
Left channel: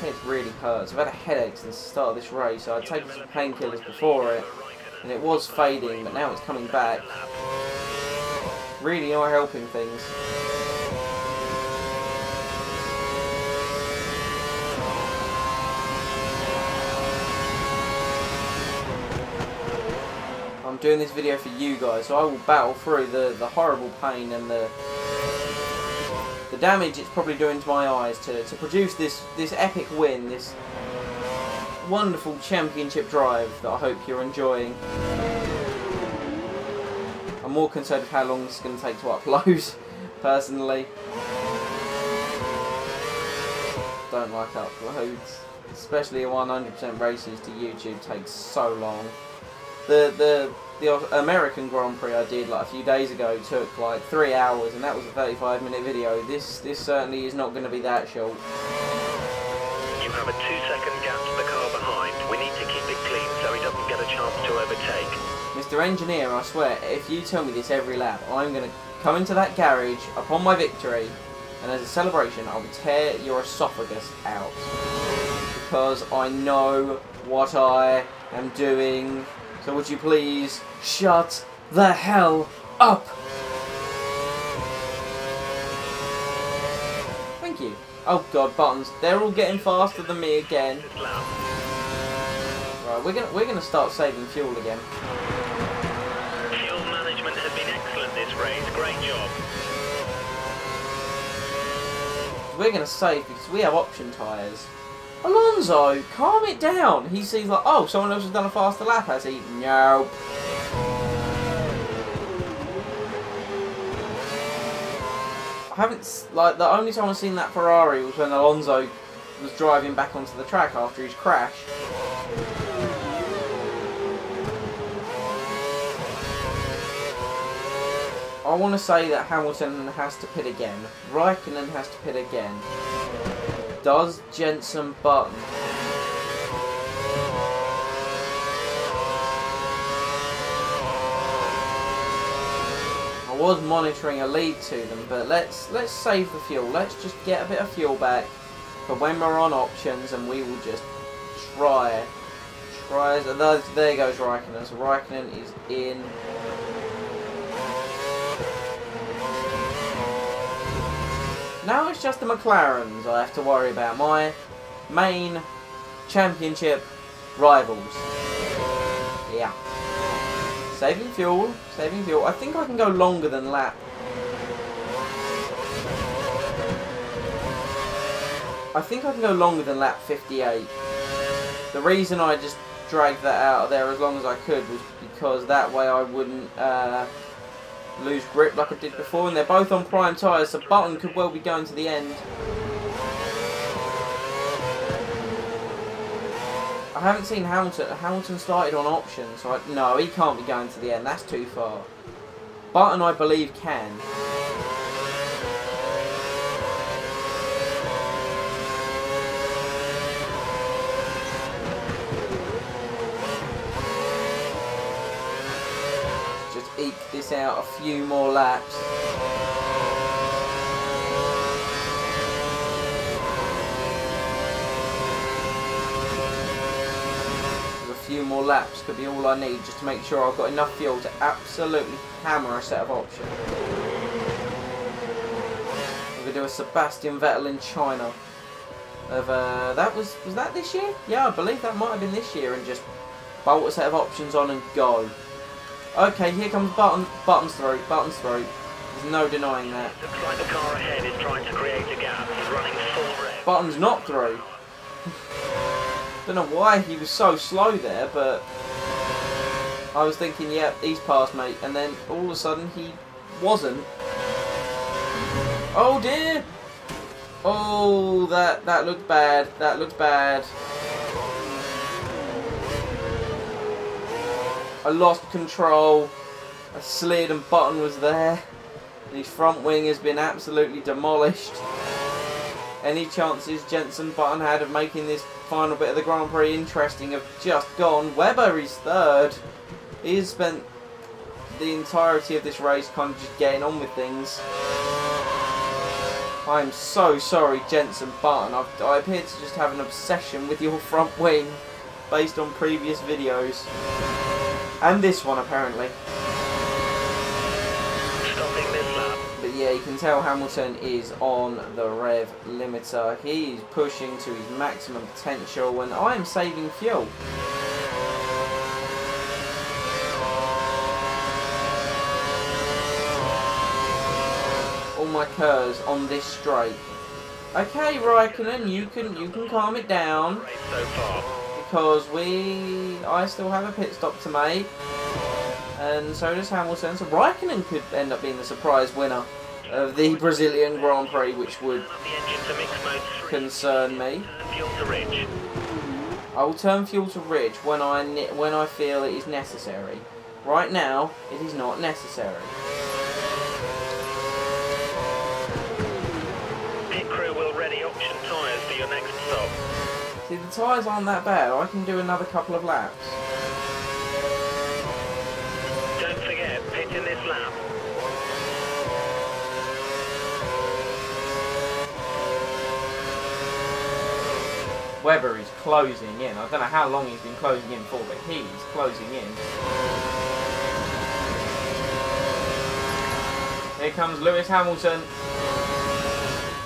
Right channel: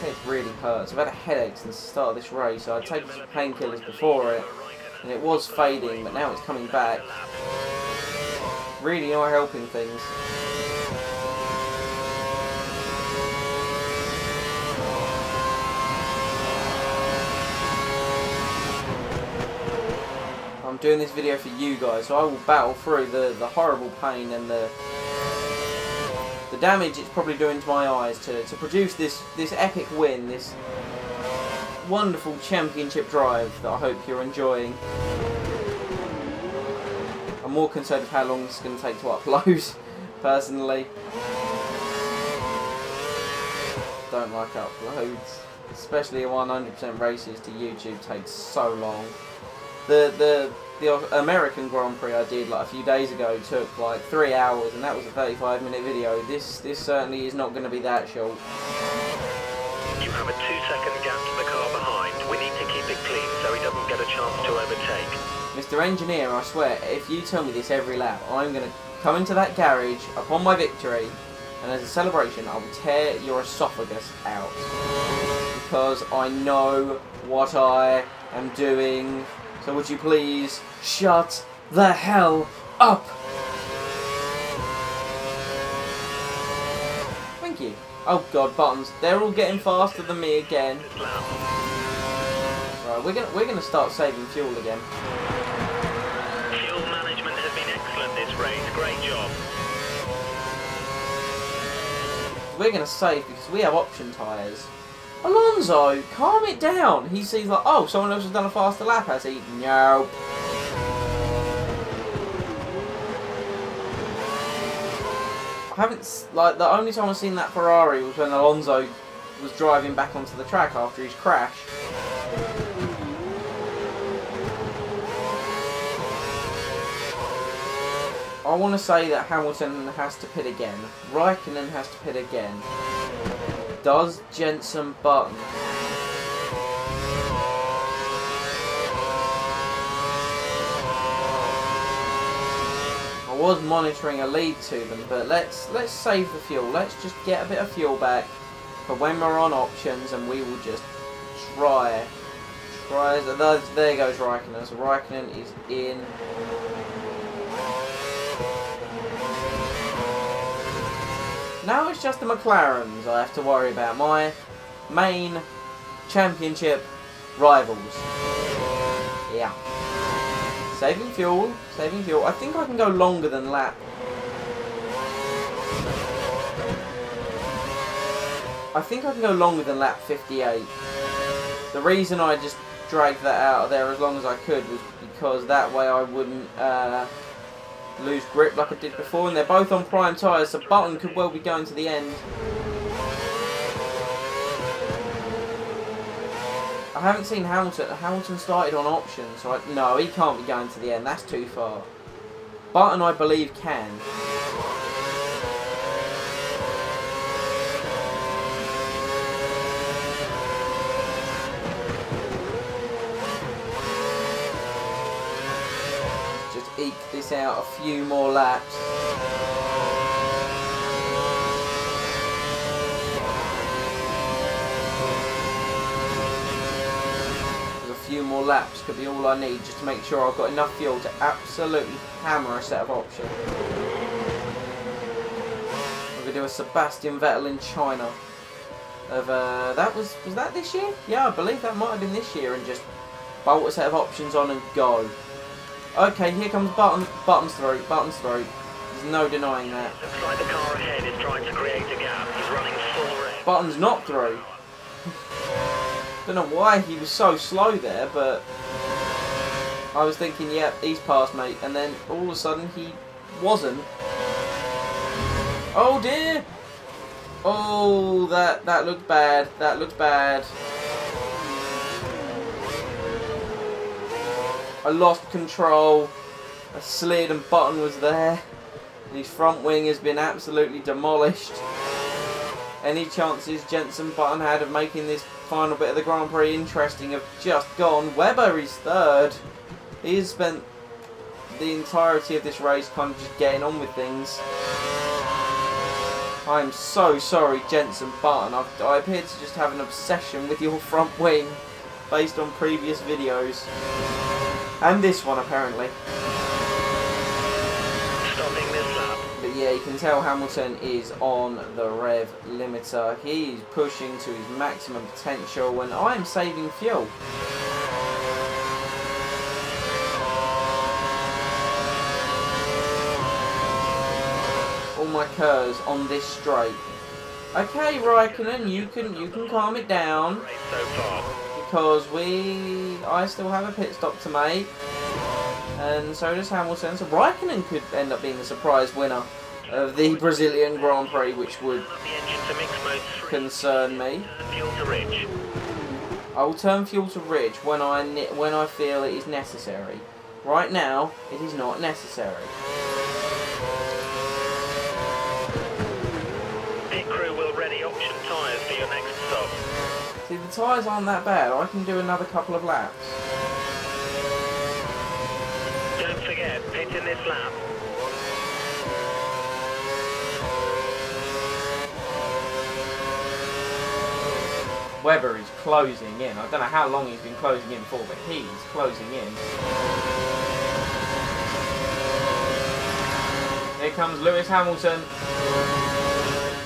Head really hurts. I've had a headache since the start of this race. I'd taken some painkillers before it, and it was fading, but now it's coming back. Really not helping things. I'm doing this video for you guys, so I will battle through the horrible pain and the damage it's probably doing to my eyes to produce this epic win, this wonderful championship drive that I hope you're enjoying. I'm more concerned with how long this is going to take to upload, personally. Don't like uploads, especially 100% races to YouTube takes so long. The American Grand Prix I did like a few days ago took like 3 hours, and that was a 35-minute video. This certainly is not going to be that short. You have a 2-second gap to the car behind. We need to keep it clean so he doesn't get a chance to overtake. Mr. Engineer, I swear, if you tell me this every lap, I'm going to come into that garage upon my victory, and as a celebration I will tear your esophagus out. Because I know what I am doing. So would you please shut the hell up? Thank you. Oh god, buttons. They're all getting faster than me again. Right, we're gonna start saving fuel again. Fuel management has been excellent this race. Great job. We're gonna save because we have option tyres. Alonso, calm it down. He sees like, oh, someone else has done a faster lap, has he? Nope. I haven't, like, the only time I've seen that Ferrari was when Alonso was driving back onto the track after his crash. I want to say that Hamilton has to pit again. Raikkonen has to pit again. Does Jenson Button? I was monitoring a lead to them, but let's save the fuel. Let's just get a bit of fuel back for when we're on options, and we will just try. There goes Raikkonen. So Raikkonen is in. Now it's just the McLarens I have to worry about. My main championship rivals. Yeah. Saving fuel. Saving fuel. I think I can go longer than lap. I think I can go longer than lap 58. The reason I just dragged that out of there as long as I could was because that way I wouldn't lose grip like I did before, and they're both on prime tyres, so Button could well be going to the end. I haven't seen Hamilton. Hamilton started on options, so no, he can't be going to the end. That's too far. Button, I believe, can. Just eke this out a few more laps. A few more laps could be all I need just to make sure I've got enough fuel to absolutely hammer a set of options. We're going to do a Sebastian Vettel in China. Was that this year? Yeah, I believe that might have been this year, and just bolt a set of options on and go. Okay, here comes Button's through. There's no denying that. Looks like the car ahead is trying to create a gap. He's running full rev. Button's not through. Don't know why he was so slow there, but I was thinking, yep, he's past, mate. And then all of a sudden he wasn't. Oh dear! Oh, that looked bad. That looked bad. I lost control. I slid and Button was there. And his front wing has been absolutely demolished. Any chances Jenson Button had of making this final bit of the Grand Prix interesting have just gone. Webber is third. He has spent the entirety of this race kind of just getting on with things. I am so sorry, Jenson Button. I appear to just have an obsession with your front wing based on previous videos. And this one, apparently. Stopping this lap. But yeah, you can tell Hamilton is on the rev limiter. He's pushing to his maximum potential, and I am saving fuel. All my curves on this straight. Okay, Raikkonen, you can calm it down. Race so far. Because I still have a pit stop to make. And so does Hamilton. So Raikkonen could end up being the surprise winner of the Brazilian Grand Prix, which would concern me. Turn fuel to rich. I will turn fuel to rich when I feel it is necessary. Right now, it is not necessary. Pit crew will ready option tyres for your next stop. See, the tyres aren't that bad. I can do another couple of laps. Don't forget, pit in this lap. Webber is closing in. I don't know how long he's been closing in for, but he's closing in. Here comes Lewis Hamilton.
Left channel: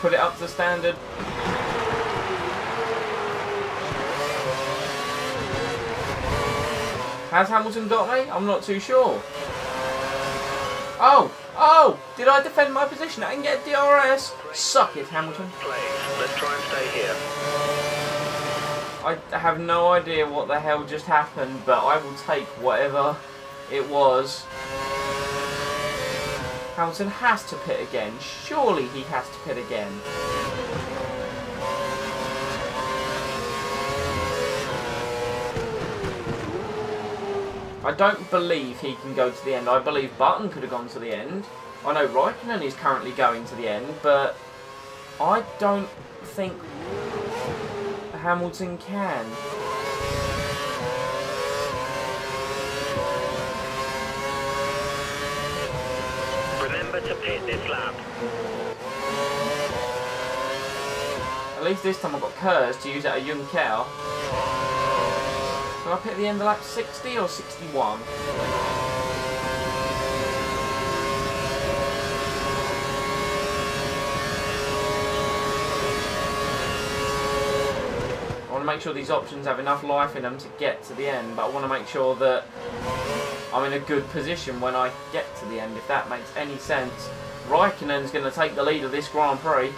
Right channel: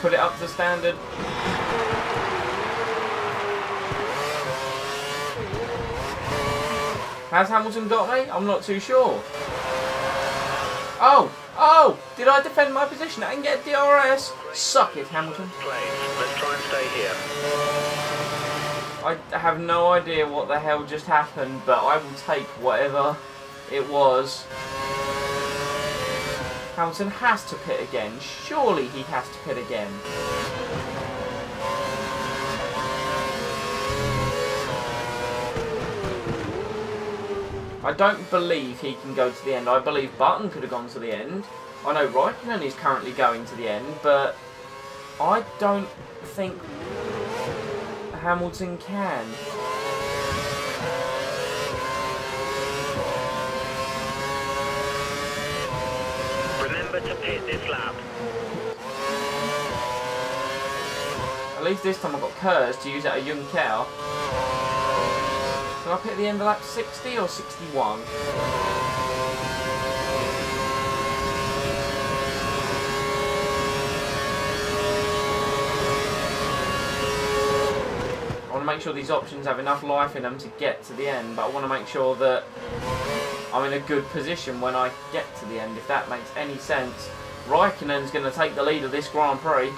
Put it up to standard. Has Hamilton got me? I'm not too sure. Oh! Oh! Did I defend my position? I can get DRS. Suck it, Hamilton. Place. Let's try and stay here. I have no idea what the hell just happened, but I will take whatever it was. Hamilton has to pit again. Surely he has to pit again. I don't believe he can go to the end. I believe Button could have gone to the end. I know Raikkonen is currently going to the end, but I don't think Hamilton can. Remember to pit this lap. At least this time I got Kurz to use it at Juncker. So I pit at the end of lap 60 or 61? I want to make sure these options have enough life in them to get to the end, but I want to make sure that I'm in a good position when I get to the end, if that makes any sense. Raikkonen's going to take the lead of this Grand Prix.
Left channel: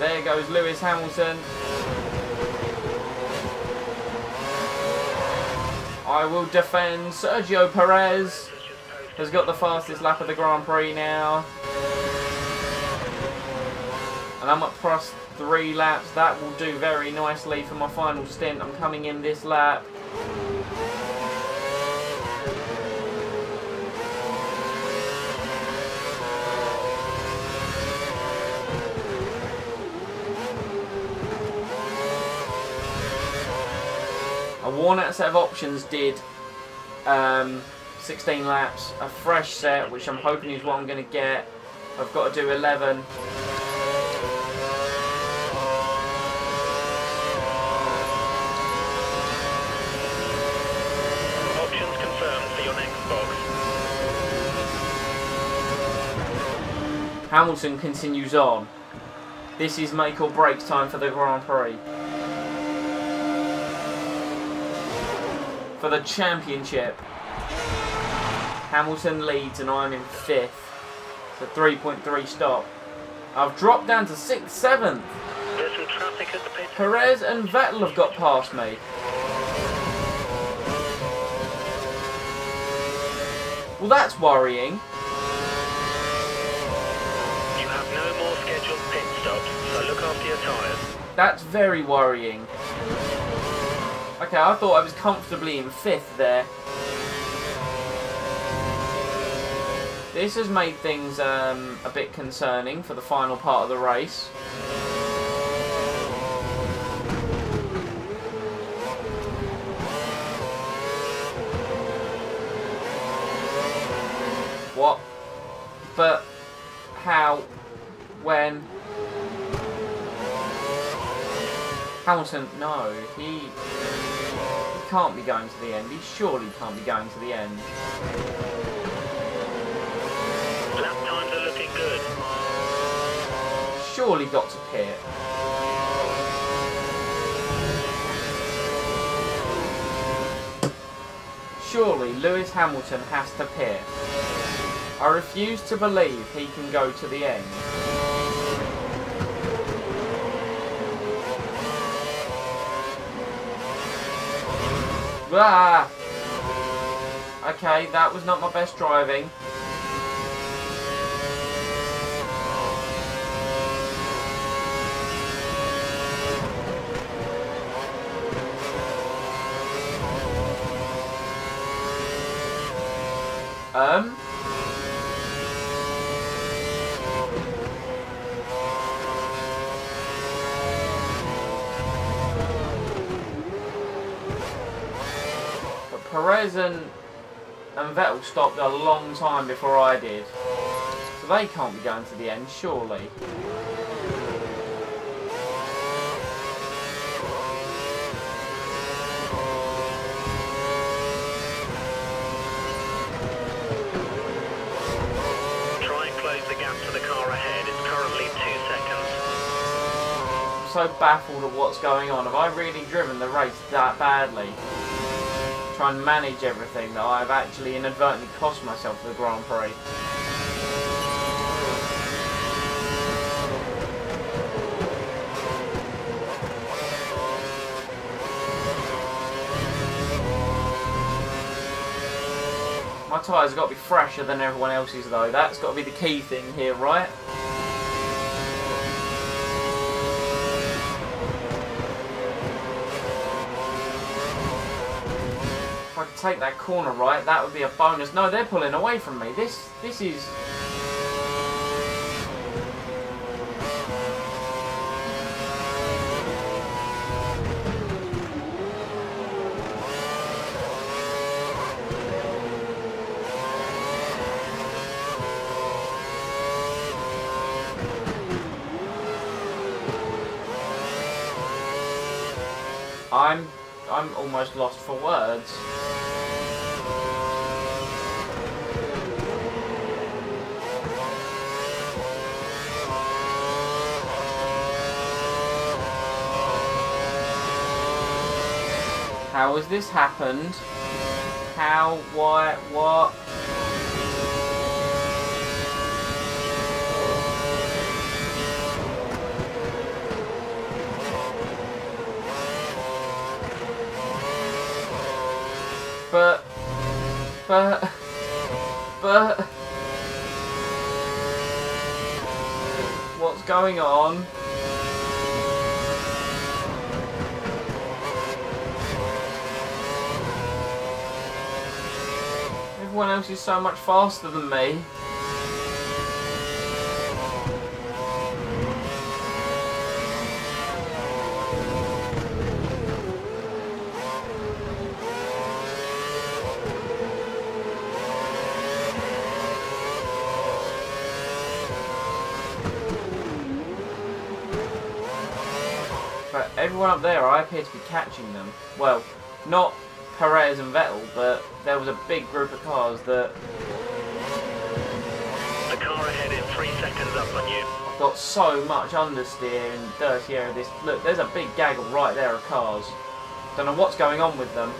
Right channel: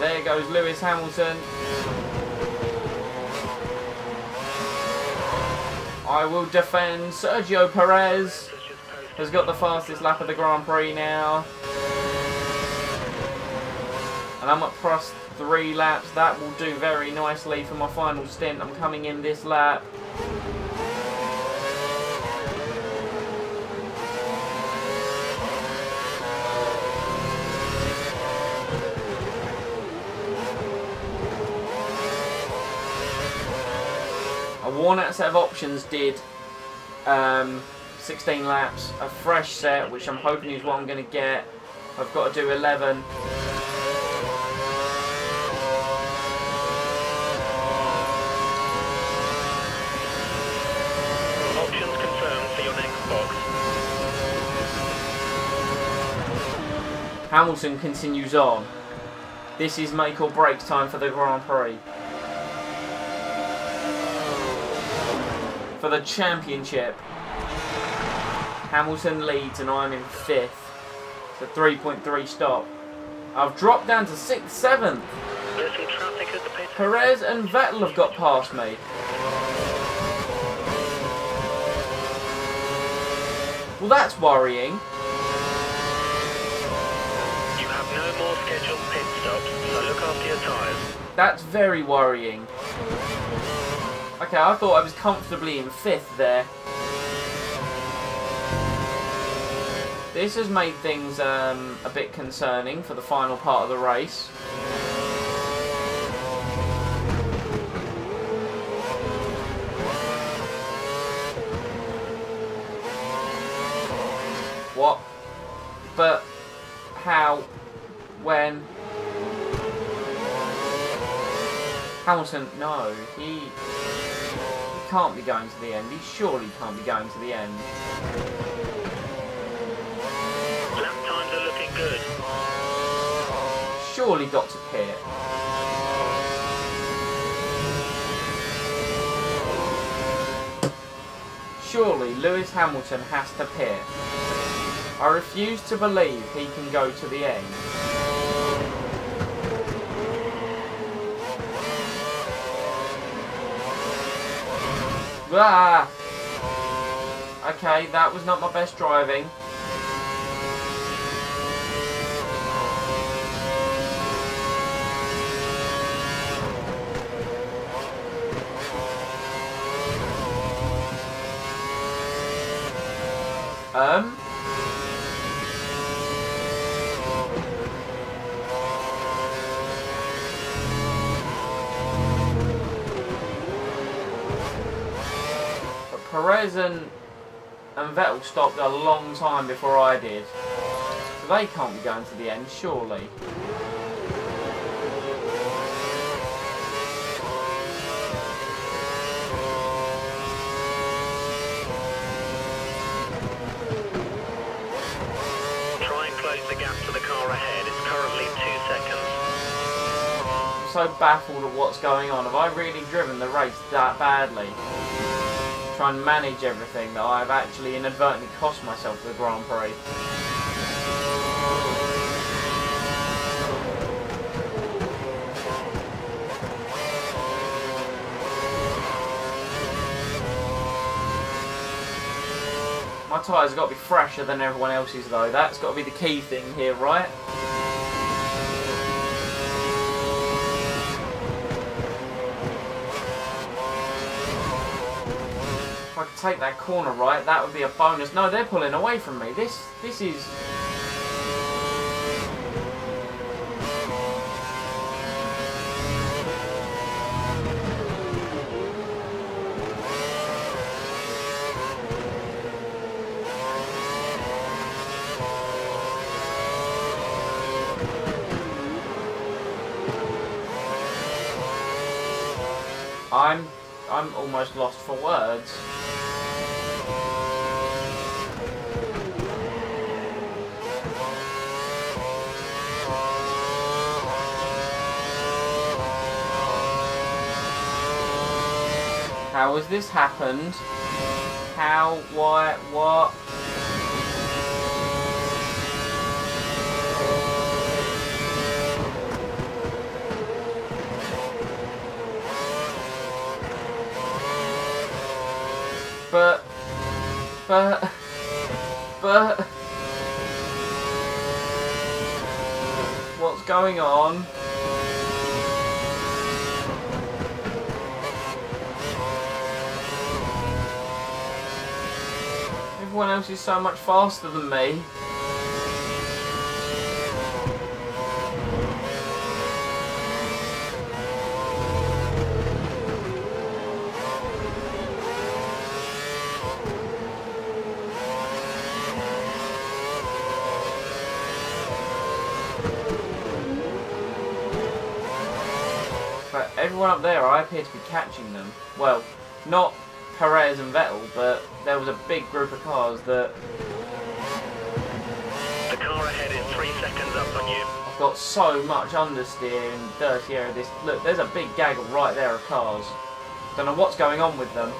There goes Lewis Hamilton. I will defend. Sergio Perez has got the fastest lap of the Grand Prix now. And I'm at plus 3 laps. That will do very nicely for my final stint. I'm coming in this lap. A worn out set of options did 16 laps. A fresh set, which I'm hoping is what I'm going to get. I've got to do 11. Options confirmed for your next box. Hamilton continues on. This is make or break time for the Grand Prix. For the championship. Hamilton leads and I'm in 5th. It's a 3.3 stop. I've dropped down to 6th, 7th. There's some traffic at the pit. Perez and Vettel have got past me. Well, that's worrying. You have no more scheduled pit stops, so look after your tyres. That's very worrying. Okay, I thought I was comfortably in 5th there. This has made things a bit concerning for the final part of the race. What? But how? When? Hamilton, no, he can't be going to the end. He surely can't be going to the end. Lap times are looking good. Surely got to pit. Surely Lewis Hamilton has to pit. I refuse to believe he can go to the end. Ah! Okay, that was not my best driving. But Perez and Vettel stopped a long time before I did. So they can't be going to the end, surely. the gap to the car ahead. It's currently 2 seconds. I'm so baffled at what's going on. Have I really driven the race that badly? Try and manage everything that I've actually inadvertently cost myself the Grand Prix. My tyres have got to be fresher than everyone else's though. That's got to be the key thing here, right? If I could take that corner right, that would be a bonus. No, they're pulling away from me. This is... I'm almost lost for words. How has this happened? How? Why? What? But... What's going on? Everyone else is so much faster than me. But everyone up there, I appear to be catching them. Well, not Perez and Vettel, but there was a big group of cars that... The car ahead is 3 seconds up on you. I've got so much understeer in the dirty area of this. Look, there's a big gaggle right there of cars. Don't know what's going on with them.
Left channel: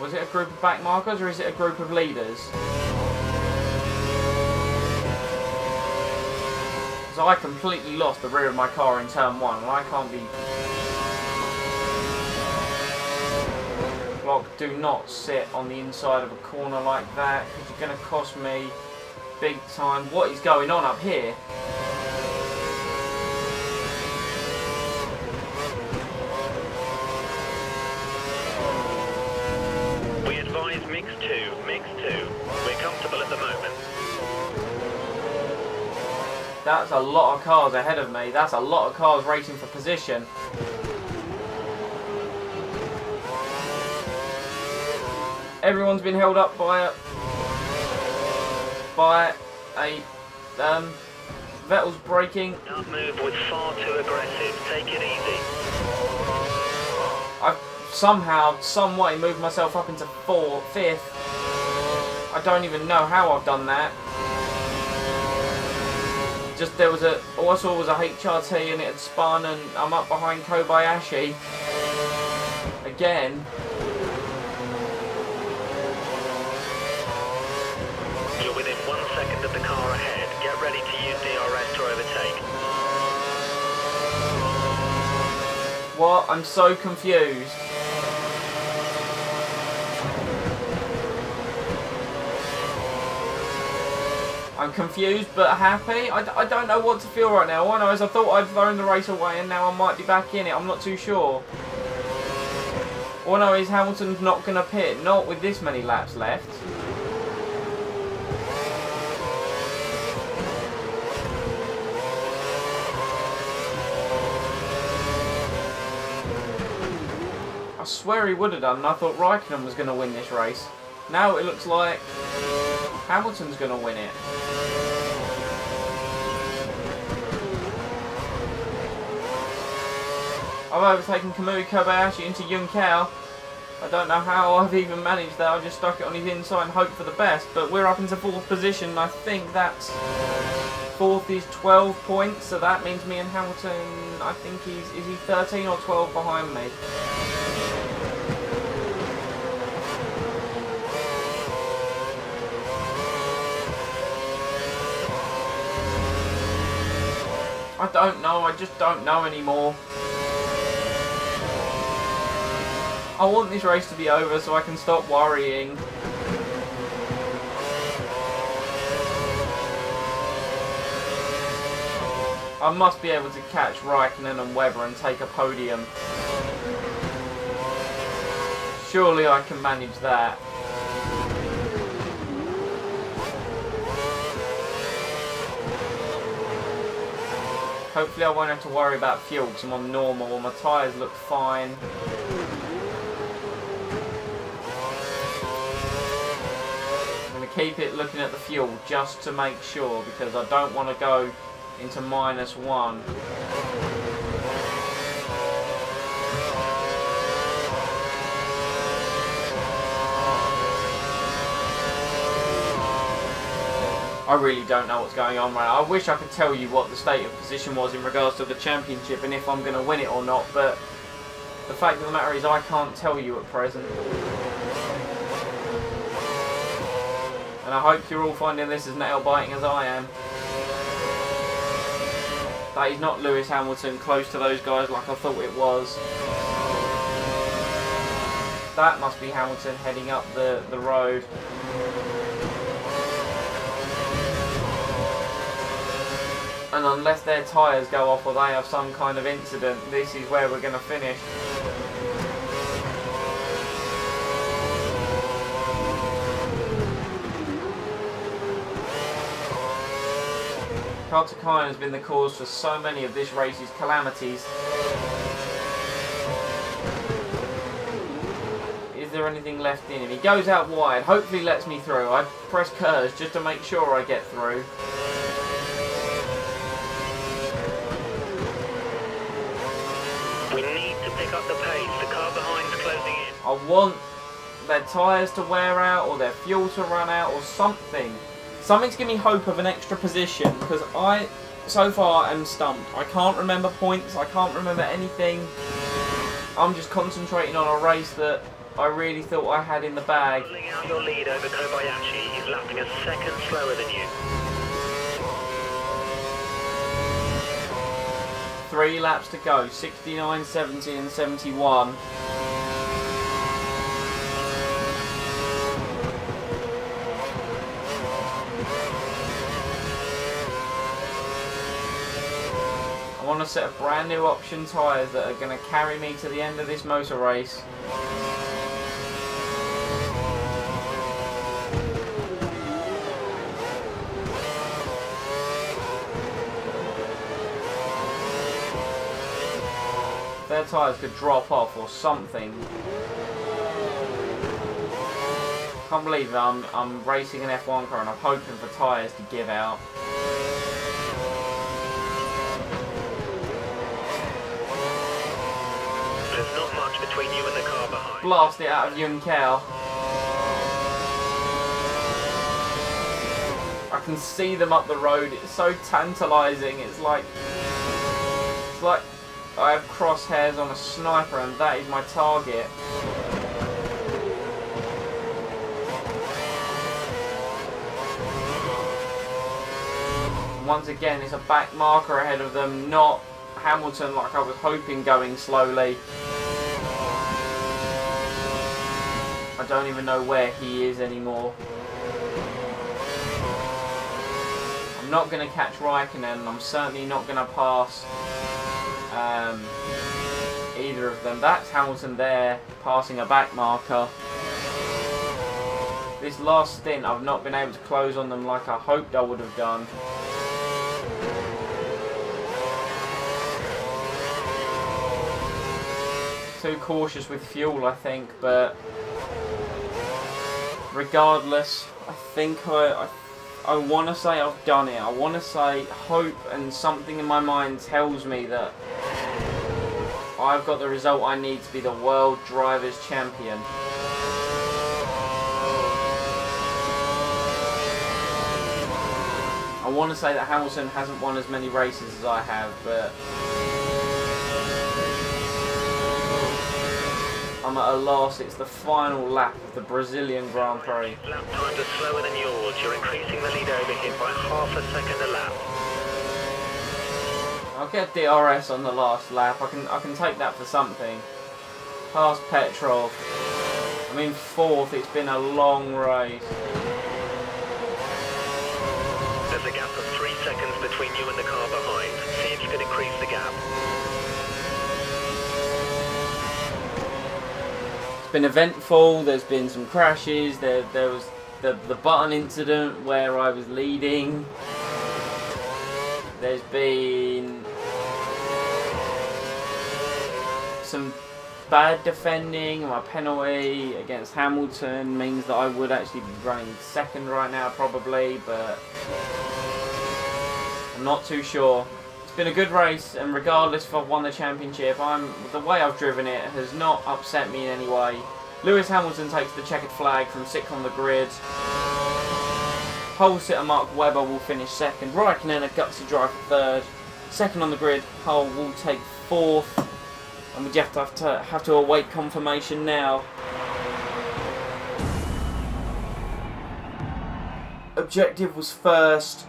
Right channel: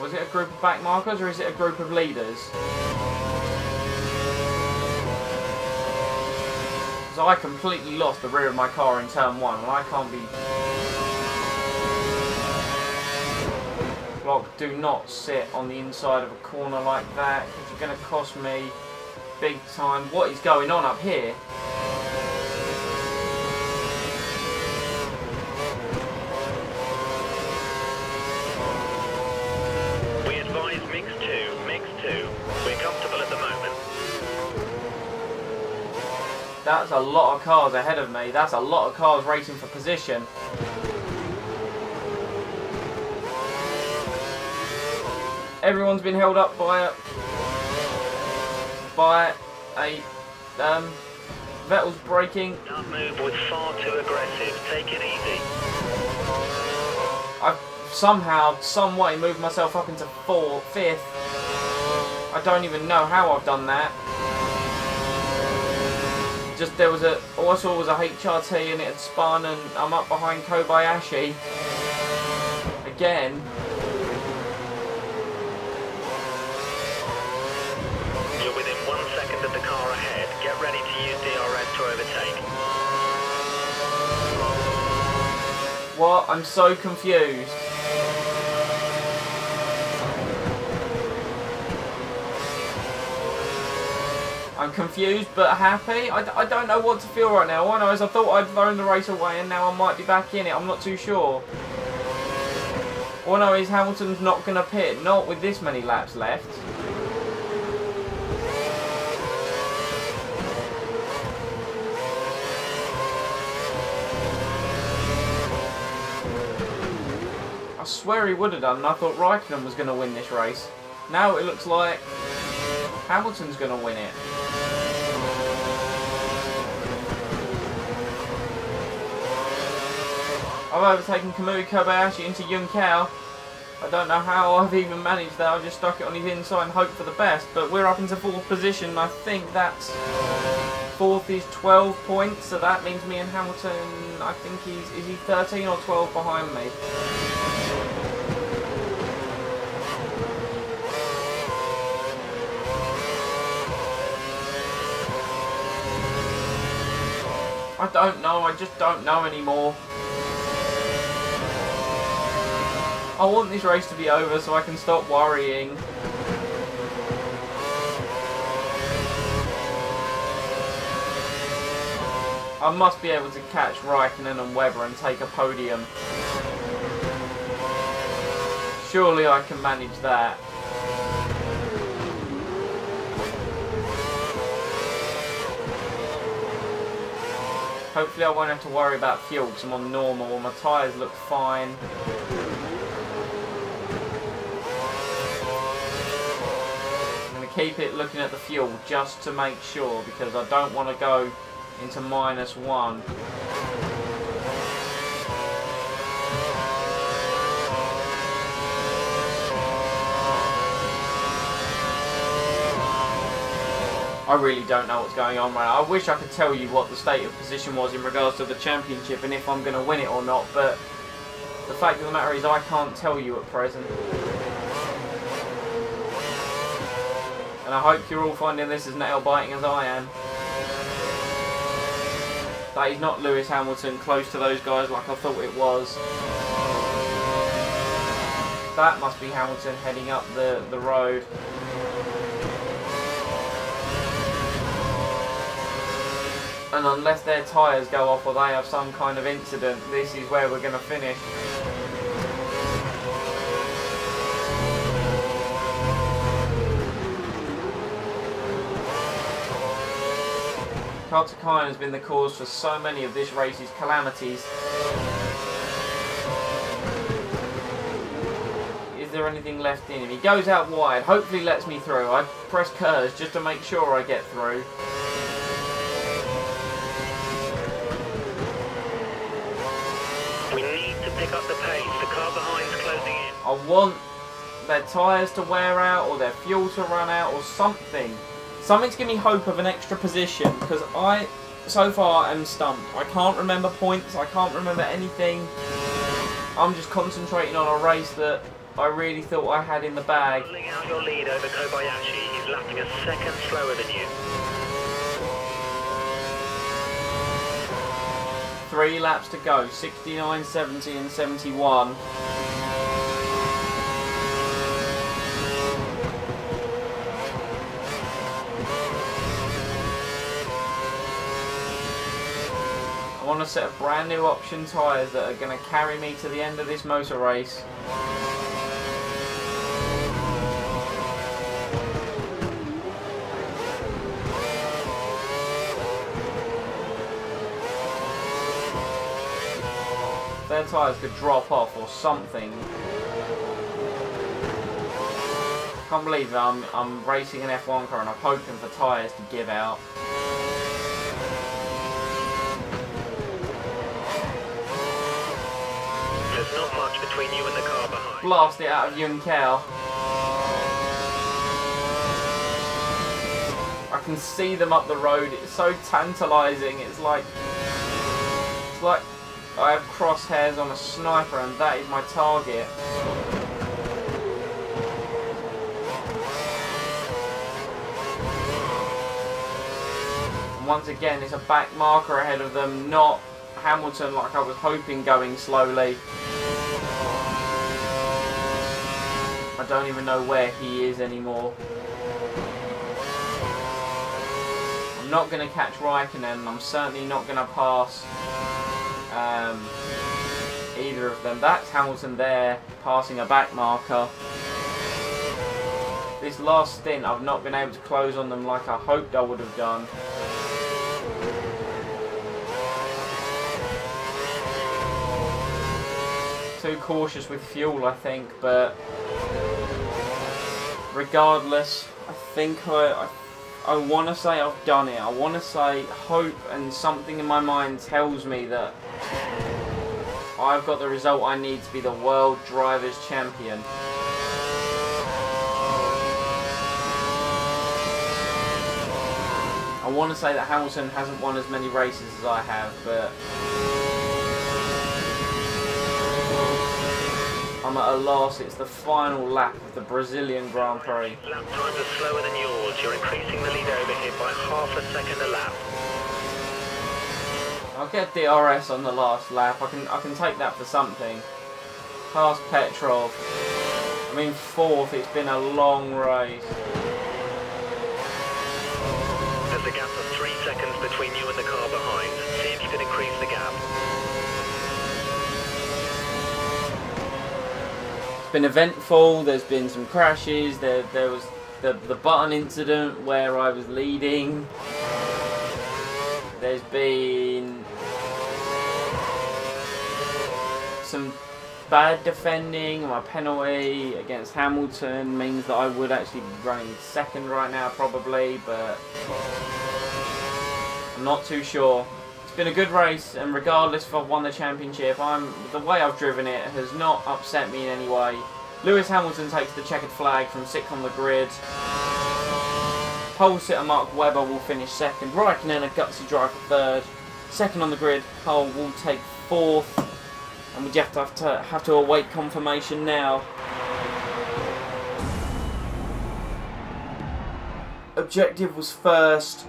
Was it a group of back markers or is it a group of leaders? Because I completely lost the rear of my car in turn 1 and I can't be... Block, do not sit on the inside of a corner like that because you're going to cost me big time. What is going on up here? Mix 2. We're comfortable at the moment. That's a lot of cars ahead of me. That's a lot of cars racing for position. Everyone's been held up by a Vettel's braking. That move was far too aggressive. Take it easy. I've somehow, some way moved myself up into 5th. I don't even know how I've done that. Just there was a, all I saw was a HRT and it had spun and I'm up behind Kobayashi. Again. You're within 1 second of the car ahead. Get ready to use DRS to overtake. What? I'm so confused. I'm confused but happy. I don't know what to feel right now. All I know is I thought I'd thrown the race away and now I might be back in it. I'm not too sure. All I know is Hamilton's not going to pit. Not with this many laps left. I swear he would have done, and I thought Raikkonen was going to win this race. Now it looks like Hamilton's going to win it. I've overtaken Kamui Kobayashi into Junkel. I don't know how I've even managed that. I just stuck it on his inside and hoped for the best. But we're up into 4th position. I think that's 4th is 12 points. So that means me and Hamilton, I think is he 13 or 12 behind me? I don't know. I just don't know anymore. I want this race to be over so I can stop worrying. I must be able to catch Raikkonen and Webber and take a podium. Surely I can manage that. Hopefully I won't have to worry about fuel because I'm on normal and my tyres look fine. I'm going to keep it looking at the fuel just to make sure because I don't want to go into -1. I really don't know what's going on right now. I wish I could tell you what the state of position was in regards to the championship and if I'm going to win it or not, but the fact of the matter is I can't tell you at present. And I hope you're all finding this as nail-biting as I am. That is not Lewis Hamilton close to those guys like I thought it was. That must be Hamilton heading up the road. And unless their tyres go off or they have some kind of incident, this is where we're going to finish. Kartakainen has been the cause for so many of this race's calamities. Is there anything left in him? He goes out wide, hopefully lets me through. I press curves just to make sure I get through. We need to pick up the pace. The car behind's closing in. I want their tyres to wear out or their fuel to run out or something. Something to give me hope of an extra position because I, so far, am stumped. I can't remember points. I can't remember anything. I'm just concentrating on a race that I really thought I had in the bag. Pulling out your lead over Kobayashi. He's lapping a second slower than you. 3 laps to go, 69, 70 and 71. I want a set of brand new option tyres that are going to carry me to the end of this motor race. Their tyres could drop off or something. Can't believe I'm racing an F1 car and I'm hoping for tyres to give out. There's not much between you and the car behind. Blast it out of Junkel. I can see them up the road. It's so tantalising. It's like I have crosshairs on a sniper and that is my target. And once again it's a back marker ahead of them, not Hamilton like I was hoping going slowly. I don't even know where he is anymore. I'm not going to catch Raikkonen. I'm certainly not going to pass either of them. That's Hamilton there, passing a back marker. This last stint I've not been able to close on them like I hoped I would have done. Too cautious with fuel I think, but regardless, I think I want to say I've done it. I want to say hope and something in my mind tells me that I've got the result I need to be the World Drivers' Champion. I want to say that Hamilton hasn't won as many races as I have, but I'm at a loss. It's the final lap of the Brazilian Grand Prix. Lap times are slower than yours. You're increasing the lead over him by half a second a lap. I'll get DRS on the last lap. I can take that for something. Past Petrov. I'm in 4th. It's been a long race. There's a gap of 3 seconds between you and the car behind. See if you can increase the gap. It's been eventful. There's been some crashes. There was the button incident where I was leading. There's been some bad defending. My penalty against Hamilton means that I would actually be running 2nd right now probably, but I'm not too sure. It's been a good race, and regardless if I've won the championship, the way I've driven it has not upset me in any way. Lewis Hamilton takes the checkered flag from 6th on the grid. Pole sitter Mark Webber will finish 2nd. Raikkonen a gutsy drive for 3rd. 2nd on the grid, Hull will take 4th. And we just have to await confirmation now. Objective was 1st.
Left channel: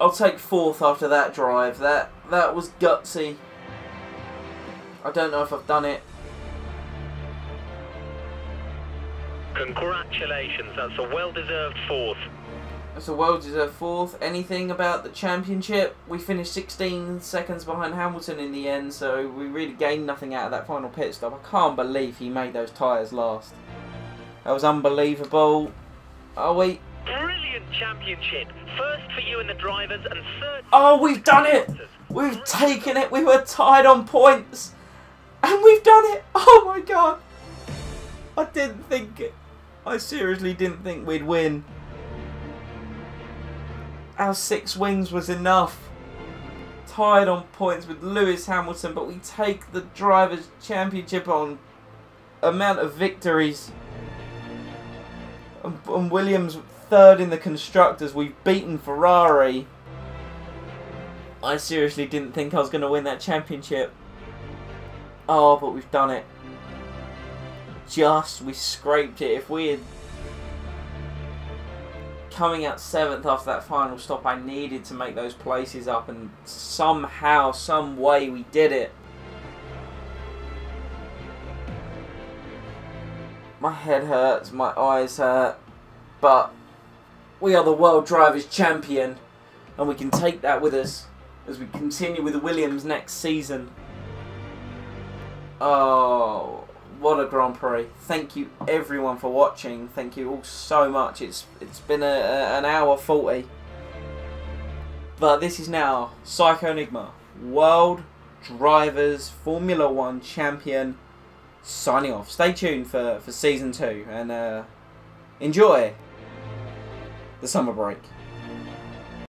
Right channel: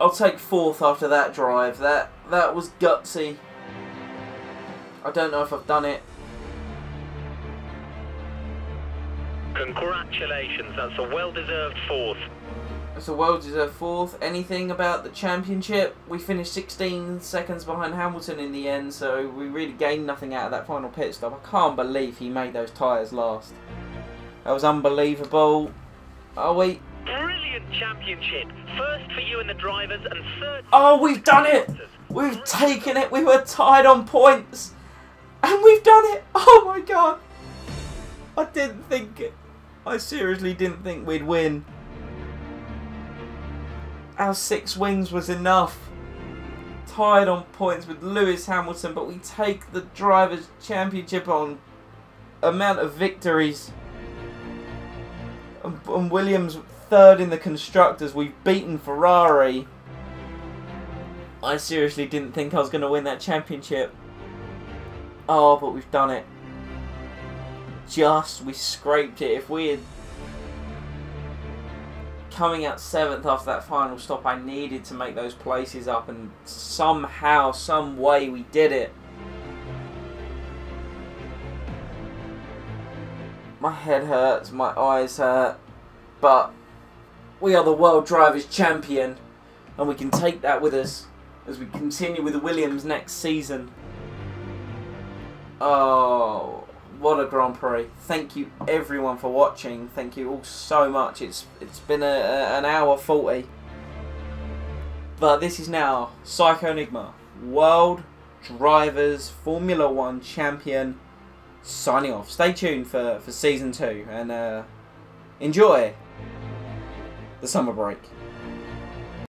I'll take 4th after that drive. That was gutsy. I don't know if I've done it. Congratulations, that's a well-deserved 4th. It's a well-deserved 4th. Anything about the championship? We finished 16 seconds behind Hamilton in the end, so we really gained nothing out of that final pit stop. I can't believe he made those tyres last. That was unbelievable. Are we? Brilliant championship. 1st for you and the drivers, and 3rd... Oh, we've done it! We've taken it! We were tied on points! And we've done it! Oh my god! I didn't think it. I seriously didn't think we'd win. Our 6 wins was enough. Tied on points with Lewis Hamilton, but we take the Drivers' Championship on amount of victories. And Williams 3rd in the Constructors. We've beaten Ferrari. I seriously didn't think I was going to win that championship. Oh, but we've done it. We scraped it. If we had coming out 7th after that final stop, I needed to make those places up, and somehow, some way we did it. My head hurts, my eyes hurt, but we are the World Drivers' Champion, and we can take that with us as we continue with the Williams next season. Oh, what a Grand Prix. Thank you everyone for watching. Thank you all so much. It's been an hour 40. But this is now Psycho Enigma, World Drivers Formula 1 Champion, signing off. Stay tuned for Season 2 and enjoy the summer break.